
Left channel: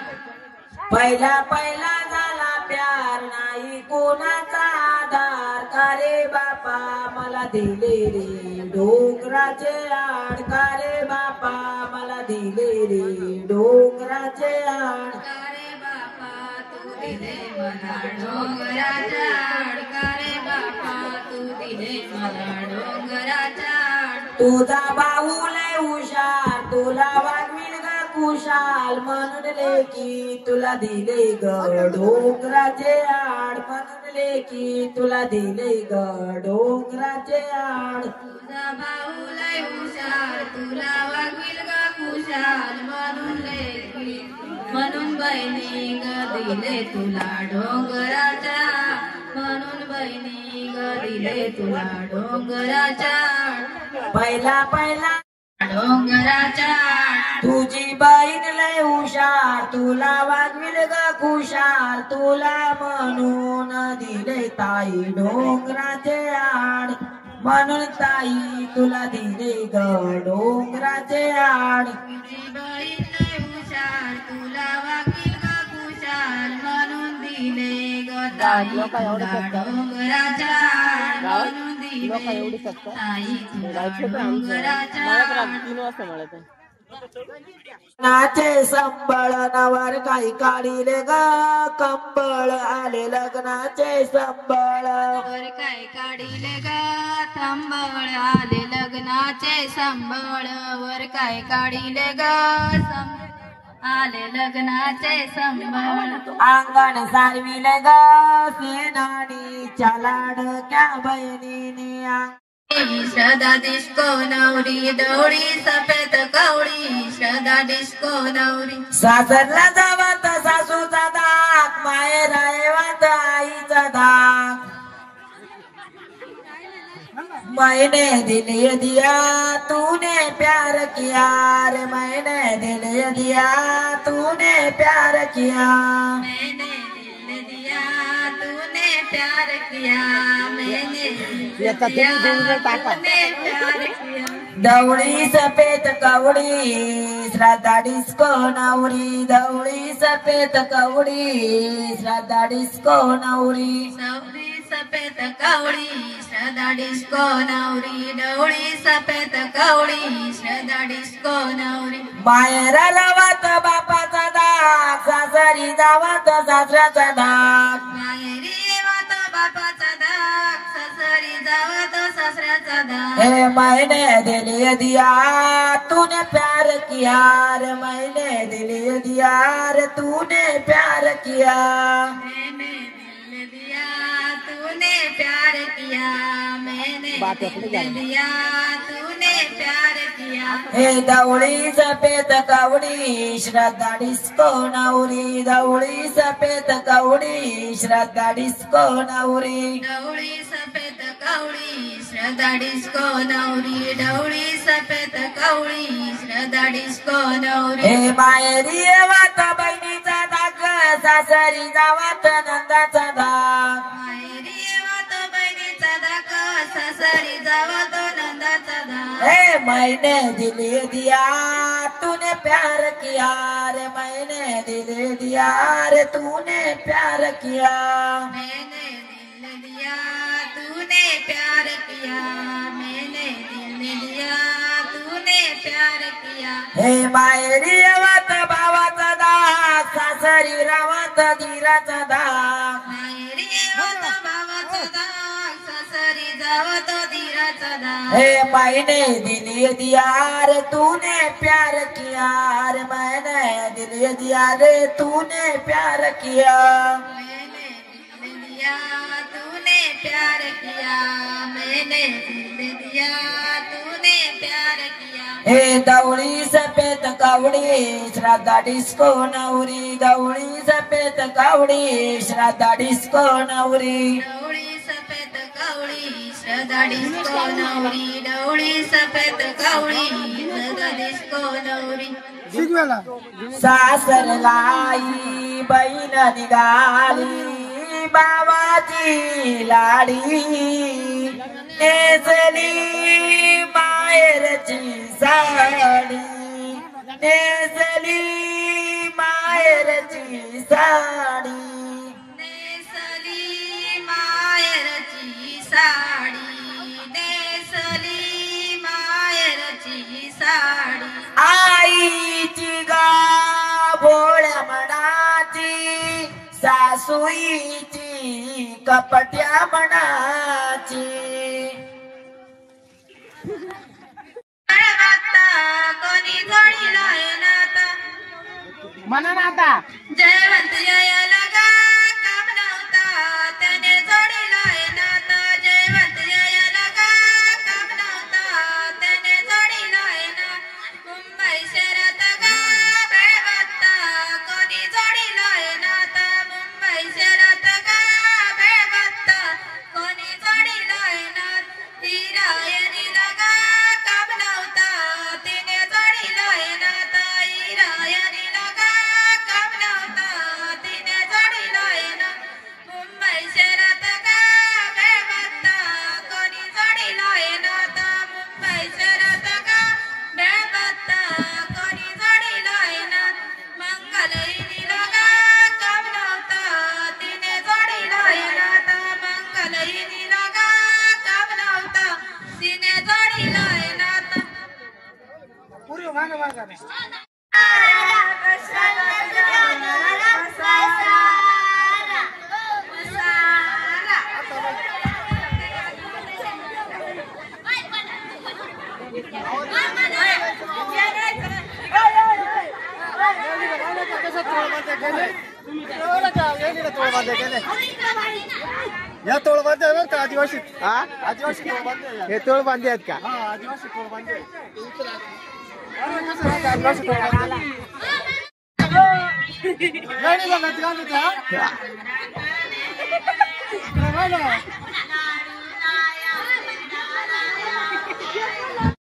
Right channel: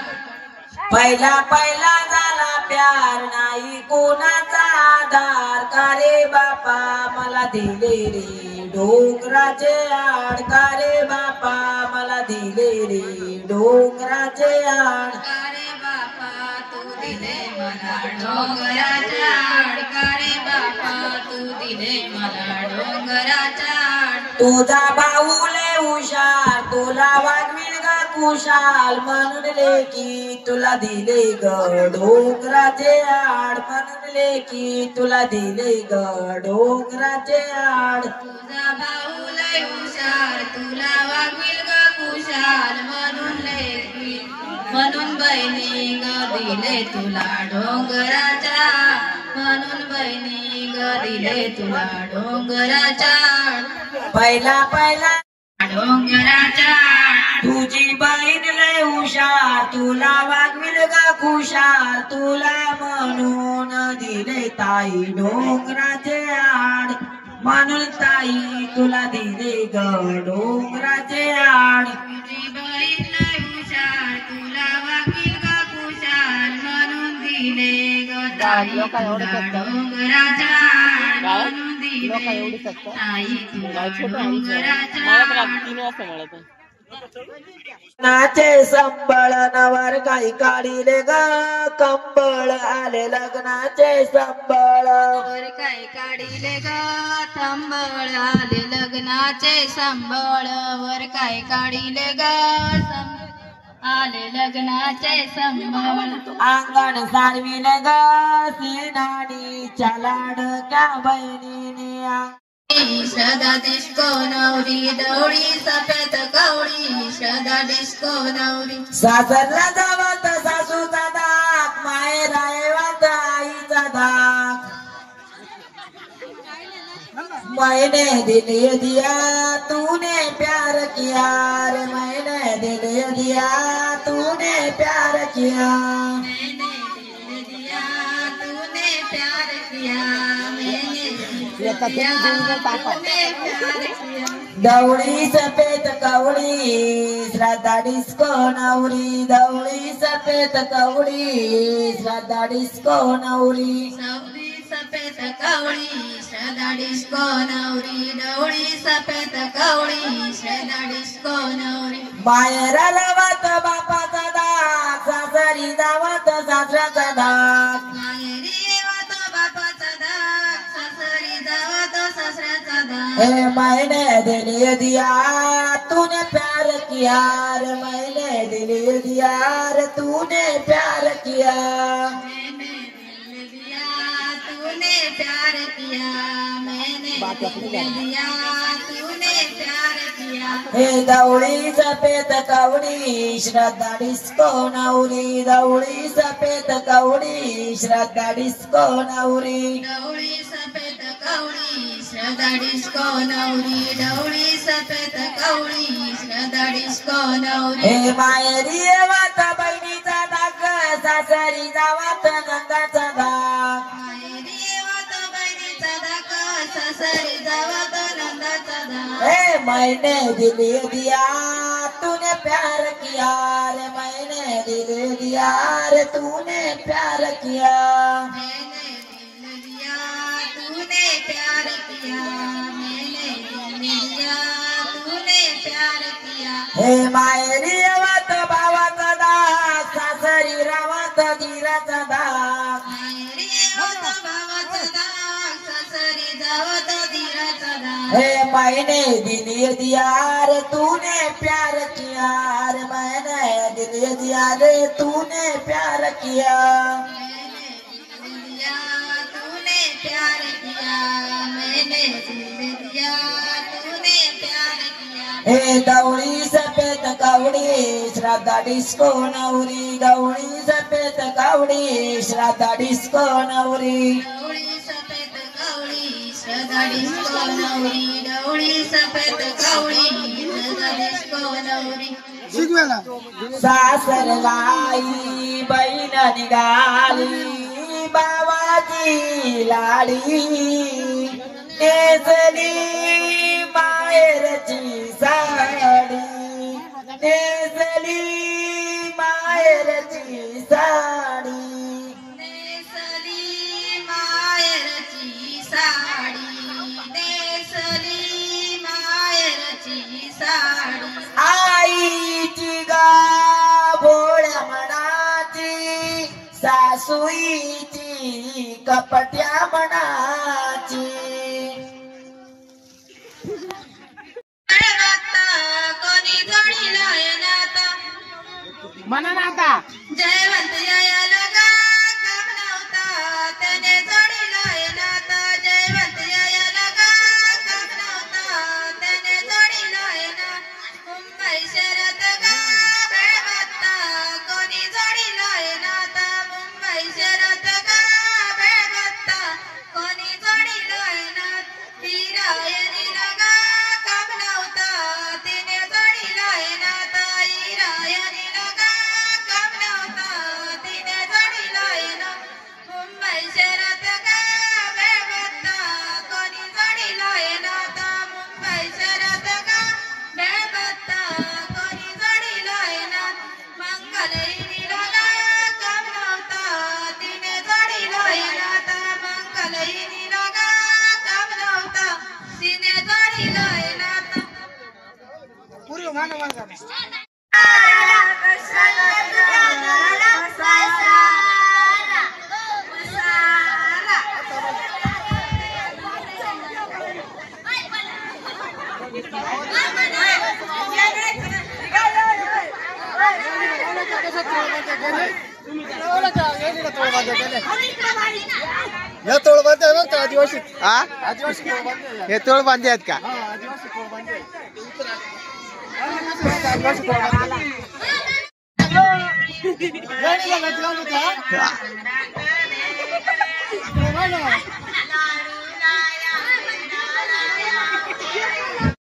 पहिला पहिला झाला प्यार नाही कोणाचा आधार का रे बापा मला दिले रे डोंगराचे आड का रे बापा मला दिले रे डोंगराचे आड का रे बापा तू दिले मला डोंगराच्या आड का रे बापा तू दिले मला डोंगराच्या आड तुझा भाऊ लय हुशार तुला वागविल ग कुशाल म्हणून लेकी तुला दिले ग डोंगराचे आड म्हणून लेकी तुला दिले ग डोंगराचे आड तुझा भाऊ लय हुशार तुला वागील ग कुशाल म्हणून लेकी म्हणून बहिणी ग दिले तुला डोंगराच्या म्हणून बहिणी ग दिले तुला डोंगराच्या पहिला पहिला डोंगराच्या तुझी बहीण लय हुशार तुला वागविल ग खुशाल तुला म्हणून दिले ताई डोंगराचे आड म्हणून ताई तुला दिले ग डोंगराचे आड तुझी बहीण लय हुशार तुला वागील ग कुशाल म्हणून दिले ग ताई तुला डोंगराच्या म्हणून दिले ताई तुला डोंगराच्या नाचे संबळ नवर काही काढिले ग कंबळ आले लग्नाचे संबळ वर काय काढिले ग संबळ आले लग्नाचे संबळ वर काय काढिले ग आले लग्नाचे संबळ अंगण सारविले ग सिनाडीच्या लाडक्या बहिणीने श्रद्धा डिस्को नवरी दौडी सफेद कवडी श्रद्धा डिस्को नवरी सासरला जावत सासूचा दाग माहेर वात आईचा दाग मैंने दिल दिया तूने प्यार किया रे मैंने दिल दिया तूने प्यार किया मैंने दिल दिया तूने प्यार किया मैंने दिल दिया तूने प्यार किया दौड़ी सफेद कवडी श्रद्धा डिस्को नवरी दौड़ी सफेद कवडी श्रद्धा डिस्को नवरी डवळी सफेद कवळी श्रद्धा डिस्को नवरी डवळी सफेद कवळी श्रद्धा डिस्को नवरी माहेर जावत बापाचा दाग सासरी जावत सासऱ्याचा दाग माहेरी येवत बापाचा दाग सासरी जावत सासऱ्याचा दाग हे मैंने दिल दिया तूने प्यार किया रे मैंने दिल दिया रे तूने प्यार किया मैंने दिल दिया तूने प्यार किया मैंने दिल दिया तूने प्यार किया हे दौड़ी सफेद कवडी श्रद्धा डिस्को नवरी दौड़ी सफेद कवडी श्रद्धा डिस्को नवरी डवळी सफेद कवळी श्रद्धा डिस्को नवरी डवळी सफेद कवळी श्रद्धा डिस्को नवरी हे माहेरी येवत बहिणीचा दाग सासरी जावत नंदाचा दाग माहेरी येवत बहिणीचा दाग सासरी जावत नंदाचा दाग हे मैंने दिल दिया तूने प्यार किया रे मैंने दिल दिया रे तूने प्यार किया मैंने दिल दिया तूने प्यार किया मैंने दिल दिया तूने प्यार किया हे माहेरी येवत भावाचा दाग सासरी रावत धीराचा दाग माहेरी येवत भावाचा दाग सासरी जावत धीराचा दाग हे मैंने दिल दिया रे तूने प्यार किया रे मैंने दिल दिया रे तूने प्यार किया मैंने दिल दिया तूने प्यार किया मैंने दिल दिया तूने प्यार किया हे दौड़ी सफेद कवडी श्रद्धा डिस्को नवरी दौड़ी सफेद कवडी श्रद्धा डिस्को नवरी डवळी सफेद कवळी श्रद्धा डिस्को नवरी डवळी सफेद कवळी श्रद्धा डिस्को नवरी सासर लाई बहीण निघाली बाबाची लाडी नेसली माहेरची साडी नेसली माहेरची साडी नेसली माहेरची साडी नेसली माहेरची साडी आईची गा भोळ्या मनाची सासूईची कपट्या मनाची कोणी जोडी नाता म्हणा ना आता जयवंत यायला गा काम नव्हता त्याने जोडीला नाता जयवंत यायला गा काम नव्हता त्याने जोडीला ना मुंबई शहरात गा वेळ बघता कोणी जोडीला नाता मुंबई शहरात गा वेळ बघता कोणी जोडीला ना हिरायणीला गा काम नव्हता तिने जोडीला नाता हिरायणीला गा काम नव्हता तिने जोडीला ना मुंबई शहरात गा वेळ बघता कोणी जोडीला नाता मुंबई शहरात गा वेळ बघता कोणी जोडीला ना मंगलईनीला गा काम नव्हता तिने जोडीला नाता मंगलईनीला गा काम नव्हता तिने जोडीला नाता पूर्व मानवा या तोळ बांधे बघ का आदिवासी हा आदिवासी तोळ बांधे हे तोळ बांधे आहेत का हा आदिवासी तोळ बांधे आदिवासी तोळ बांधे गाडी बघा तिला त्या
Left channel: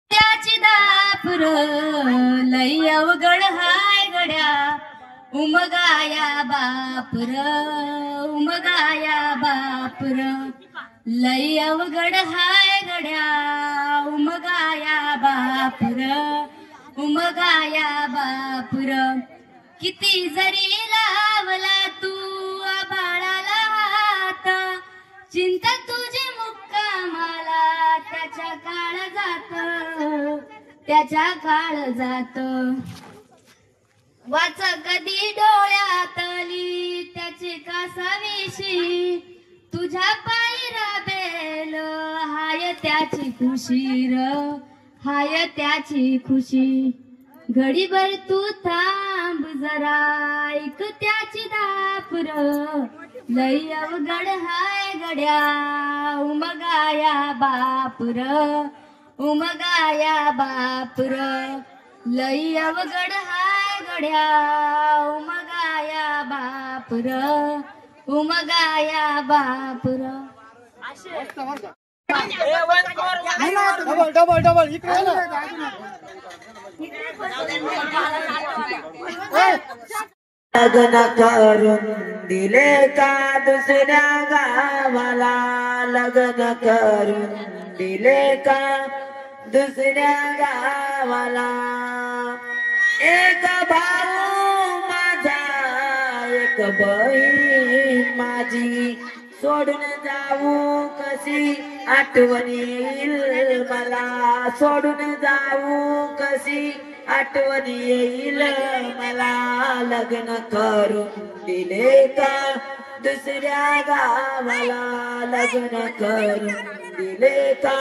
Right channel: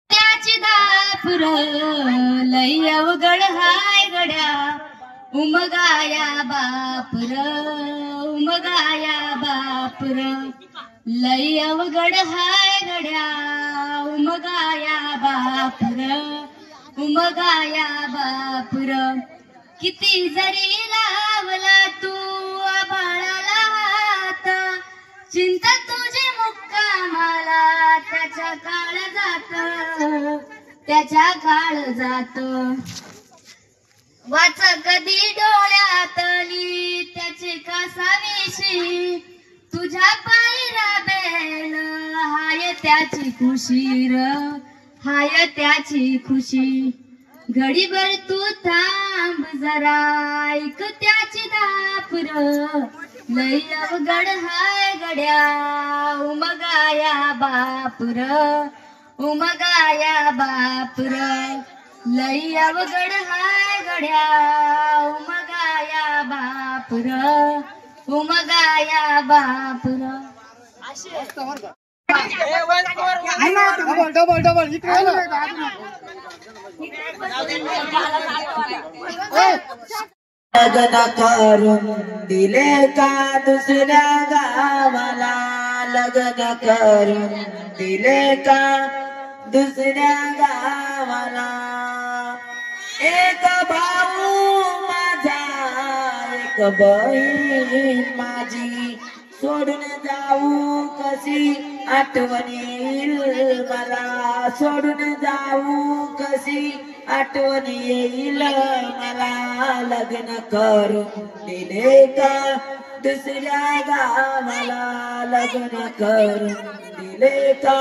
त्याची दापुर लय अवघड हाय गड्या उमगाया बापर उमगाया बापर लई अवघड हाय गड्या उमगाया बापर उमगाया बापर किती जरी लावला तू आभाळाला हात चिंता तुझी मुक्कामाला त्याच्या काळ जात वाच कधी डोळ्यातली त्याची कासावीशी तुझ्या पायी राबेल हाय त्याची खुशी र हाय त्याची खुशी घडीभर तू थांब जरा ऐक त्याची दापुर लई अवघड हाय गड्या उमगाया बापुर उमगाया बापुर लई अवघड हाय गड्या उमगाया बापुर उमगाया बापुर डबल इकडे लग्न करून दिले का दुसऱ्या गावाला लग्न करून दिले का दुसऱ्या गावाला एक भाऊ माझा एक बहीण माझी सोडून जाऊ कशी आठवण येईल मला सोडून जाऊ कशी आठवण येईल मला लग्न करून दिले का दुसऱ्या गावाला लग्न करून दिले का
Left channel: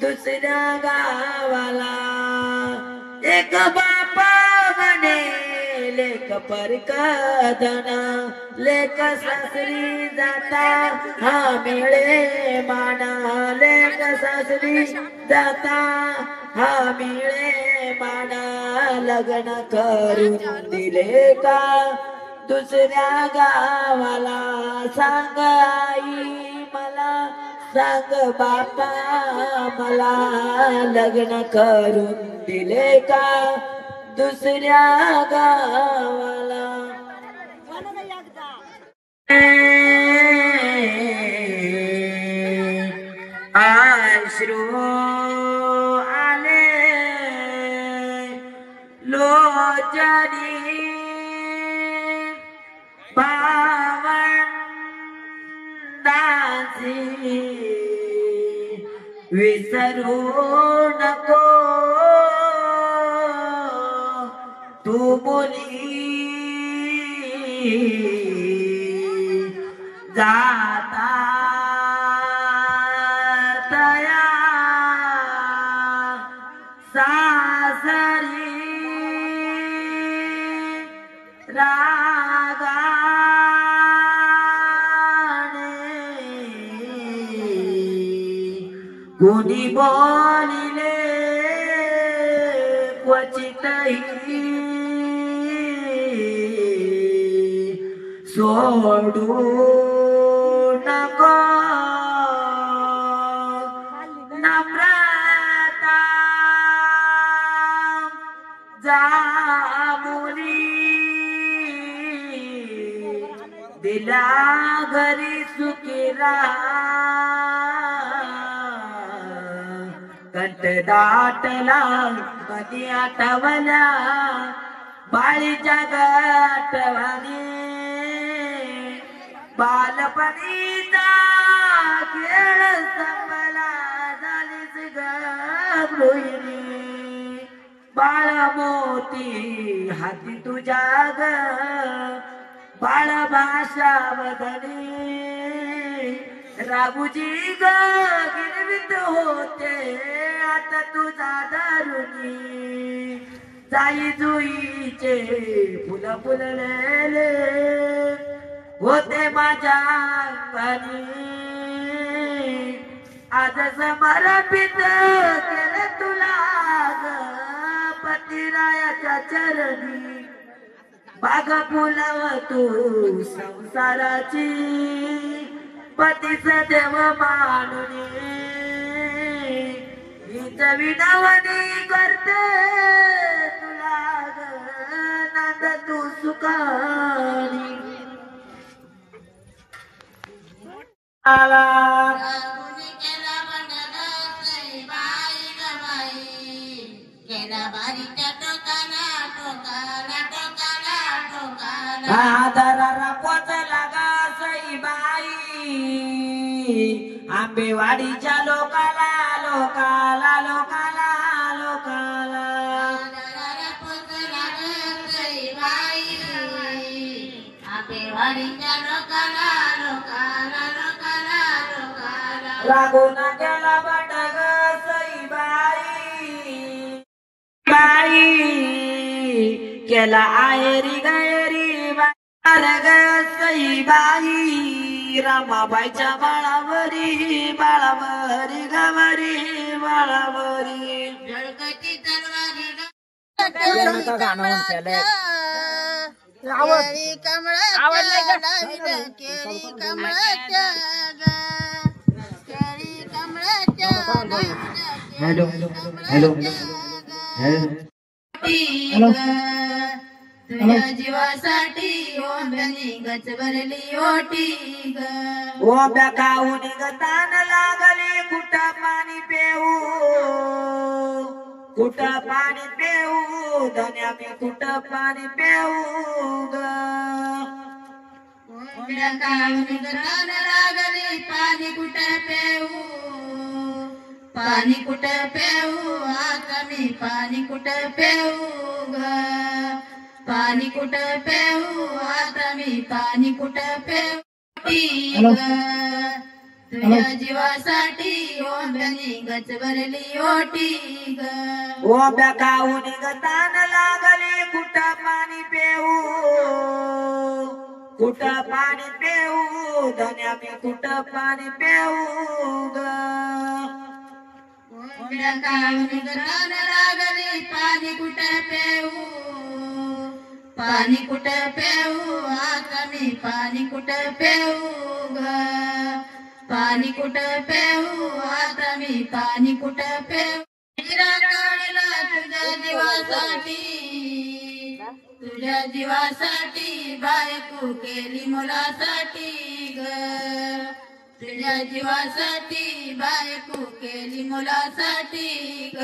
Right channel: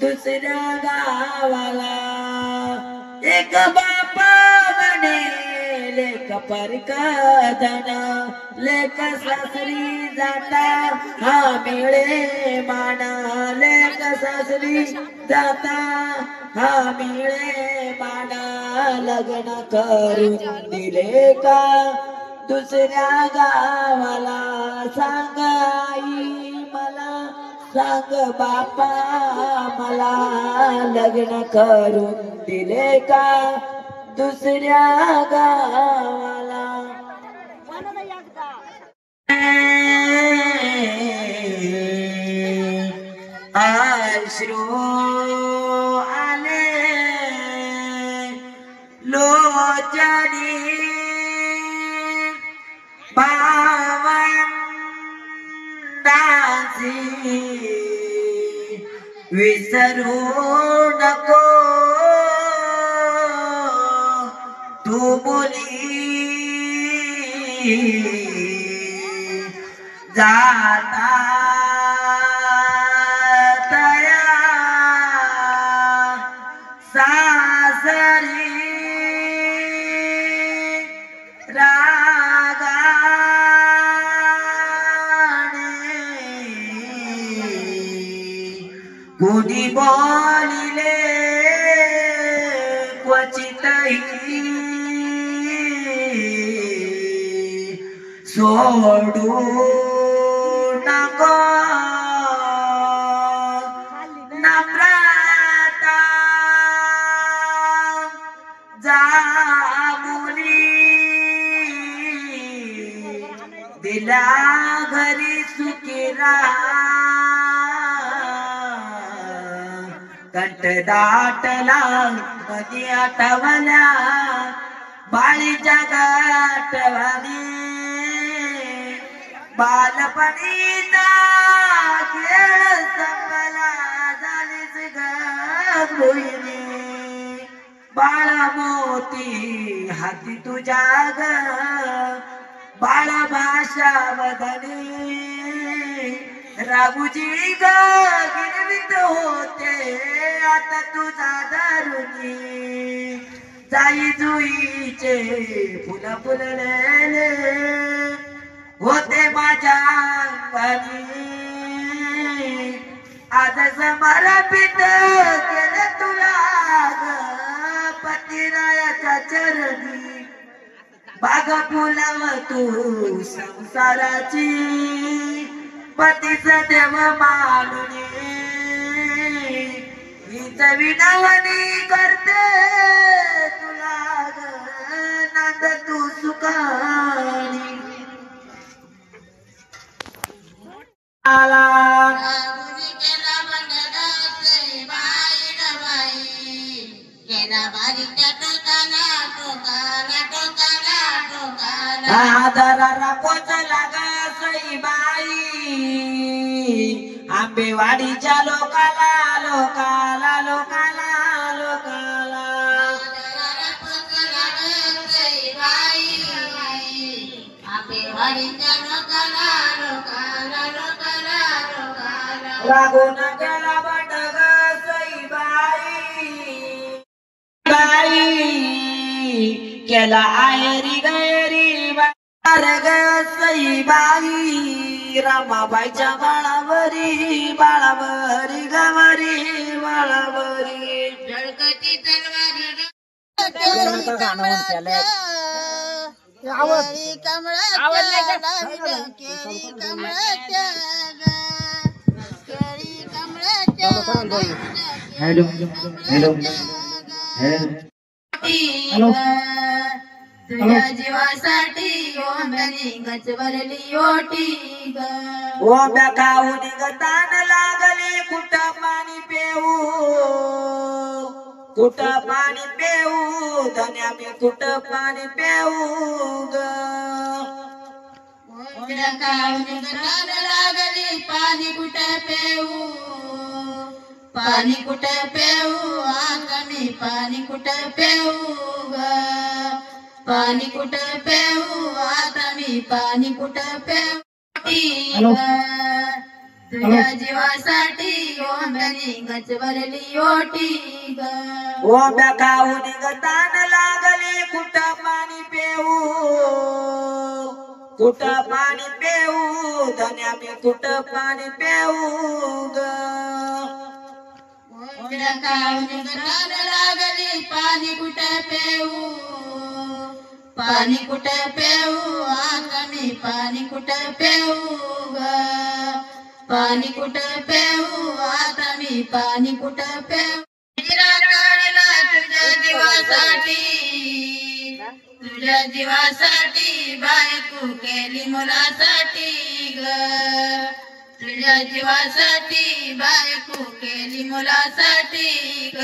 दुसऱ्या गावाला एक बापा म्हणे लेक परकदना लेक सासरी जाता हा मिळे माना लेक सासरी जाता हा मिळे माना लग्न करून दिले का दुसऱ्या गावाला सांग आई मला सांग बापा मला लग्न करून दिले का दुसऱ्या गावाला अश्रू आले लोचनी पावंडाची विसरू नको तू बोली जाता तया सासरी कोणी बोलिले क्वचितही सोडू नको नम्रता जामुनी दिला घरी सुखी राहा कंठ दाटला मधी आठवल्या बाळीच्या गाठवानी बालपणीचा खेळ संपला झालीच गृहिणी बाळ मोती हाती तुझ्या ग बाळ भाषा वदनी राघुजी ग गिरवित होते आता तुझा दारुणी जाई जुईचे फुल फुललेले होते माझ्या अंगानी आज समर्पित केलं तुला ग पतिरायाच्या चरणी बाग फुलव तू संसाराची पतीच देव मानुनी हीच विनवणी करते तुला ग नंद तू सुख काळी आला रागुनी केला बंडग बाई ग बाई केला बारीच्या टोकाला टोकाला टोकाला टोकाला आदराला पोचला ग सईबाई आंबेवाडीच्या लोकाला लोकाला लोकाला लोकाला रागून केला बंडग सईबाई बाई केला आयरी गैरी बार ग सईबाई रामाबाईच्या बाळावरी बाळावरी गवरी बाळावरी झळकती तलवारी हॅलो हॅलो तुझ्या जीवासाठी ओंब्याने गच भरली ओटी ग ओंब्या खाऊन गतान लागले कुठं पाणी पेऊ कुठं पाणी पेऊ धन्या मी कुठं पाणी पेऊ ग ओंब्या खाऊन गतान लागली पाणी कुठे पेऊ पाणी कुठे पेऊ आता मी पाणी कुठे पेऊ ग पाणी कुठे पेऊ आता मी पाणी कुठे पेऊ तुझ्या जीवासाठी ओंब्याने गच भरली ओटी ग ओंब्या खाऊन गतान लागले कुठं पाणी पेऊ कुठं पाणी पेऊ धन्या मी कुठं पाणी पेऊ ग ओंब्या खाऊन गतान लागली पाणी कुठे पेऊ पाणी कुठे पेऊ आता मी पाणी कुठे पेऊ ग पाणी कुठे पेऊ आता मी पाणी कुठे पेऊ तुझ्या जीवासाठी तुझ्या जीवासाठी बायको केली मुलासाठी ग तुझ्या जीवासाठी बायको केली मुलासाठी ग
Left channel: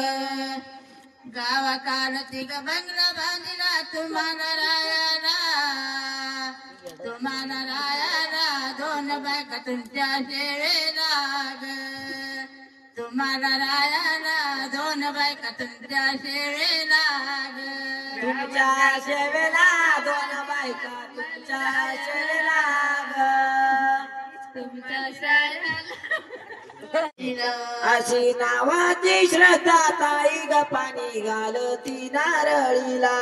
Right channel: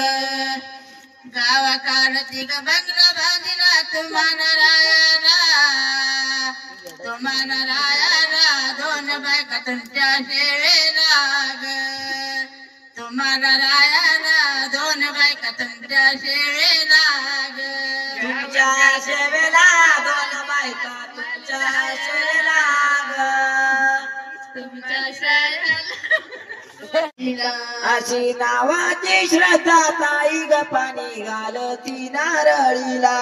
गावा काढती ग बंगला बांधला तुम्हाला रायाला दोन बायका तुमच्या शेवेला ग तुम्हाला रायाला दोन बायका तुमच्या शेवेला ग तुमच्या सेवेला दोन बायका तुमच्या सेवेला ग तुमच्या शेवेला अशी नावाची श्रद्धा ताई ग पाणी घालती नारळीला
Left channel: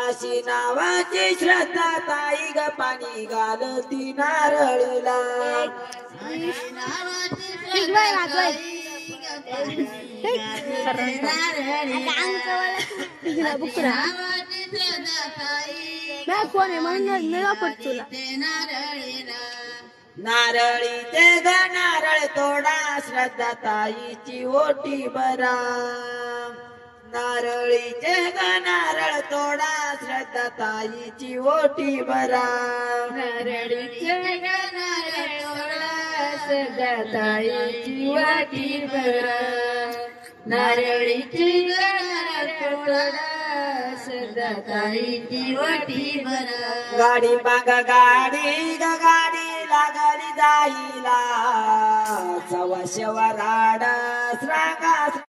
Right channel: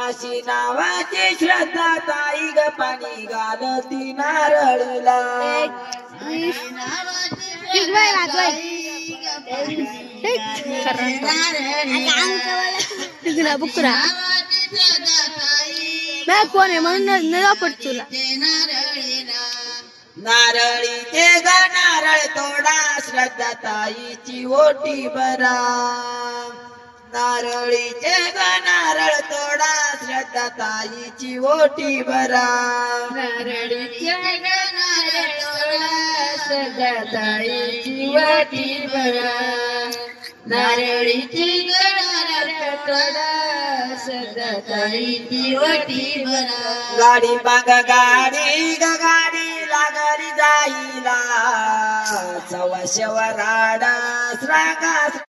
अशी नावाची श्रद्धा ताई ग पाणी घालती नारळीला कोण आहे म्हणून पट तुला नारळीचे ग नारळ तोडा श्रद्धा ताईची ओटी भरा नारळीचे ग नारळ तोडा श्रद्धा ताईची ओटी भरा नारळीचे ग नारळ तोडा श्रद्धा ताईची ओटी भरा नारळीची ग नारळ तोडा श्रद्धा ताईची ओटी भरा गाडी बघ गाडी ग गाडी लागली जाईला सवा शेवराडा श्रागा